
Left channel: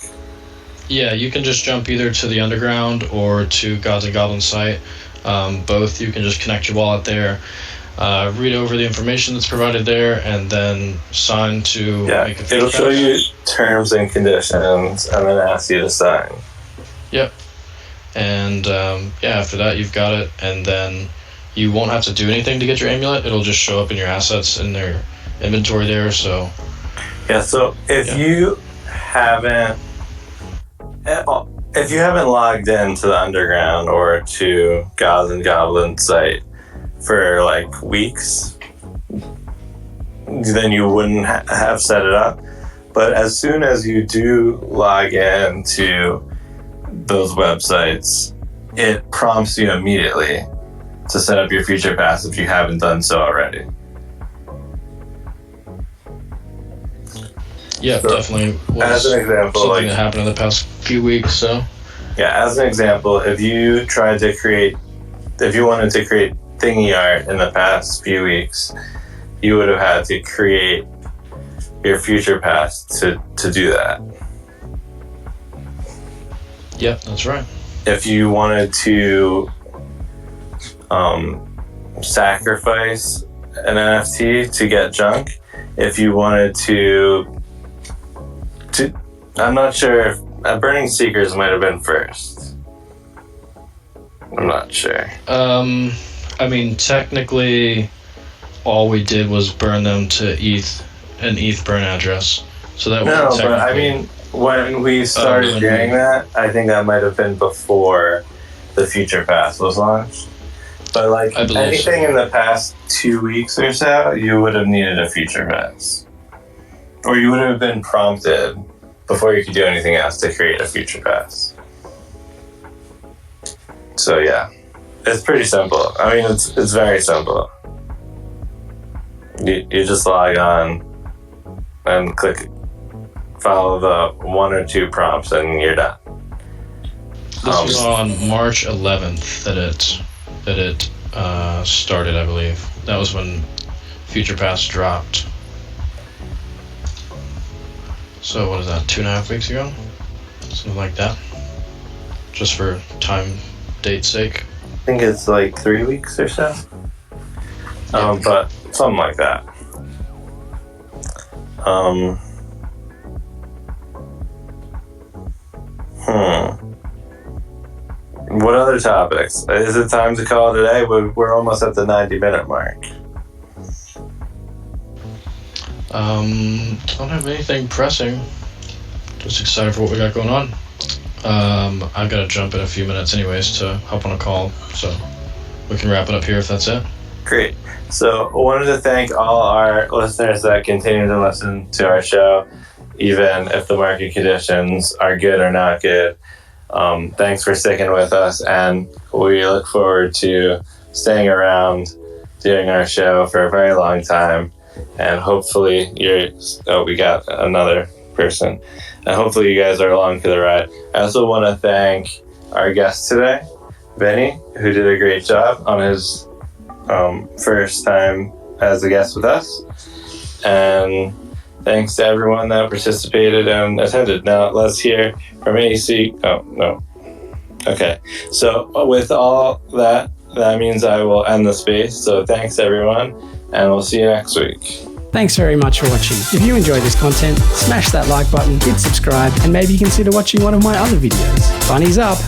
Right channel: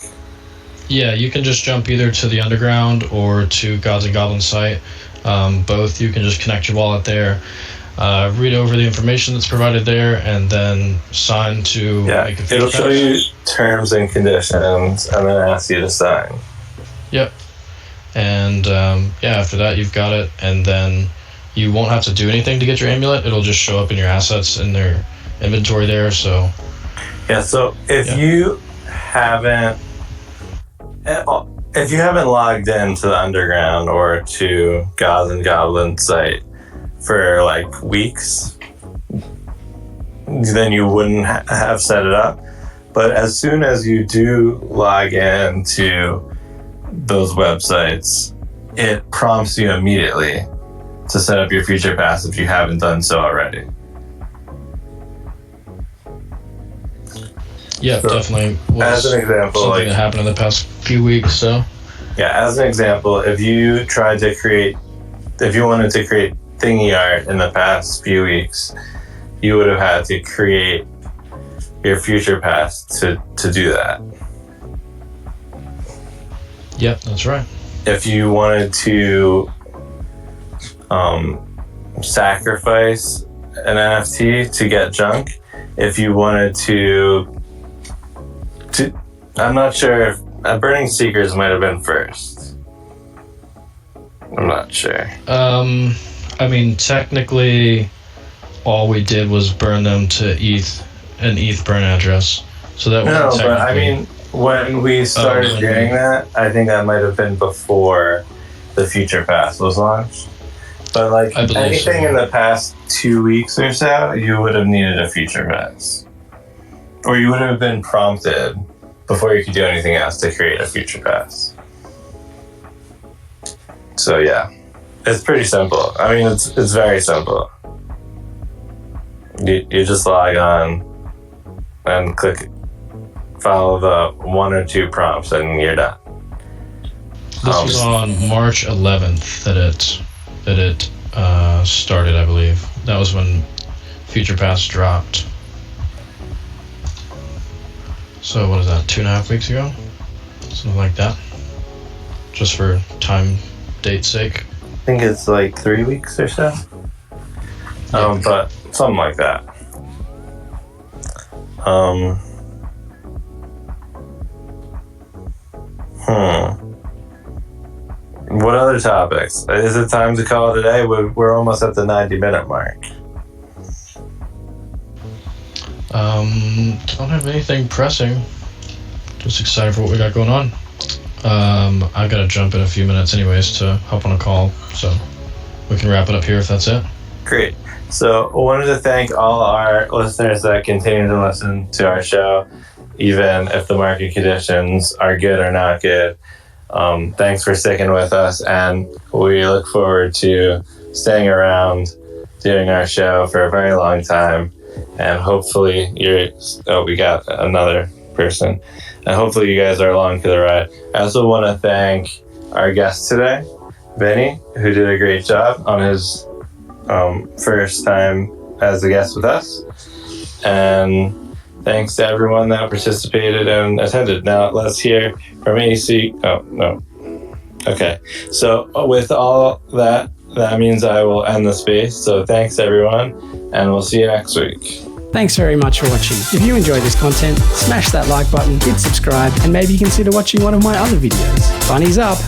Yeah, you can just jump either to the underground or to Gods and Goblins site. Both, you can just connect your wallet there, read over the information that's provided there, and then sign to make a future it'll pass. show you terms and conditions and then ask you to sign. Yep. And after that you've got it, and then you won't have to do anything to get your amulet. It'll just show up in your assets in their inventory there. So if you haven't logged into the underground or to Gods and Goblins site for like weeks, then you wouldn't have set it up. But as soon as you do log in to those websites, it prompts you immediately to set up your future pass if you haven't done so already. Yeah, So, definitely. as an example, Something like, that happened in the past few weeks, so. yeah, as an example, if you wanted to create thingy art in the past few weeks, you would have had to create your future pass to do that. Yep, that's right. If you wanted to sacrifice an NFT to get junk, if you wanted to I'm not sure if Burning Seekers might have been first. I'm not sure. I mean, technically, all we did was burn them to an ETH burn address. So that No, was but I mean, when we started doing that, I think that might have been before the Future Pass was launched. But like anything in the past 2 weeks or so, you would have needed a Future Pass. Or you would have been prompted before you could do anything else to create a Future Pass. So yeah, it's pretty simple. I mean, it's very simple. You just log on and follow the 1 or 2 prompts and you're done. This was on March 11th that it started, I believe. That was when Future Pass dropped. So what is that, 2.5 weeks ago? Something like that. Just for date's sake. I think it's like 3 weeks or so. But something like that. What other topics? Is it time to call it a day? We're almost at the 90-minute mark. I don't have anything pressing. Just excited for what we got going on. I've got to jump in a few minutes anyways to hop on a call, so we can wrap it up here if that's it. Great. So I wanted to thank all our listeners that continue to listen to our show, even if the market conditions are good or not good. Thanks for sticking with us, and we look forward to staying around doing our show for a very long time. And hopefully we got another person. And hopefully you guys are along for the ride. I also want to thank our guest today, Vinnie, who did a great job on his first time as a guest with us. And thanks to everyone that participated and attended. Now let's hear from AC. Oh, no. Okay. So with all that means I will end the space. So thanks everyone, and we'll see you next week. Thanks very much for watching. If you enjoyed this content, smash that like button, hit subscribe, and maybe consider watching one of my other videos. Bunnies up!